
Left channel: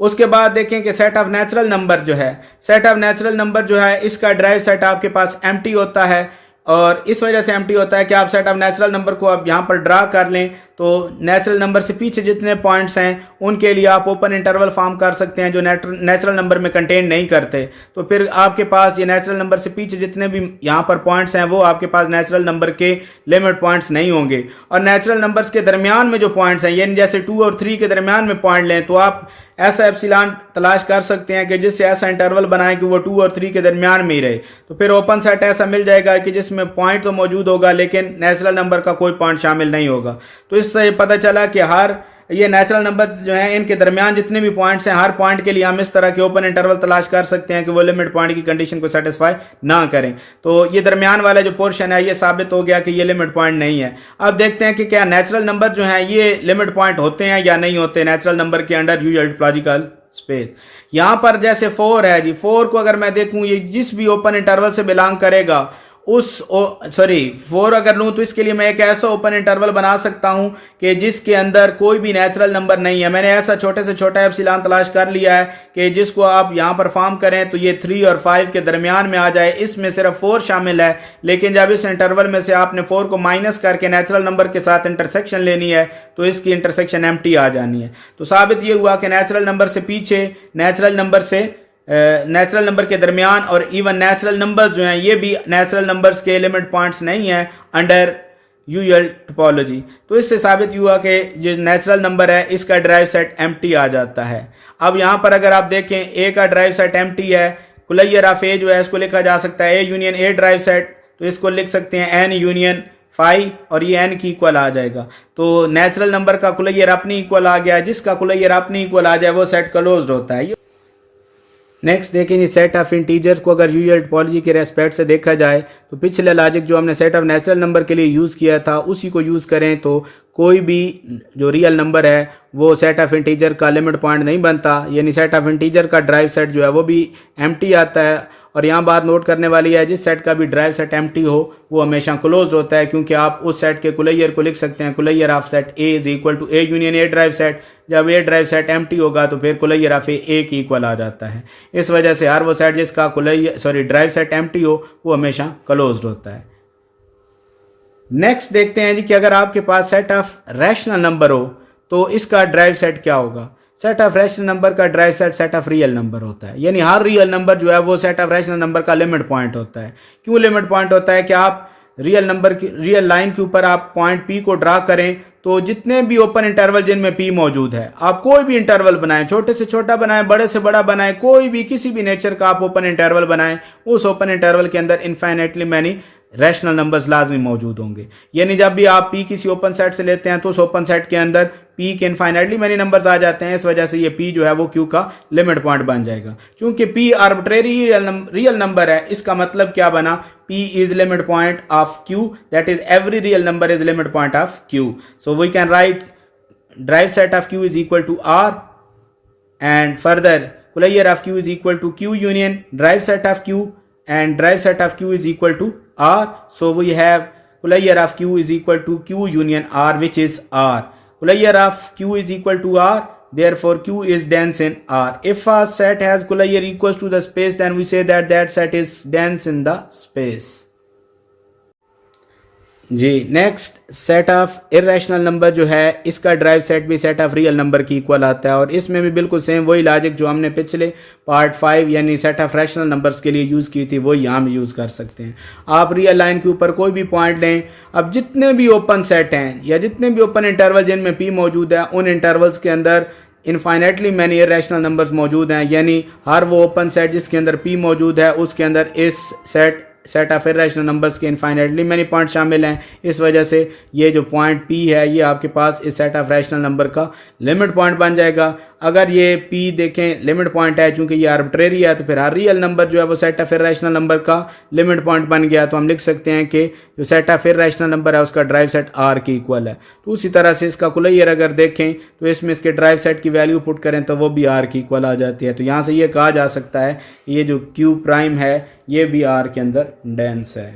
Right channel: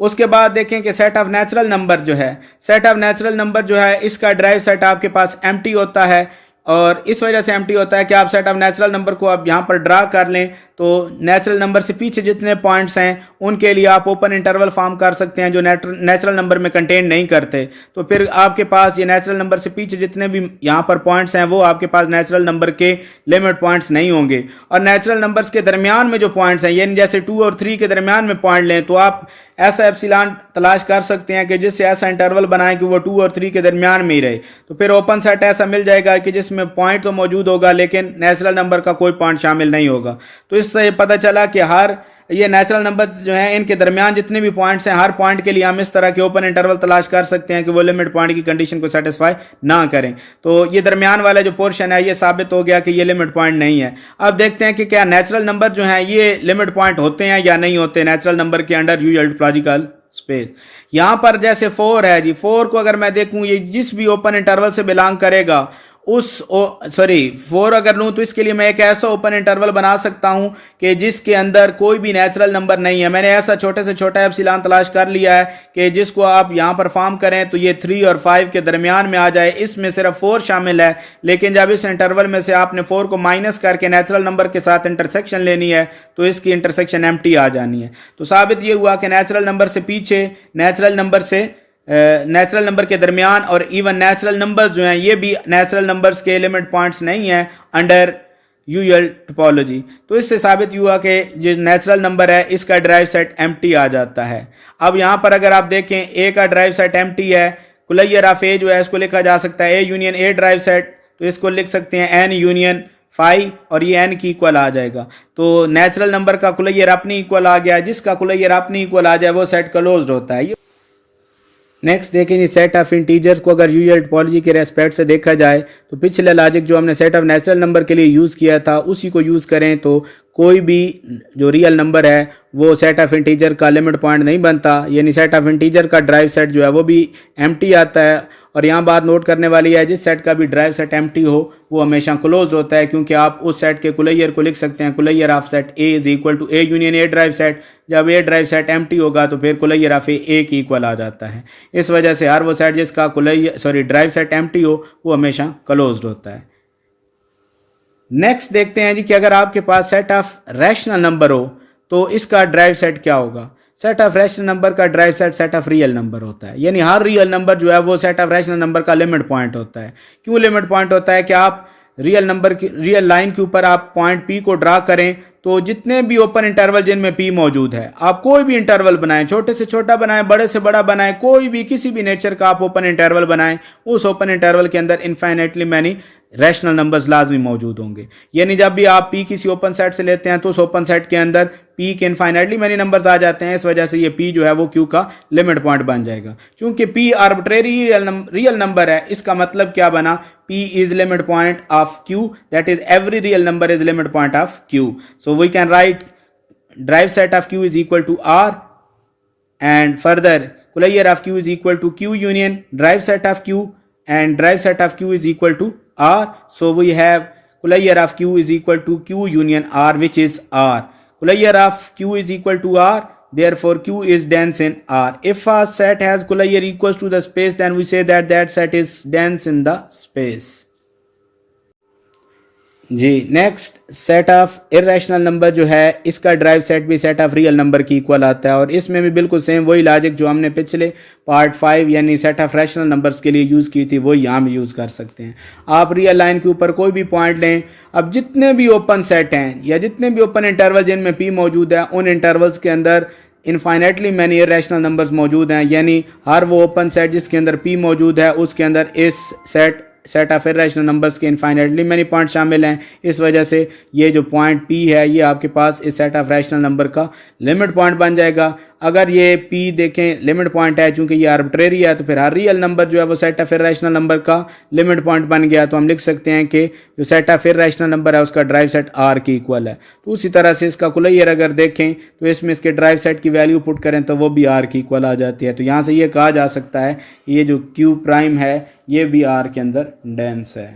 उसके बाद देखें कि सेट ऑफ नेचुरल नंबर जो है, सेट ऑफ नेचुरल नंबर जो है इसका ड्राइव सेट आपके पास एम्प्टी होता है और इस वजह से एम्प्टी होता है कि आप सेट ऑफ नेचुरल नंबर को आप यहाँ पर ड्रा कर लें तो नेचुरल नंबर से पीछे जितने पॉइंट्स हैं उनके लिए आप ओपन इंटरवल फॉर्म कर सकते हैं जो नेचुरल नंबर में कंटेन नहीं करते। तो फिर आपके पास ये नेचुरल नंबर से पीछे जितने भी यहाँ पर पॉइंट्स हैं वो आपके पास नेचुरल नंबर के लिमिट पॉइंट्स नहीं होंगे। और नेचुरल नंबर्स के दरमियान में जो पॉइंट्स हैं यानी जैसे 2 और 3 के दरमियान में पॉइंट लें तो आप ऐसा एप्सिलॉन तलाश कर सकते हैं कि जिससे ऐसा इंटरवल बनाएं कि वो 2 और 3 के दरमियान में ही रहे। तो फिर ओपन सेट ऐसा मिल जाएगा कि जिसमें पॉइंट तो मौजूद होगा लेकिन नेचुरल नंबर का कोई पॉइंट शामिल नहीं होगा। तो इससे पता चला कि हर ये नेचुरल नंबर जो हैं इनके दरमियान जितने भी पॉइंट्स हैं हर पॉइंट के लिए हम इस तरह के ओपन इंटरवल तलाश कर सकते हैं कि वो लिमिट पॉइंट की कंडीशन को सेटिस्फाई ना करें। तो ये दरमियान वाला जो पोर्शन है ये साबित हो गया कि ये लिमिट पॉइंट नहीं है। अब देखते हैं कि क्या नेचुरल नंबर जो हैं ये लिमिट पॉइंट होते हैं या नहीं होते नेचुरल नंबर के अंडर यूज्ड टोपोलॉजिकल स्पेस। यहाँ पर जैसे 4 है जी, 4 को अगर मैं देखूं ये जिस भी ओपन इंटरवल से बिलोंग करेगा उस 4 अगर लूँ तो इसके लिए मैं एक ऐसा ओपन इंटरवल बना सकता हूं कि जिसके अंदर कोई भी नेचुरल नंबर नहीं है। मैंने ऐसा छोटे से छोटा एप्सिलॉन तलाश कर लिया है कि जिसको आप यहां पर फॉर्म करें तो ये 3 और 5 के दरमियान में आ जाए। इसमें सिर्फ 4 शामिल है लेकिन जब इस इंटरवल में से आपने 4 को माइनस करके नेचुरल नंबर के साथ इंटरसेक्शन लेनी है तो इसकी इंटरसेक्शन एम्प्टी आ जानी है। तो साबित ये हुआ कि नेचुरल नंबर से पीछे, नेचुरल नंबर से नेचुरल नंबर के दरमियान और इवन नेचुरल नंबर्स जो हैं ये भी नेचुरल नंबर्स के लिमिट पॉइंट्स नहीं हैं अंडर यूजुअल टोपोलॉजी। तो इससे साबित हुआ कि जो नेचुरल नंबर है इसका ड्राइव सेट एम्प्टी आ जाता है। अब यहाँ पर अगर आप देखें ए का ड्राइव सेट एम्प्टी है, कुलैयर ऑफ ए जो है इसको लिखा जा सकता है A union A derived set, तो इसको लिख सकते हैं एन यूनियन 5 और ये एन की इक्वल आ जाएगा। तो नेचुरल नंबर का कुलैयर अपनी इक्वल आ गया, जिसका कुलैयर अपनी इक्वल आ जाए वो सेट क्लोज्ड होता है। नेक्स्ट देखेंगे सेट ऑफ इंटीजर्स को अगर यूजुअल टोपोलॉजी के रेस्पेक्ट से देखा जाए तो पिछला लॉजिक जो हमने सेट ऑफ नेचुरल नंबर के लिए यूज़ किया था उसी को यूज़ करें तो कोई भी जो रियल नंबर है वो सेट ऑफ इंटीजर का लिमिट पॉइंट नहीं बनता, यानी सेट ऑफ इंटीजर का ड्राइव सेट जो है वो भी एम्प्टी आता है। और यहाँ बात नोट करने वाली है, जिस सेट का भी ड्राइव सेट एम्प्टी हो वो हमेशा क्लोज्ड होता है, क्योंकि आप उस सेट के कुलैयर को लिख सकते हैं closure of set A is equal to A union A derived set. जब ए ड्राइव सेट एम्प्टी होगा तो फिर कुलैयर ऑफ ए की इक्वल आ जाता है। इस वजह से हर वो सेट जिसका ड्राइव सेट एम्प्टी हो वो हमेशा क्लोज्ड होता है। नेक्स्ट देखते हैं जी कि अगर आपके पास सेट ऑफ रैशनल नंबर हो तो इसका ड्राइव सेट क्या होगा। सेट ऑफ रैशनल नंबर का drive set set of real number होता है, यानी हर रियल नंबर जो है वो सेट ऑफ रैशनल नंबर का लिमिट पॉइंट होता है। क्यों लिमिट पॉइंट होता है कि आप रियल नंबर की रियल लाइन के ऊपर आप पॉइंट पी को ड्रा करें तो जितने भी ओपन इंटरवल जिनमें पी मौजूद है, आप कोई भी इंटरवल बनाएं, छोटे से छोटा बनाएं, बड़े से बड़ा बनाएं, कोई भी किसी भी नेचर का आप ओपन इंटरवल बनाएं, उस ओपन इंटरवल के अंदर इनफाइनाइटली मैनी रैशनल नंबर्स लाजमी मौजूद होंगे। यानी जब भी आप पी किसी ओपन सेट से लेते हैं तो उस ओपन सेट के अंदर पी के इनफाइनाइटली मैनी नंबर्स आ जाते हैं। इस वजह से ये पी जो है वो क्यू का लिमिट पॉइंट बन जाएगा। चूंकि पी आर्बिट्रेरी रियल नंबर है, इसका मतलब क्या बना, P is limit point of Q, that is every real number is limit point of Q. So we can write derived set of Q is equal to R and further closure of Q is equal to Q union derived set of Q and drive set of q is equal to r. So we have Kulayar of q is equal to q union r, which is r. Kulayar of q is equal to r, therefore q is dense in r. If a set has Kulayar equals to the space, then we say that that set is dense in the space. जी next, set of irrational number जो है इसका derived set भी set of real number की equal आता है और इसमें भी बिल्कुल सेम वही लॉजिक जो हमने पिछले पार्ट 5 यानी सेट ऑफ रैशनल नंबर्स के लिए यूज़ की थी वही यहाँ भी यूज़ कर सकते हैं। आप रियल लाइन के ऊपर कोई भी पॉइंट लें, अब जितने भी ओपन सेट हैं या जितने भी ओपन इंटरवल जिनमें पी मौजूद है उन इंटरवल्स के अंदर इनफाइनेटली मैनी इरेशनल नंबर्स मौजूद हैं, यानी हर वो ओपन सेट जिसके अंदर पी मौजूद है उसके अंदर इस सेट ऑफ इरेशनल नंबर्स के इनफाइनेटली मैनी पॉइंट शामिल हैं। इस वजह से ये जो पॉइंट पी है ये आपके पास इस सेट ऑफ रैशनल नंबर का लिमिट पॉइंट बन जाएगा। अगर ये पी देखें लिमिट पॉइंट है, चूंकि ये आर्बिट्रेरी है तो फिर हर रियल नंबर जो है वो सेट ऑफ इरेशनल नंबर का लिमिट पॉइंट बन गया। तो हम लिख सकते हैं कि जो सेट ऑफ इरेशनल नंबर है उसका ड्राइव सेट आर की इक्वल है। तो उसी तरह से इसका कुलैयर अगर देखें तो इसमें इसके ड्राइव सेट की वैल्यू पुट करें तो वो भी आर की इक्वल आ जाती है। तो यहाँ से ये कहा जा सकता है कि ये जो क्यू प्राइम है ये भी आर के अंदर डेंस है।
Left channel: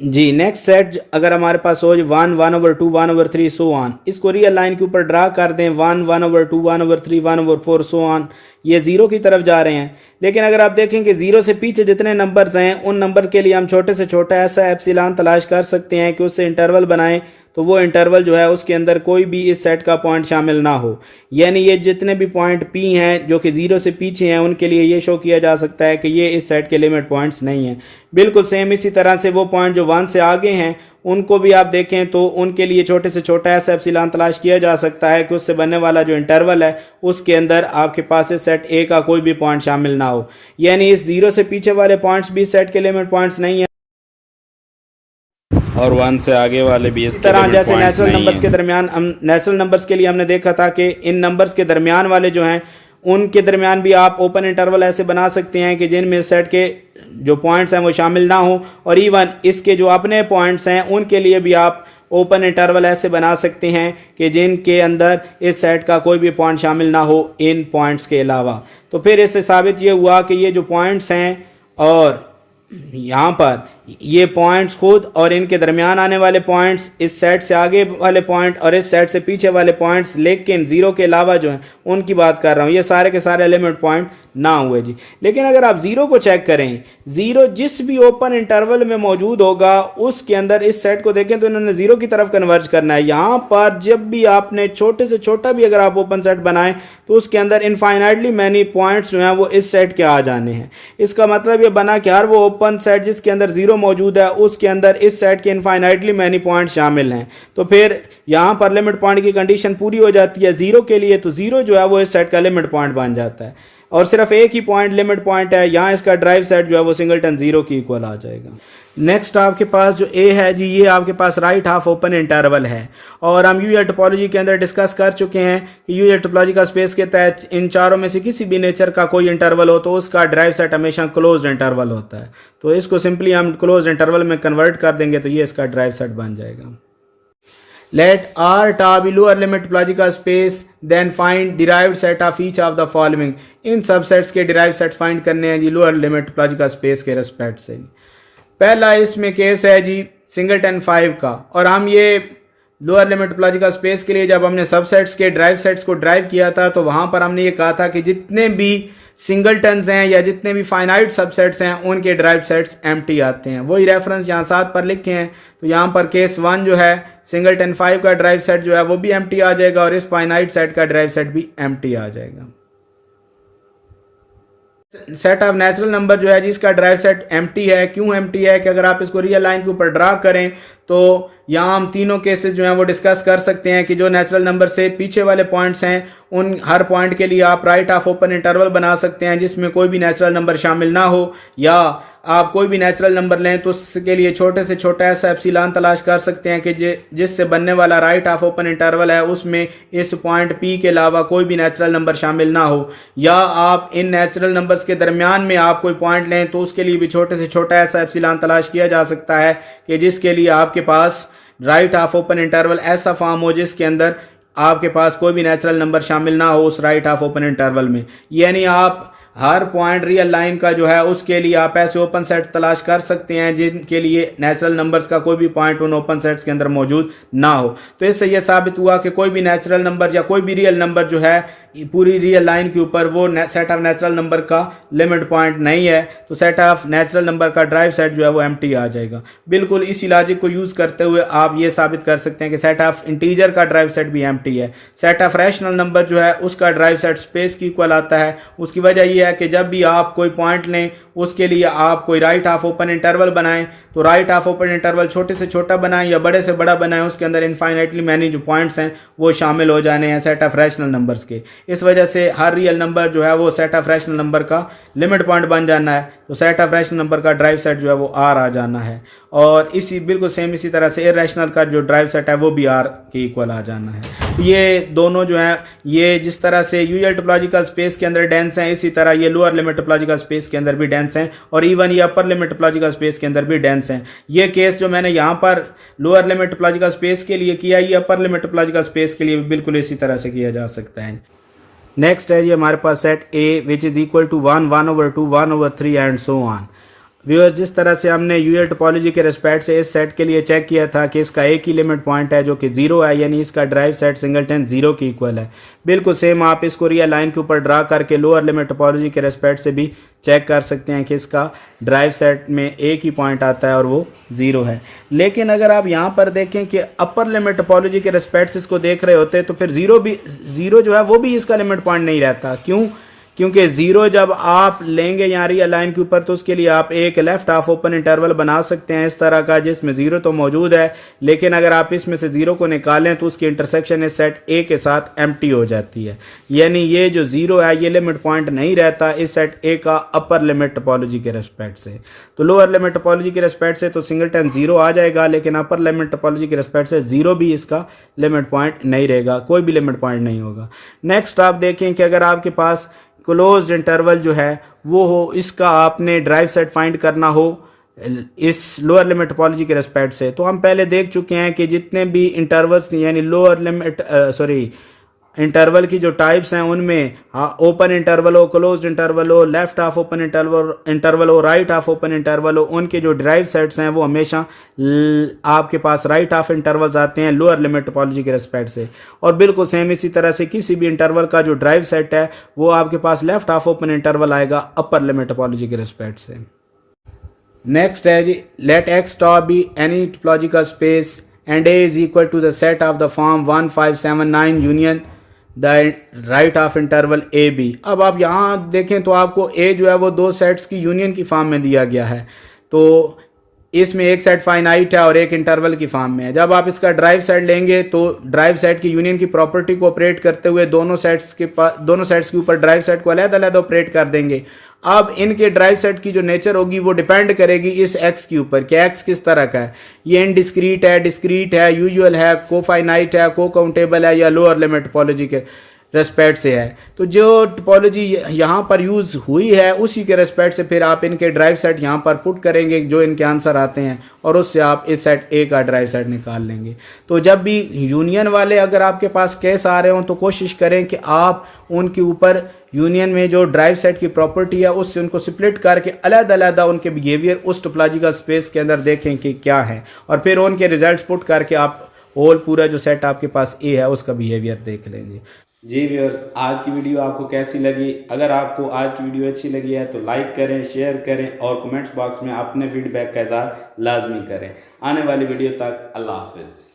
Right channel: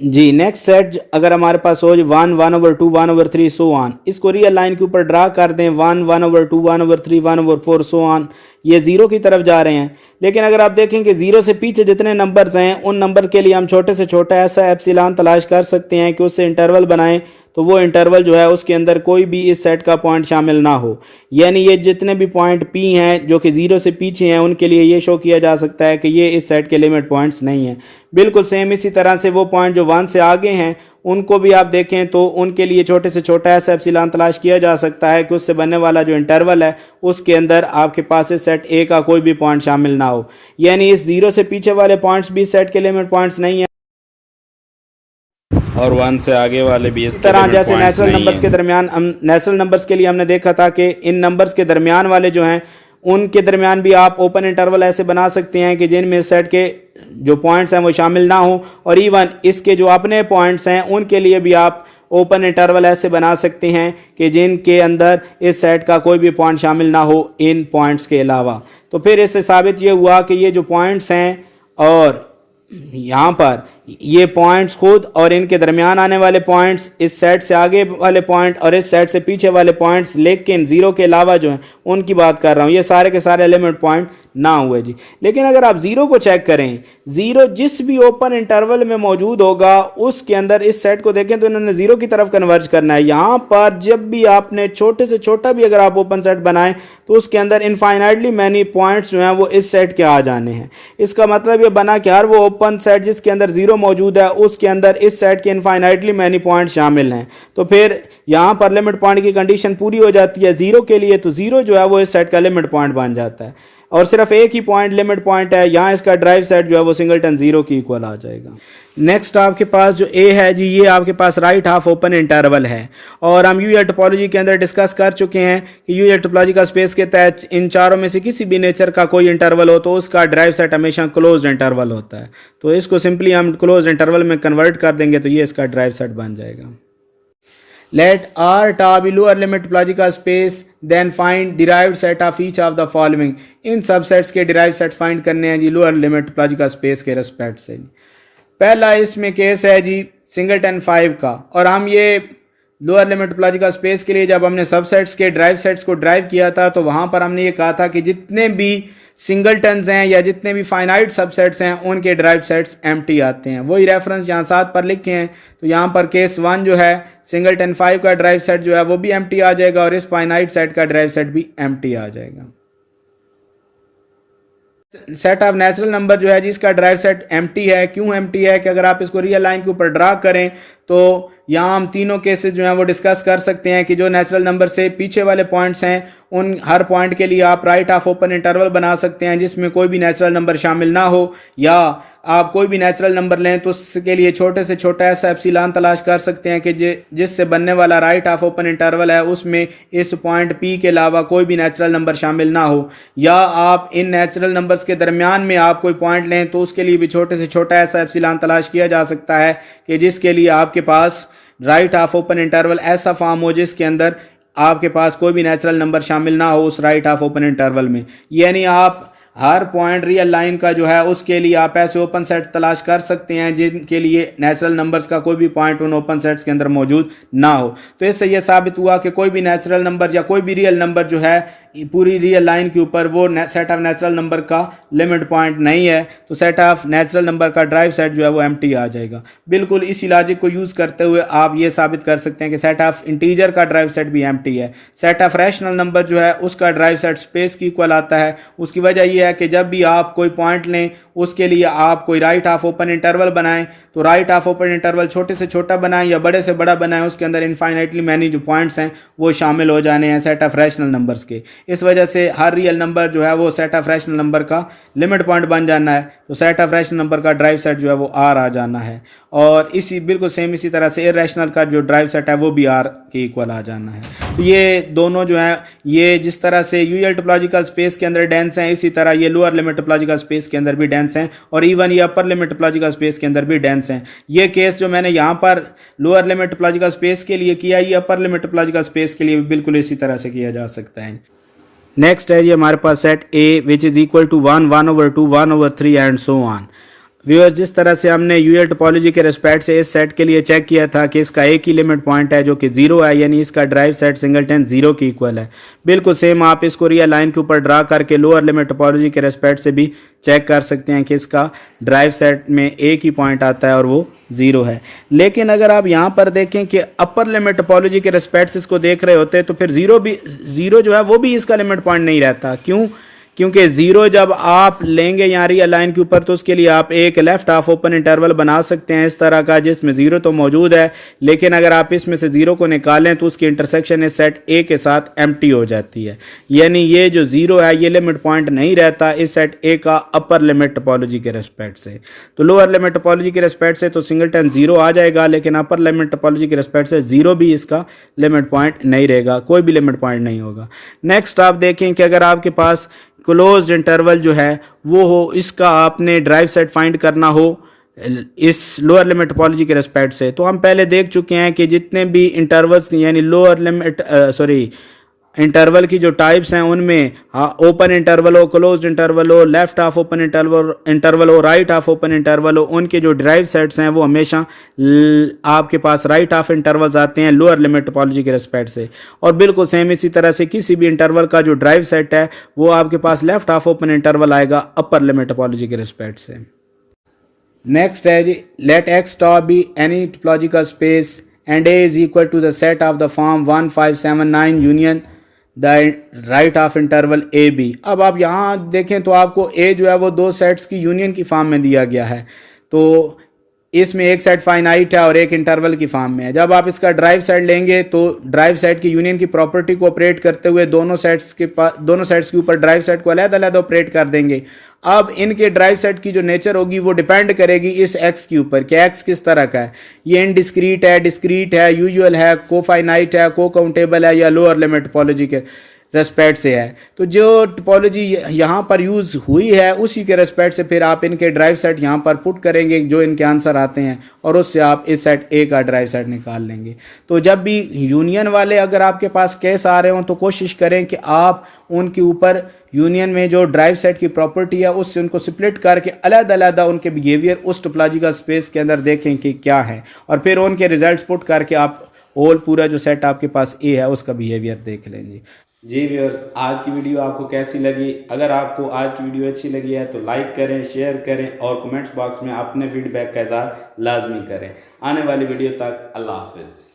जी नेक्स्ट सेट अगर हमारे पास हो 1 1/2 1/3 सो ऑन, इसको रियल लाइन के ऊपर ड्रा कर दें 1 1/2 1/3 1/4 सो ऑन, ये जीरो की तरफ जा रहे हैं। लेकिन अगर आप देखें कि जीरो से पीछे जितने नंबर्स हैं उन नंबर के लिए हम छोटे से छोटा ऐसा एप्सिलॉन तलाश कर सकते हैं कि उससे इंटरवल बनाएं तो वो इंटरवल जो है उसके अंदर कोई भी इस सेट का पॉइंट शामिल ना हो, यानी ये जितने भी पॉइंट पी हैं जो कि जीरो से पीछे हैं उनके लिए ये शो किया जा सकता है कि ये इस सेट के लिमिट पॉइंट्स नहीं हैं। बिल्कुल सेम इसी तरह से वो पॉइंट जो 1 से आगे हैं उनको भी आप देखें तो उनके लिए छोटे से छोटा ऐसा एप्सिलॉन तलाश किया जा सकता है कि उससे बनने वाला जो इंटरवल है उसके अंदर आपके पास इस सेट ए का कोई भी पॉइंट शामिल ना हो, यानी इस जीरो से पीछे वाले पॉइंट्स भी इस सेट के लिमिट पॉइंट्स नहीं है और 1 से आगे वाले भी इसके तरह लिमिट जैसे पॉइंट्स नेचुरल नहीं नंबर्स के हैं। दरमियान हम नेचुरल नंबर्स के लिए हमने देखा था कि इन नंबर्स के दरमियान वाले जो हैं उनके दरमियान भी आप ओपन इंटरवल ऐसे बना सकते हैं कि जिनमें सेट के जो पॉइंट्स हैं वो शामिल ना हो, और इवन इसके जो अपने पॉइंट्स हैं उनके लिए भी आप ओपन इंटरवल ऐसे बना सकते हैं कि जिनके अंदर इस सेट का कोई भी पॉइंट शामिल ना हो इन पॉइंट्स के अलावा। तो फिर इससे साबित ये हुआ कि ये जो पॉइंट्स हैं और यहाँ पर ये पॉइंट्स खुद और इनके दरमियान आने वाले पॉइंट्स, इस सेट से आगे वाले पॉइंट और इस सेट से पीछे वाले पॉइंट्स, लेकिन जीरो के अलावा जो हैं उनकी बात कर रहा हूँ, ये सारे के सारे लिमिट पॉइंट ना हुए जी। लेकिन अगर आप जीरो को चेक करें, जीरो जिस भी ओपन इंटरवल में मौजूद होगा उसके अंदर इस सेट को देखें तो इन्होंने जीरो की तरफ कन्वर्ज करना है। यहाँ पर जब भी आपने छोटे से छोटा भी अगर आप ओपन सेट बनाएं तो उसके अंदर इनफाइनाइटली मैनी पॉइंट्स जो हैं वो इस सेट के आ जाने हैं। इसका मतलब ये बना कि हर वो ओपन सेट जिसके अंदर जीरो मौजूद है उसके अंदर इस सेट के इनफाइनाइटली मैनी पॉइंट शामिल हैं। तो फिर यहाँ पर लिमिट पॉइंट की कंडीशन पूरी हो जाती है जीरो के लिए, तो जीरो जो है वो इस सेट का लिमिट पॉइंट बन जाता है और सिर्फ एक ही पॉइंट लिमिट पॉइंट है, यहाँ इसका ड्राइव सेट जो है वो सिंगलटन जीरो की इक्वल आ जाएगा। नेक्स्ट आपके पास जो ए है जी, ये आपके पास राइट हाफ ओपन इंटरवल है और हम यूजर टोपोलॉजी के अंदर डिस्कस कर चुके हैं कि यूजर टोपोलॉजी का स्पेस के तहत इन चारों में से किसी भी नेचर का कोई इंटरवल हो तो उसका ड्राइव सेट हमेशा क्लोज्ड इंटरवल होता है। तो इसको सिंपली हम क्लोज्ड इंटरवल में कन्वर्ट कर देंगे तो ये इसका ड्राइव सेट बन जाएगा। Let R tar be lower limit topological space, then find derived set of each of the following। In subsets के derived set find करने हैं जी लोअर लिमिट topological space के रेस्पेक्ट से। पहला इसमें केस है जी सिंगलटन 5 का, और हम ये लोअर लिमिट topological space के लिए जब हमने सबसेट्स के ड्राइव सेट्स को ड्राइव किया था तो वहाँ पर हमने ये कहा था कि जितने भी सिंगलटन्स हैं या जितने भी फाइनाइट सबसेट्स हैं उनके ड्राइव सेट्स एम्प्टी आते हैं। वही रेफरेंस यहाँ साथ पर लिखे हैं। तो यहाँ पर केस 1 जो है सिंगलटन 5 का ड्राइव सेट जो है वो भी एम्प्टी आ जाएगा और इस फाइनाइट सेट का ड्राइव सेट भी एम्प्टी आ जाएगा। सेट ऑफ नेचुरल नंबर जो है जिसका ड्राइव सेट एम्प्टी है, क्यों एम्प्टी है कि अगर आप इसको रियल लाइन के ऊपर ड्रा करें तो यहाँ हम तीनों केसेस जो हैं वो डिस्कस कर सकते हैं कि जो नेचुरल नंबर से पीछे वाले पॉइंट्स हैं उन हर पॉइंट के लिए आप राइट ऑफ ओपन इंटरवल बना सकते हैं जिसमें कोई भी नेचुरल नंबर शामिल ना हो, या आप कोई भी नेचुरल नंबर लें तो उसके लिए छोटे से छोटा ऐसा एप्सिलॉन तलाश कर सकते हैं कि जिससे बनने वाला राइट ऑफ ओपन इंटरवल है उसमें इस पॉइंट पी के अलावा कोई भी नेचुरल नंबर शामिल ना हो, या आप इन नेचुरल नंबर्स के दरमियान में आप कोई पॉइंट लें तो उसके लिए भी छोटे से छोटा ऐसा एप्सिलॉन तलाश किया जा सकता है कि जिसके लिए आपके पास राइट ऑफ ओपन इंटरवल ऐसा फॉर्म हो जिसके अंदर आपके पास कोई भी नेचुरल नंबर शामिल ना हो उस राइट ऑफ ओपन इंटरवल में। यानी आप हर पॉइंट रियल लाइन का जो है उसके लिए आप ऐसे ओपन सेट तलाश कर सकते हैं जिनके लिए नेचुरल नंबर्स का कोई भी पॉइंट उन ओपन सेट्स के अंदर मौजूद ना हो। तो इससे यह साबित हुआ कि कोई भी नेचुरल नंबर या कोई भी रियल नंबर जो है पूरी रियल लाइन के ऊपर वो सेट ऑफ नेचुरल नंबर का लिमिट पॉइंट नहीं है, तो सेट ऑफ नेचुरल नंबर का ड्राइव सेट जो है वो एम्प्टी आ जाएगा। बिल्कुल इसी लॉजिक को यूज़ करते हुए आप ये साबित कर सकते हैं कि सेट ऑफ इंटीजर का ड्राइव सेट भी एम्प्टी है। सेट ऑफ रैशनल नंबर जो है उसका ड्राइव सेट स्पेस की इक्वल आता है। उसकी वजह यह है कि जब भी आप कोई पॉइंट लें उसके लिए आप कोई राइट हाफ ओपन इंटरवल बनाएं, तो राइट हाफ ओपन इंटरवल छोटे से छोटा बनाएं या बड़े से बड़ा बनाएं, उसके अंदर इनफाइनाइटली मैनी जो पॉइंट्स हैं वो शामिल हो जाने हैं सेट ऑफ रैशनल नंबर्स के। इस वजह से हर रियल नंबर जो है वो सेट ऑफ रैशनल नंबर का लिमिट पॉइंट बन जाना है, तो सेट ऑफ रैशनल नंबर का ड्राइव सेट जो है वो आर आ जाना है। और इसी बिल्कुल सेम इसी तरह से इरैशनल का जो ड्राइव सेट है वो भी आर के इक्वल आ जाना है। ये दोनों जो है ये जिस तरह से यूजुअल टोपोलॉजिकल स्पेस के अंदर डेंस हैं, इसी तरह ये लोअर लिमिट टोपोलॉजिकल स्पेस के अंदर भी डेंस हैं, और इवन ये अपर लिमिट टोपोलॉजिकल स्पेस के अंदर भी डेंस हैं। ये केस जो मैंने यहाँ पर लोअर लिमिट टोपोलॉजिकल स्पेस के लिए किया, ये अपर लिमिट टोपोलॉजिकल स्पेस के लिए भी बिल्कुल इसी तरह से किया जा सकता है। नेक्स्ट है ये हमारे पास set A which is equal to 1, 1/2, 1/3 and so on. Viewers, जिस तरह से हमने यूजुअल टोपोलॉजी के रिस्पेक्ट से इस सेट के लिए चेक किया था कि इसका एक ही लिमिट पॉइंट है जो कि 0 है, यानी इसका ड्राइव सेट सिंगलटन 0 की इक्वल है। बिल्कुल सेम आप इसको रियल लाइन के ऊपर ड्रा करके लोअर लिमिट टोपोलॉजी के रिस्पेक्ट से भी चेक कर सकते हैं कि इसका ड्राइव सेट में एक ही पॉइंट आता है और वो 0 है। लेकिन अगर आप यहाँ पर देखें कि अपर लिमिट टोपोलॉजी के रिस्पेक्ट से इसको देख रहे होते तो फिर 0 जो है वो भी इसका लिमिट पॉइंट नहीं रहता। क्यों? क्योंकि 0 जब आप लेंगे यहाँ रियल लाइन के ऊपर तो उसके लिए आप एक लेफ्ट हाफ ओपन इंटरवल बना सकते हैं इस तरह का, जिसमें 0 तो मौजूद है, लेकिन अगर आप इसमें से 0 को निकालें तो उसकी इंटरसेक्शन इस सेट ए के साथ एम्प्टी हो जाती है। यानी ये जो 0 है ये लिमिट पॉइंट नहीं रहता इस सेट ए का अपर लिमिट टोपोलॉजी के रेस्पेक्ट से। तो लोअर लिमिट टोपोलॉजी के रेस्पेक्ट से तो सिंगलटन 0 आ जाएगा, लेकिन अपर लिमिट टोपोलॉजी के रेस्पेक्ट से 0 भी इसका लिमिट पॉइंट नहीं रहेगा, कोई भी लिमिट पॉइंट नहीं होगा। नेक्स्ट आप देखें कि अगर आपके पास क्लोज्ड इंटरवल जो है वो हो, इसका आपने ड्राइव सेट फाइंड करना हो इस लोअर लिमिट टोपोलॉजी के रेस्पेक्ट से, तो हम पहले देख चुके हैं कि जितने भी इंटरवल्स यानी लोअर लिमिट इंटरवल की जो टाइप्स हैं उनमें ओपन इंटरवल हो, क्लोज्ड इंटरवल हो, लेफ्ट हाफ ओपन इंटरवल हो, राइट हाफ ओपन इंटरवल हो, उनके जो ड्राइव सेट्स हैं वो हमेशा आपके पास राइट हाफ इंटरवल्स आते हैं लोअर लिमिट टोपोलॉजी के रेस्पेक्ट से। और बिल्कुल सेम इसी तरह से किसी भी इंटरवल का जो ड्राइव सेट है वो आपके पास लेफ्ट हाफ ओपन इंटरवल आएगा अपर लिमिट टोपोलॉजी के रेस्पेक्ट से। नेक्स्ट है जी, let x star be any topological space and A is equal to the set of the form 1, 5, 7, 9 union the right half interval A B. अब आप यहाँ देखें तो आपको ए जो है वो दो सेट्स की यूनियन की फॉर्म में दिया गया है, तो इसमें एक सेट फाइनाइट है और एक इंटरवल की फॉर्म में है। जब आप इसका ड्राइव सेट लेंगे तो ड्राइव सेट की यूनियन की प्रॉपर्टी को ऑपरेट करते हुए दोनों सेट्स के ऊपर ड्राइव सेट को अलग-अलग ऑपरेट कर देंगे। अब इनके ड्राइव सेट की जो नेचर होगी वो डिपेंड करेगी इस एक्स के ऊपर कि एक्स किस तरह का है, ये इनडिस्क्रीट है, डिस्क्रीट है, यूजुअल है, कोफाइनाइट है, को काउंटेबल है या लोअर लिमिट टोपोलॉजी के रेस्पेक्ट से है। तो जो टोपोलॉजी यहाँ पर यूज़ हुई है उसी के रेस्पेक्ट से फिर आप इनके ड्राइव सेट यहाँ पर पुट करेंगे जो इनके आंसर आते हैं और उससे आप इस सेट ए का ड्राइव सेट निकाल लेंगे। तो जब भी यूनियन वाले अगर आपके पास केस आ रहे हों तो कोशिश करें कि आप उनके ऊपर यूनियन में जो ड्राइव सेट की प्रॉपर्टी है उससे उनको स्प्लिट करके अलग-अलग उनके बिहेवियर उस टोपोलॉजिकल स्पेस के अंदर देखें कि क्या है, और फिर उनके रिजल्ट्स पुट करके आप होल पूरा जो सेट आपके पास ए है उसका बिहेवियर देख लेंगे। जी व्यूअर्स, आज की वीडियो आपको कैसी लगी? अगर आपको आज की वीडियो अच्छी लगी है तो लाइक करें, शेयर करें और कमेंट्स बॉक्स में अपने फीडबैक का इज़हार लाजमी करें। आने वाली वीडियो तक अल्लाह हाफिज़।